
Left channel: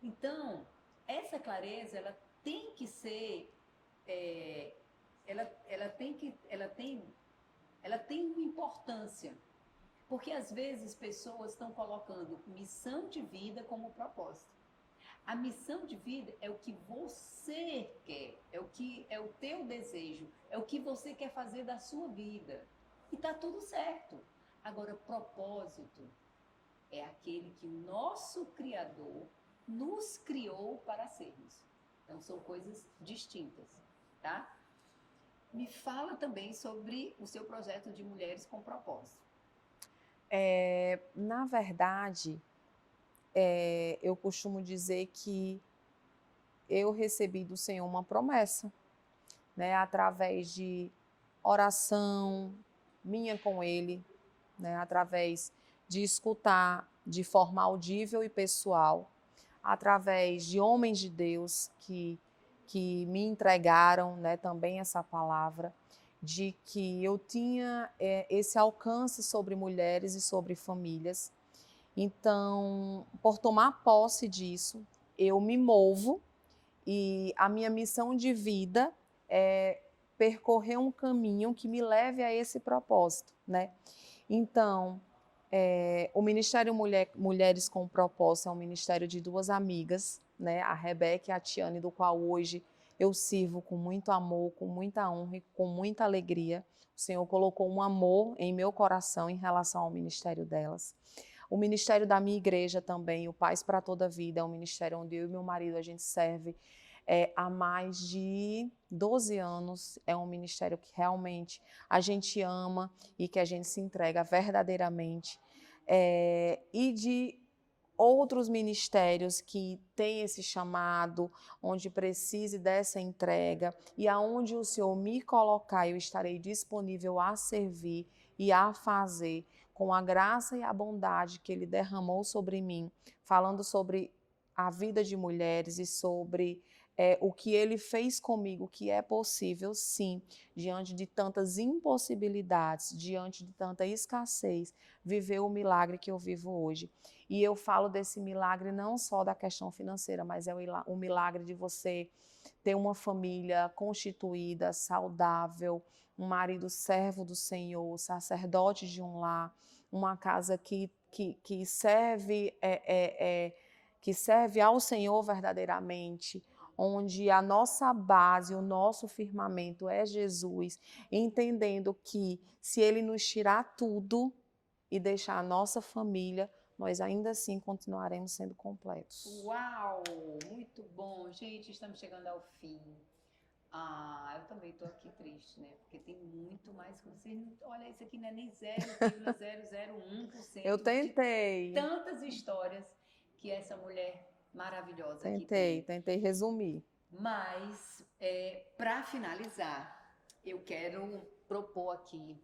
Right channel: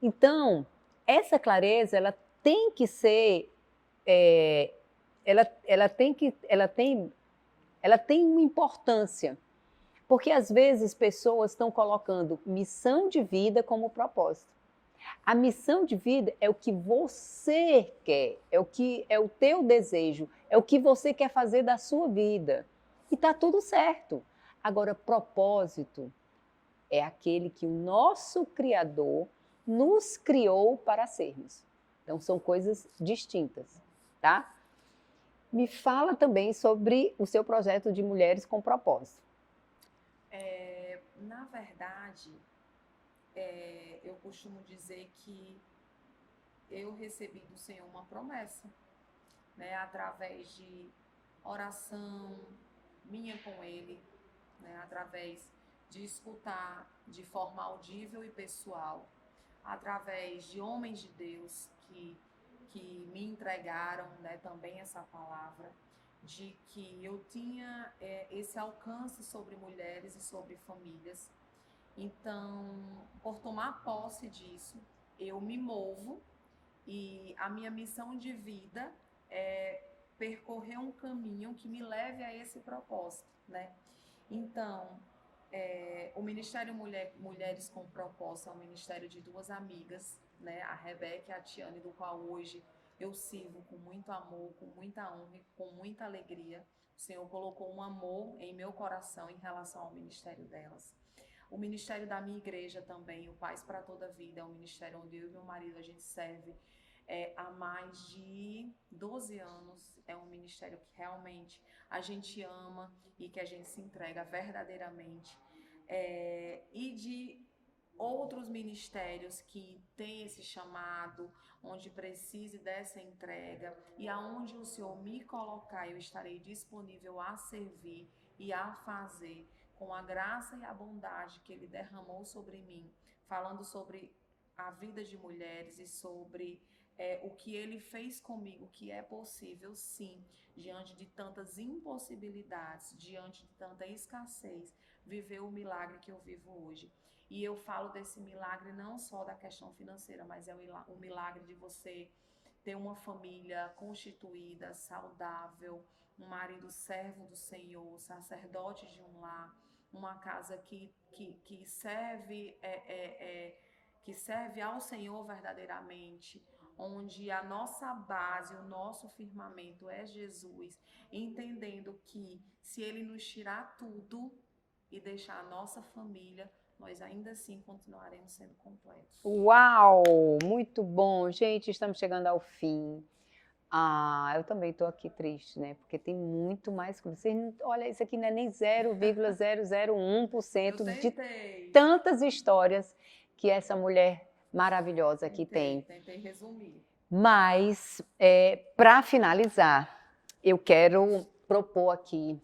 Então, essa clareza, ela tem que ser, ela tem uma importância, porque às vezes pessoas estão colocando missão de vida como propósito. A missão de vida é o que você quer, é o teu desejo, é o que você quer fazer da sua vida. E está tudo certo. Agora, propósito é aquele que o nosso Criador nos criou para sermos. Então, são coisas distintas, tá? Me fala também sobre o seu projeto de Mulheres com Propósito. Na verdade, eu costumo dizer que eu recebi do Senhor uma promessa, né, através de oração minha com Ele, né, através de escutar de forma audível e pessoal, através de homens de Deus que me entregaram, né, também essa palavra, de que eu tinha esse alcance sobre mulheres e sobre famílias. Então, por tomar posse disso, eu me movo e a minha missão de vida é percorrer um caminho que me leve a esse propósito, né? Então, o Ministério Mulheres com Propósito é um ministério de duas amigas, né? A Rebeca e a Tiane, do qual hoje eu sirvo com muito amor, com muita honra e com muita alegria. O Senhor colocou um amor em meu coração em relação ao ministério delas. O ministério da minha igreja também, o Paz para Toda a Vida, é um ministério onde eu e meu marido a gente serve há mais de 12 anos. É um ministério que realmente a gente ama e que a gente se entrega verdadeiramente. E de outros ministérios que têm esse chamado, onde precise dessa entrega e aonde o Senhor me colocar, eu estarei disponível a servir e a fazer com a graça e a bondade que Ele derramou sobre mim, falando sobre a vida de mulheres e sobre o que Ele fez comigo, que é possível, sim, diante de tantas impossibilidades, diante de tanta escassez, viver o milagre que eu vivo hoje. E eu falo desse milagre não só da questão financeira, mas é o milagre de você ter uma família constituída, saudável, um marido servo do Senhor, sacerdote de um lar, uma casa que serve que serve ao Senhor verdadeiramente, onde a nossa base, o nosso firmamento é Jesus, entendendo que se Ele nos tirar tudo e deixar a nossa família, nós ainda assim continuaremos sendo completos. Uau! Muito bom. Gente, estamos chegando ao fim. Eu também estou aqui triste, né? Porque tem muito mais que vocês. Olha, isso aqui não é nem 0,001% Eu tentei. de tantas histórias que essa mulher maravilhosa aqui tem. Tentei resumir. Mas, para finalizar, eu quero propor aqui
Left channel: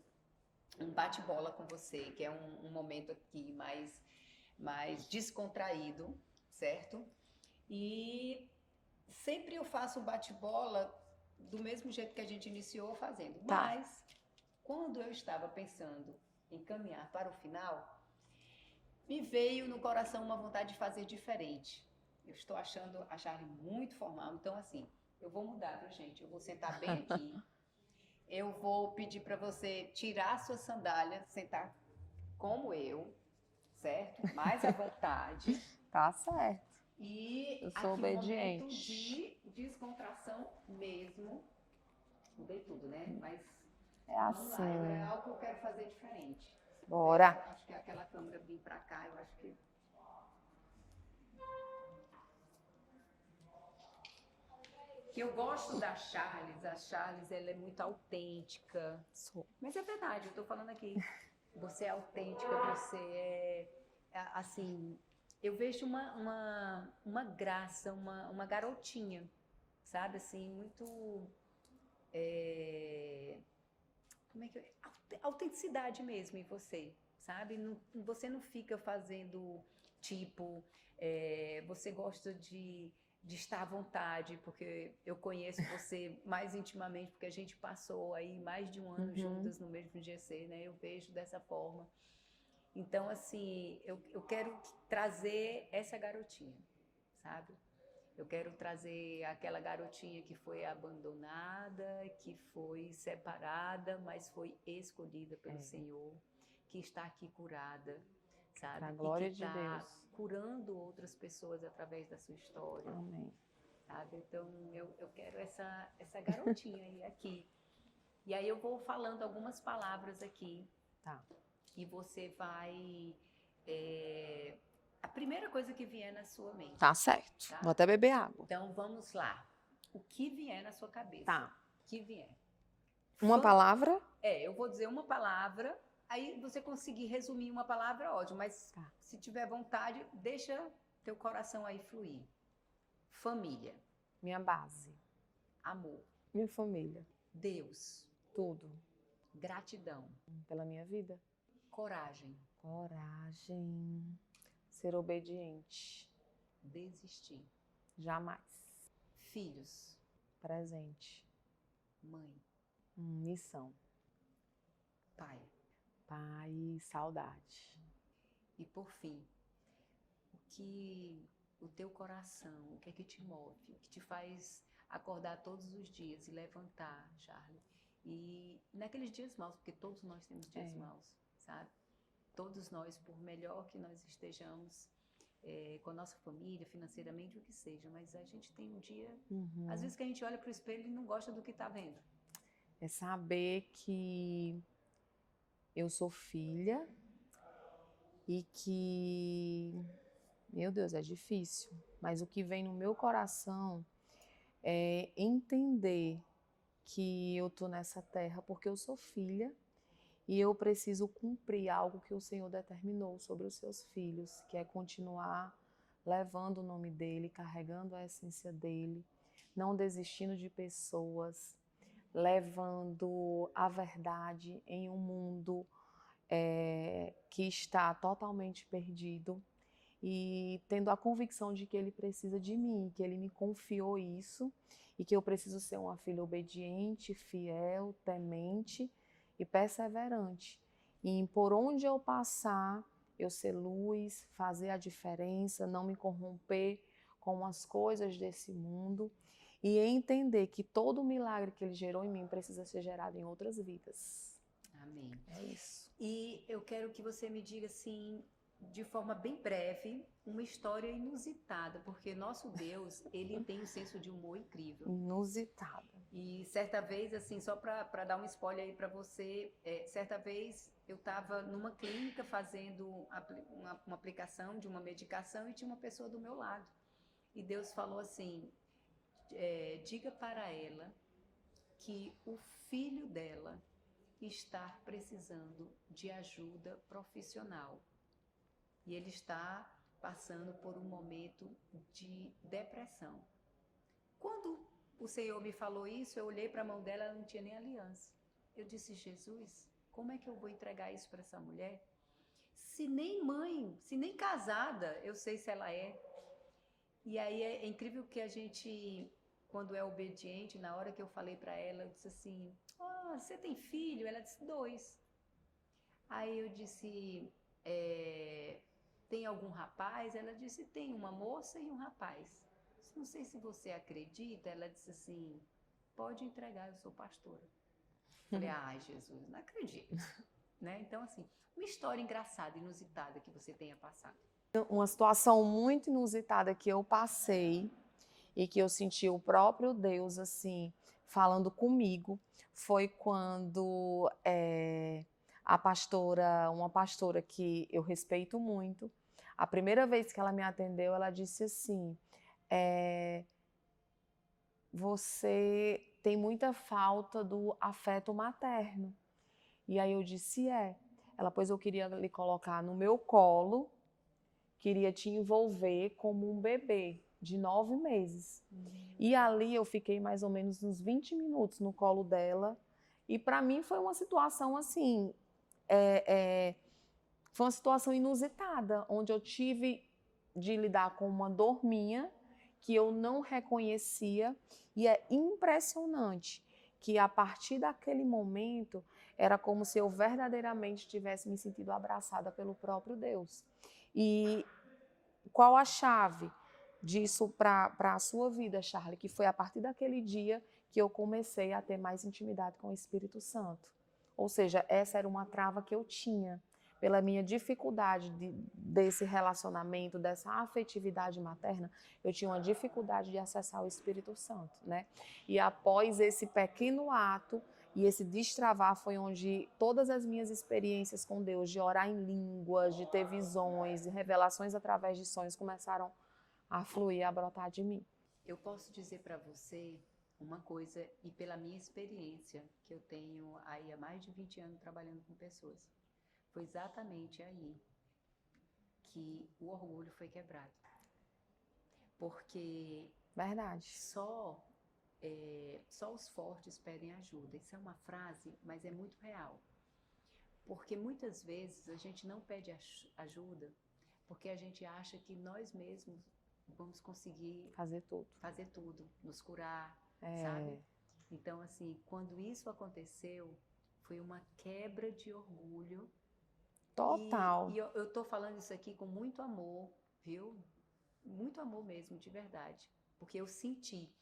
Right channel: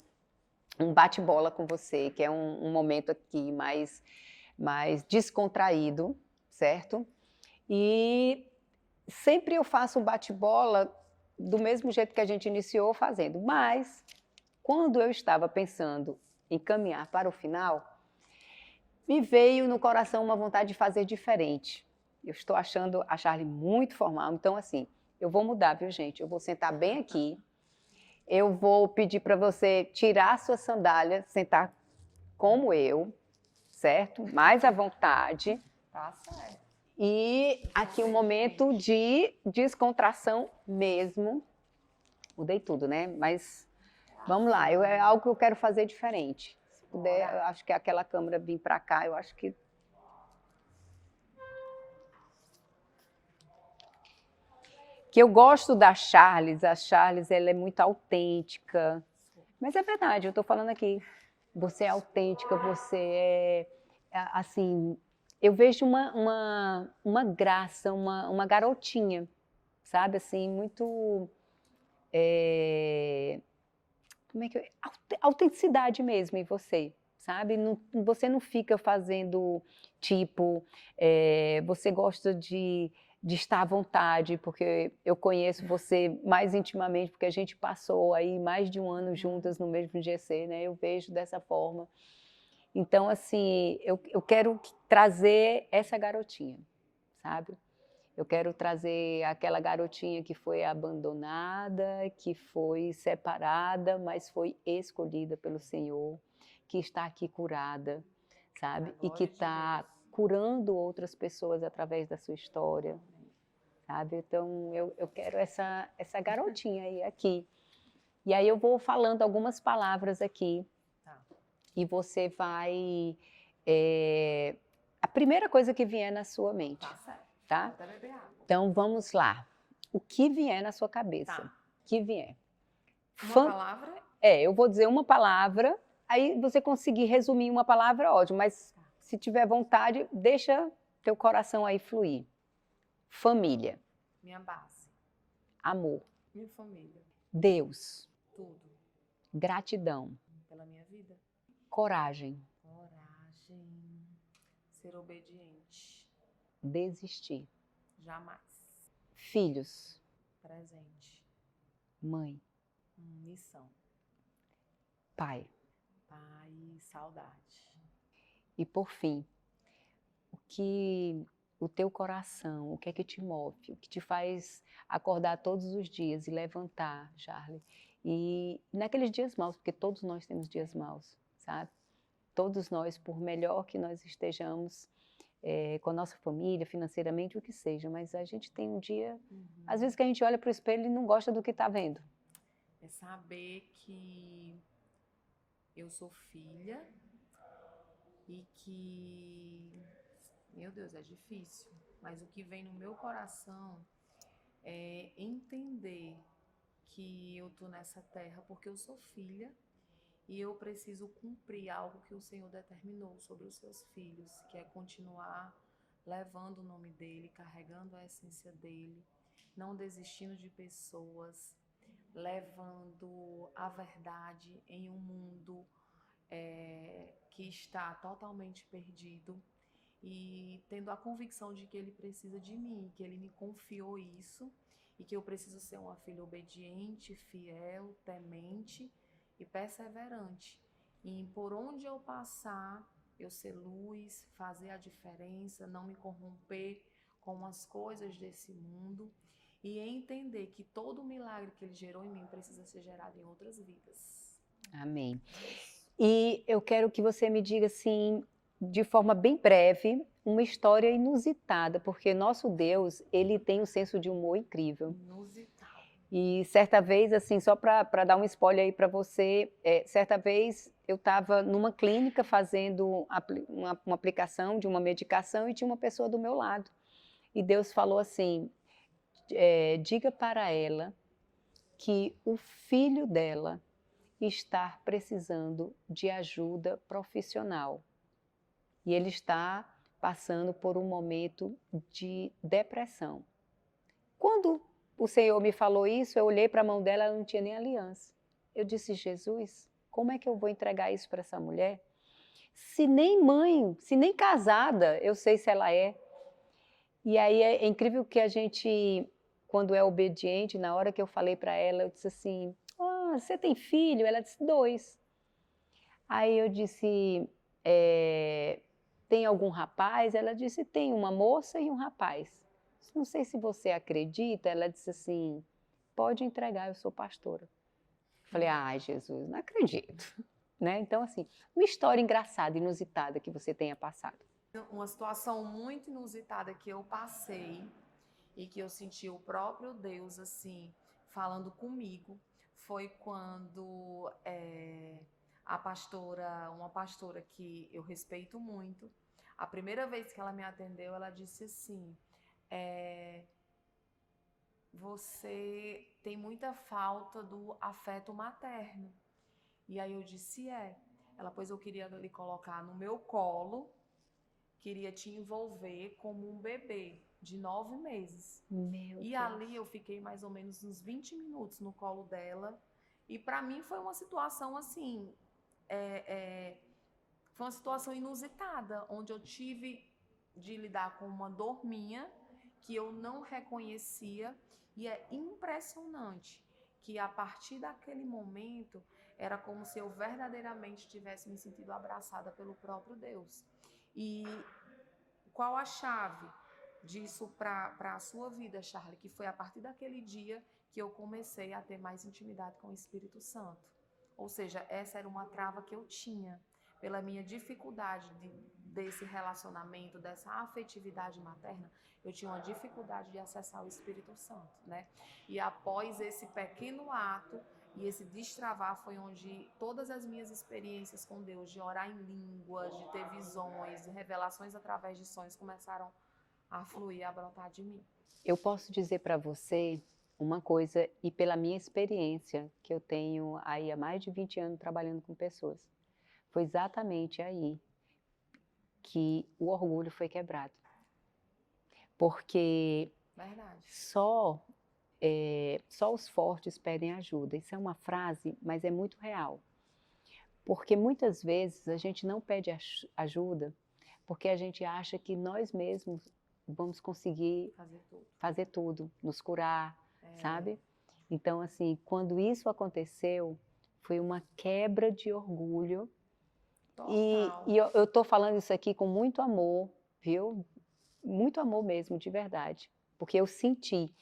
um bate-bola com você, que é um momento aqui mais descontraído, certo? E sempre eu faço um bate-bola do mesmo jeito que a gente iniciou fazendo, mas quando eu estava pensando em caminhar para o final, me veio no coração uma vontade de fazer diferente. Eu estou achando a Charly muito formal, então assim, eu vou mudar, viu, gente? Eu vou sentar bem aqui, eu vou pedir para você tirar a sua sandália, sentar como eu, certo? Mais à vontade. Tá certo. E aqui um momento de descontração mesmo. Mudei tudo, né? Mas vamos lá, é algo que eu quero fazer diferente. Se puder, eu acho que aquela câmera vir para cá, eu acho que... Que eu gosto da Charly, a Charly ela é muito autêntica. Mas é verdade, eu estou falando aqui. Você é autêntica, você assim... Eu vejo uma graça, uma garotinha, sabe? Assim, muito... como é que autenticidade mesmo em você, sabe? Você não fica fazendo tipo... você gosta de estar à vontade, porque eu conheço você mais intimamente, porque a gente passou aí mais de um ano juntas no mesmo GC, né? Eu vejo dessa forma. Então, assim, eu quero trazer essa garotinha, sabe? Eu quero trazer aquela garotinha que foi abandonada, que foi separada, mas foi escolhida pelo Senhor, que está aqui curada, sabe? E que está curando outras pessoas através da sua história, sabe? Então, eu quero essa garotinha aí aqui. E aí eu vou falando algumas palavras aqui. Tá. E você vai... a primeira coisa que vier na sua mente. Tá certo. Tá? Vou até beber água. Então, vamos lá. O que vier na sua cabeça? Tá. O que vier. Uma palavra? Eu vou dizer uma palavra, aí você conseguir resumir uma palavra, ótimo. Mas se tiver vontade, deixa teu coração aí fluir. Família, Minha base, amor, minha família, Deus, tudo gratidão, pela minha vida. coragem, Coragem, ser obediente, desistir, jamais. filhos, Presente, mãe, missão, pai. pai, saudade. E por fim, o teu coração, o que é que te move, o que te faz acordar todos os dias e levantar, Charlie. E naqueles dias maus, porque todos nós temos dias maus, sabe? Todos nós, por melhor que nós estejamos com a nossa família, financeiramente, o que seja, mas a gente tem um dia, às vezes que a gente olha para o espelho e não gosta do que está vendo. É saber que eu sou filha e que, meu Deus, é difícil, mas o que vem no meu coração é entender que eu tô nessa terra porque eu sou filha e eu preciso cumprir algo que o Senhor determinou sobre os seus filhos, que é continuar levando o nome dele, carregando a essência dele, não desistindo de pessoas, levando a verdade em um mundo que está totalmente perdido e tendo a convicção de que ele precisa de mim, que ele me confiou isso e que eu preciso ser uma filha obediente, fiel, temente e perseverante. E por onde eu passar, eu ser luz, fazer a diferença, não me corromper com as coisas desse mundo e entender que todo o milagre que ele gerou em mim precisa ser gerado em outras vidas. Amém. Isso. E eu quero que você me diga assim, de forma bem breve, uma história inusitada, porque nosso Deus, ele tem um senso de humor incrível. Inusitado. E certa vez, assim, só para dar um spoiler aí para você, certa vez eu estava numa clínica fazendo uma aplicação de uma medicação e tinha uma pessoa do meu lado. E Deus falou assim, diga para ela que o filho dela está precisando de ajuda profissional. E ele está passando por um momento de depressão. Quando o Senhor me falou isso, eu olhei para a mão dela, ela não tinha nem aliança. Eu disse, Jesus, como é que eu vou entregar isso para essa mulher? Se nem mãe, se nem casada, eu sei se ela é. E aí é incrível que a gente, quando é obediente, na hora que eu falei para ela, eu disse assim, você tem filho? Ela disse, 2. Aí eu disse, tem algum rapaz? Ela disse, tem uma moça e um rapaz. Não sei se você acredita. Ela disse assim, pode entregar, eu sou pastora. Falei, ai Jesus, não acredito. Né? Então assim, uma história engraçada, inusitada que você tenha passado. Uma situação muito inusitada que eu passei e que eu senti o próprio Deus assim falando comigo foi quando uma pastora que eu respeito muito, a primeira vez que ela me atendeu, ela disse assim, você tem muita falta do afeto materno. E aí eu disse, ela, pois eu queria lhe colocar no meu colo, queria te envolver como um bebê de 9 meses. E ali eu fiquei mais ou menos uns 20 minutos no colo dela. E para mim foi uma situação assim, foi uma situação inusitada, onde eu tive de lidar com uma dor minha que eu não reconhecia. E é impressionante que a partir daquele momento era como se eu verdadeiramente tivesse me sentido abraçada pelo próprio Deus. E qual a chave disso para a sua vida, Charlie? Que foi a partir daquele dia que eu comecei a ter mais intimidade com o Espírito Santo. Ou seja, essa era uma trava que eu tinha pela minha dificuldade desse relacionamento, dessa afetividade materna, eu tinha uma dificuldade de acessar o Espírito Santo, né? E após esse pequeno ato e esse destravar foi onde todas as minhas experiências com Deus, de orar em línguas, de ter visões, de revelações através de sonhos, começaram a fluir, a brotar de mim. Eu posso dizer para você uma coisa, e pela minha experiência, que eu tenho aí há mais de 20 anos trabalhando com pessoas, foi exatamente aí que o orgulho foi quebrado. Porque Verdade. só os fortes pedem ajuda. Isso é uma frase, mas é muito real. Porque muitas vezes a gente não pede ajuda porque a gente acha que nós mesmos vamos conseguir fazer tudo, nos curar, sabe? Então, assim, quando isso aconteceu, foi uma quebra de orgulho. Total. E eu estou falando isso aqui com muito amor, viu? Muito amor mesmo, de verdade. Porque eu senti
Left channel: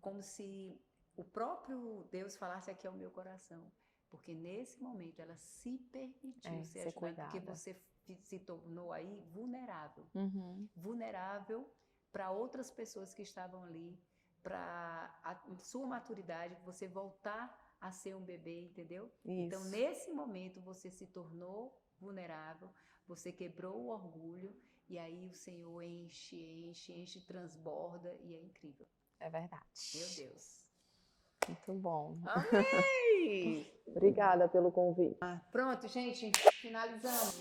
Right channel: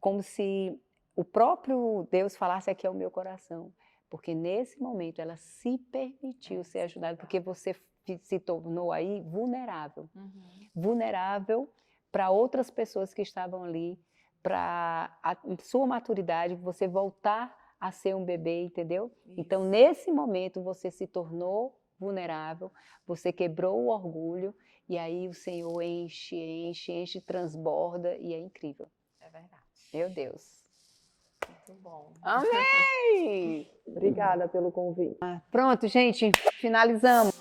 como se o próprio Deus falasse aqui ao meu coração. Porque nesse momento ela se permitiu ser ajudada, porque você se tornou aí vulnerável. Vulnerável para outras pessoas que estavam ali, para a sua maturidade, você voltar a ser um bebê, entendeu? Isso. Então, nesse momento, você se tornou vulnerável, você quebrou o orgulho, e aí o Senhor enche, transborda, e é incrível. É verdade. Meu Deus. Muito bom. Amém! Obrigada pelo convite. Pronto, gente, finalizamos.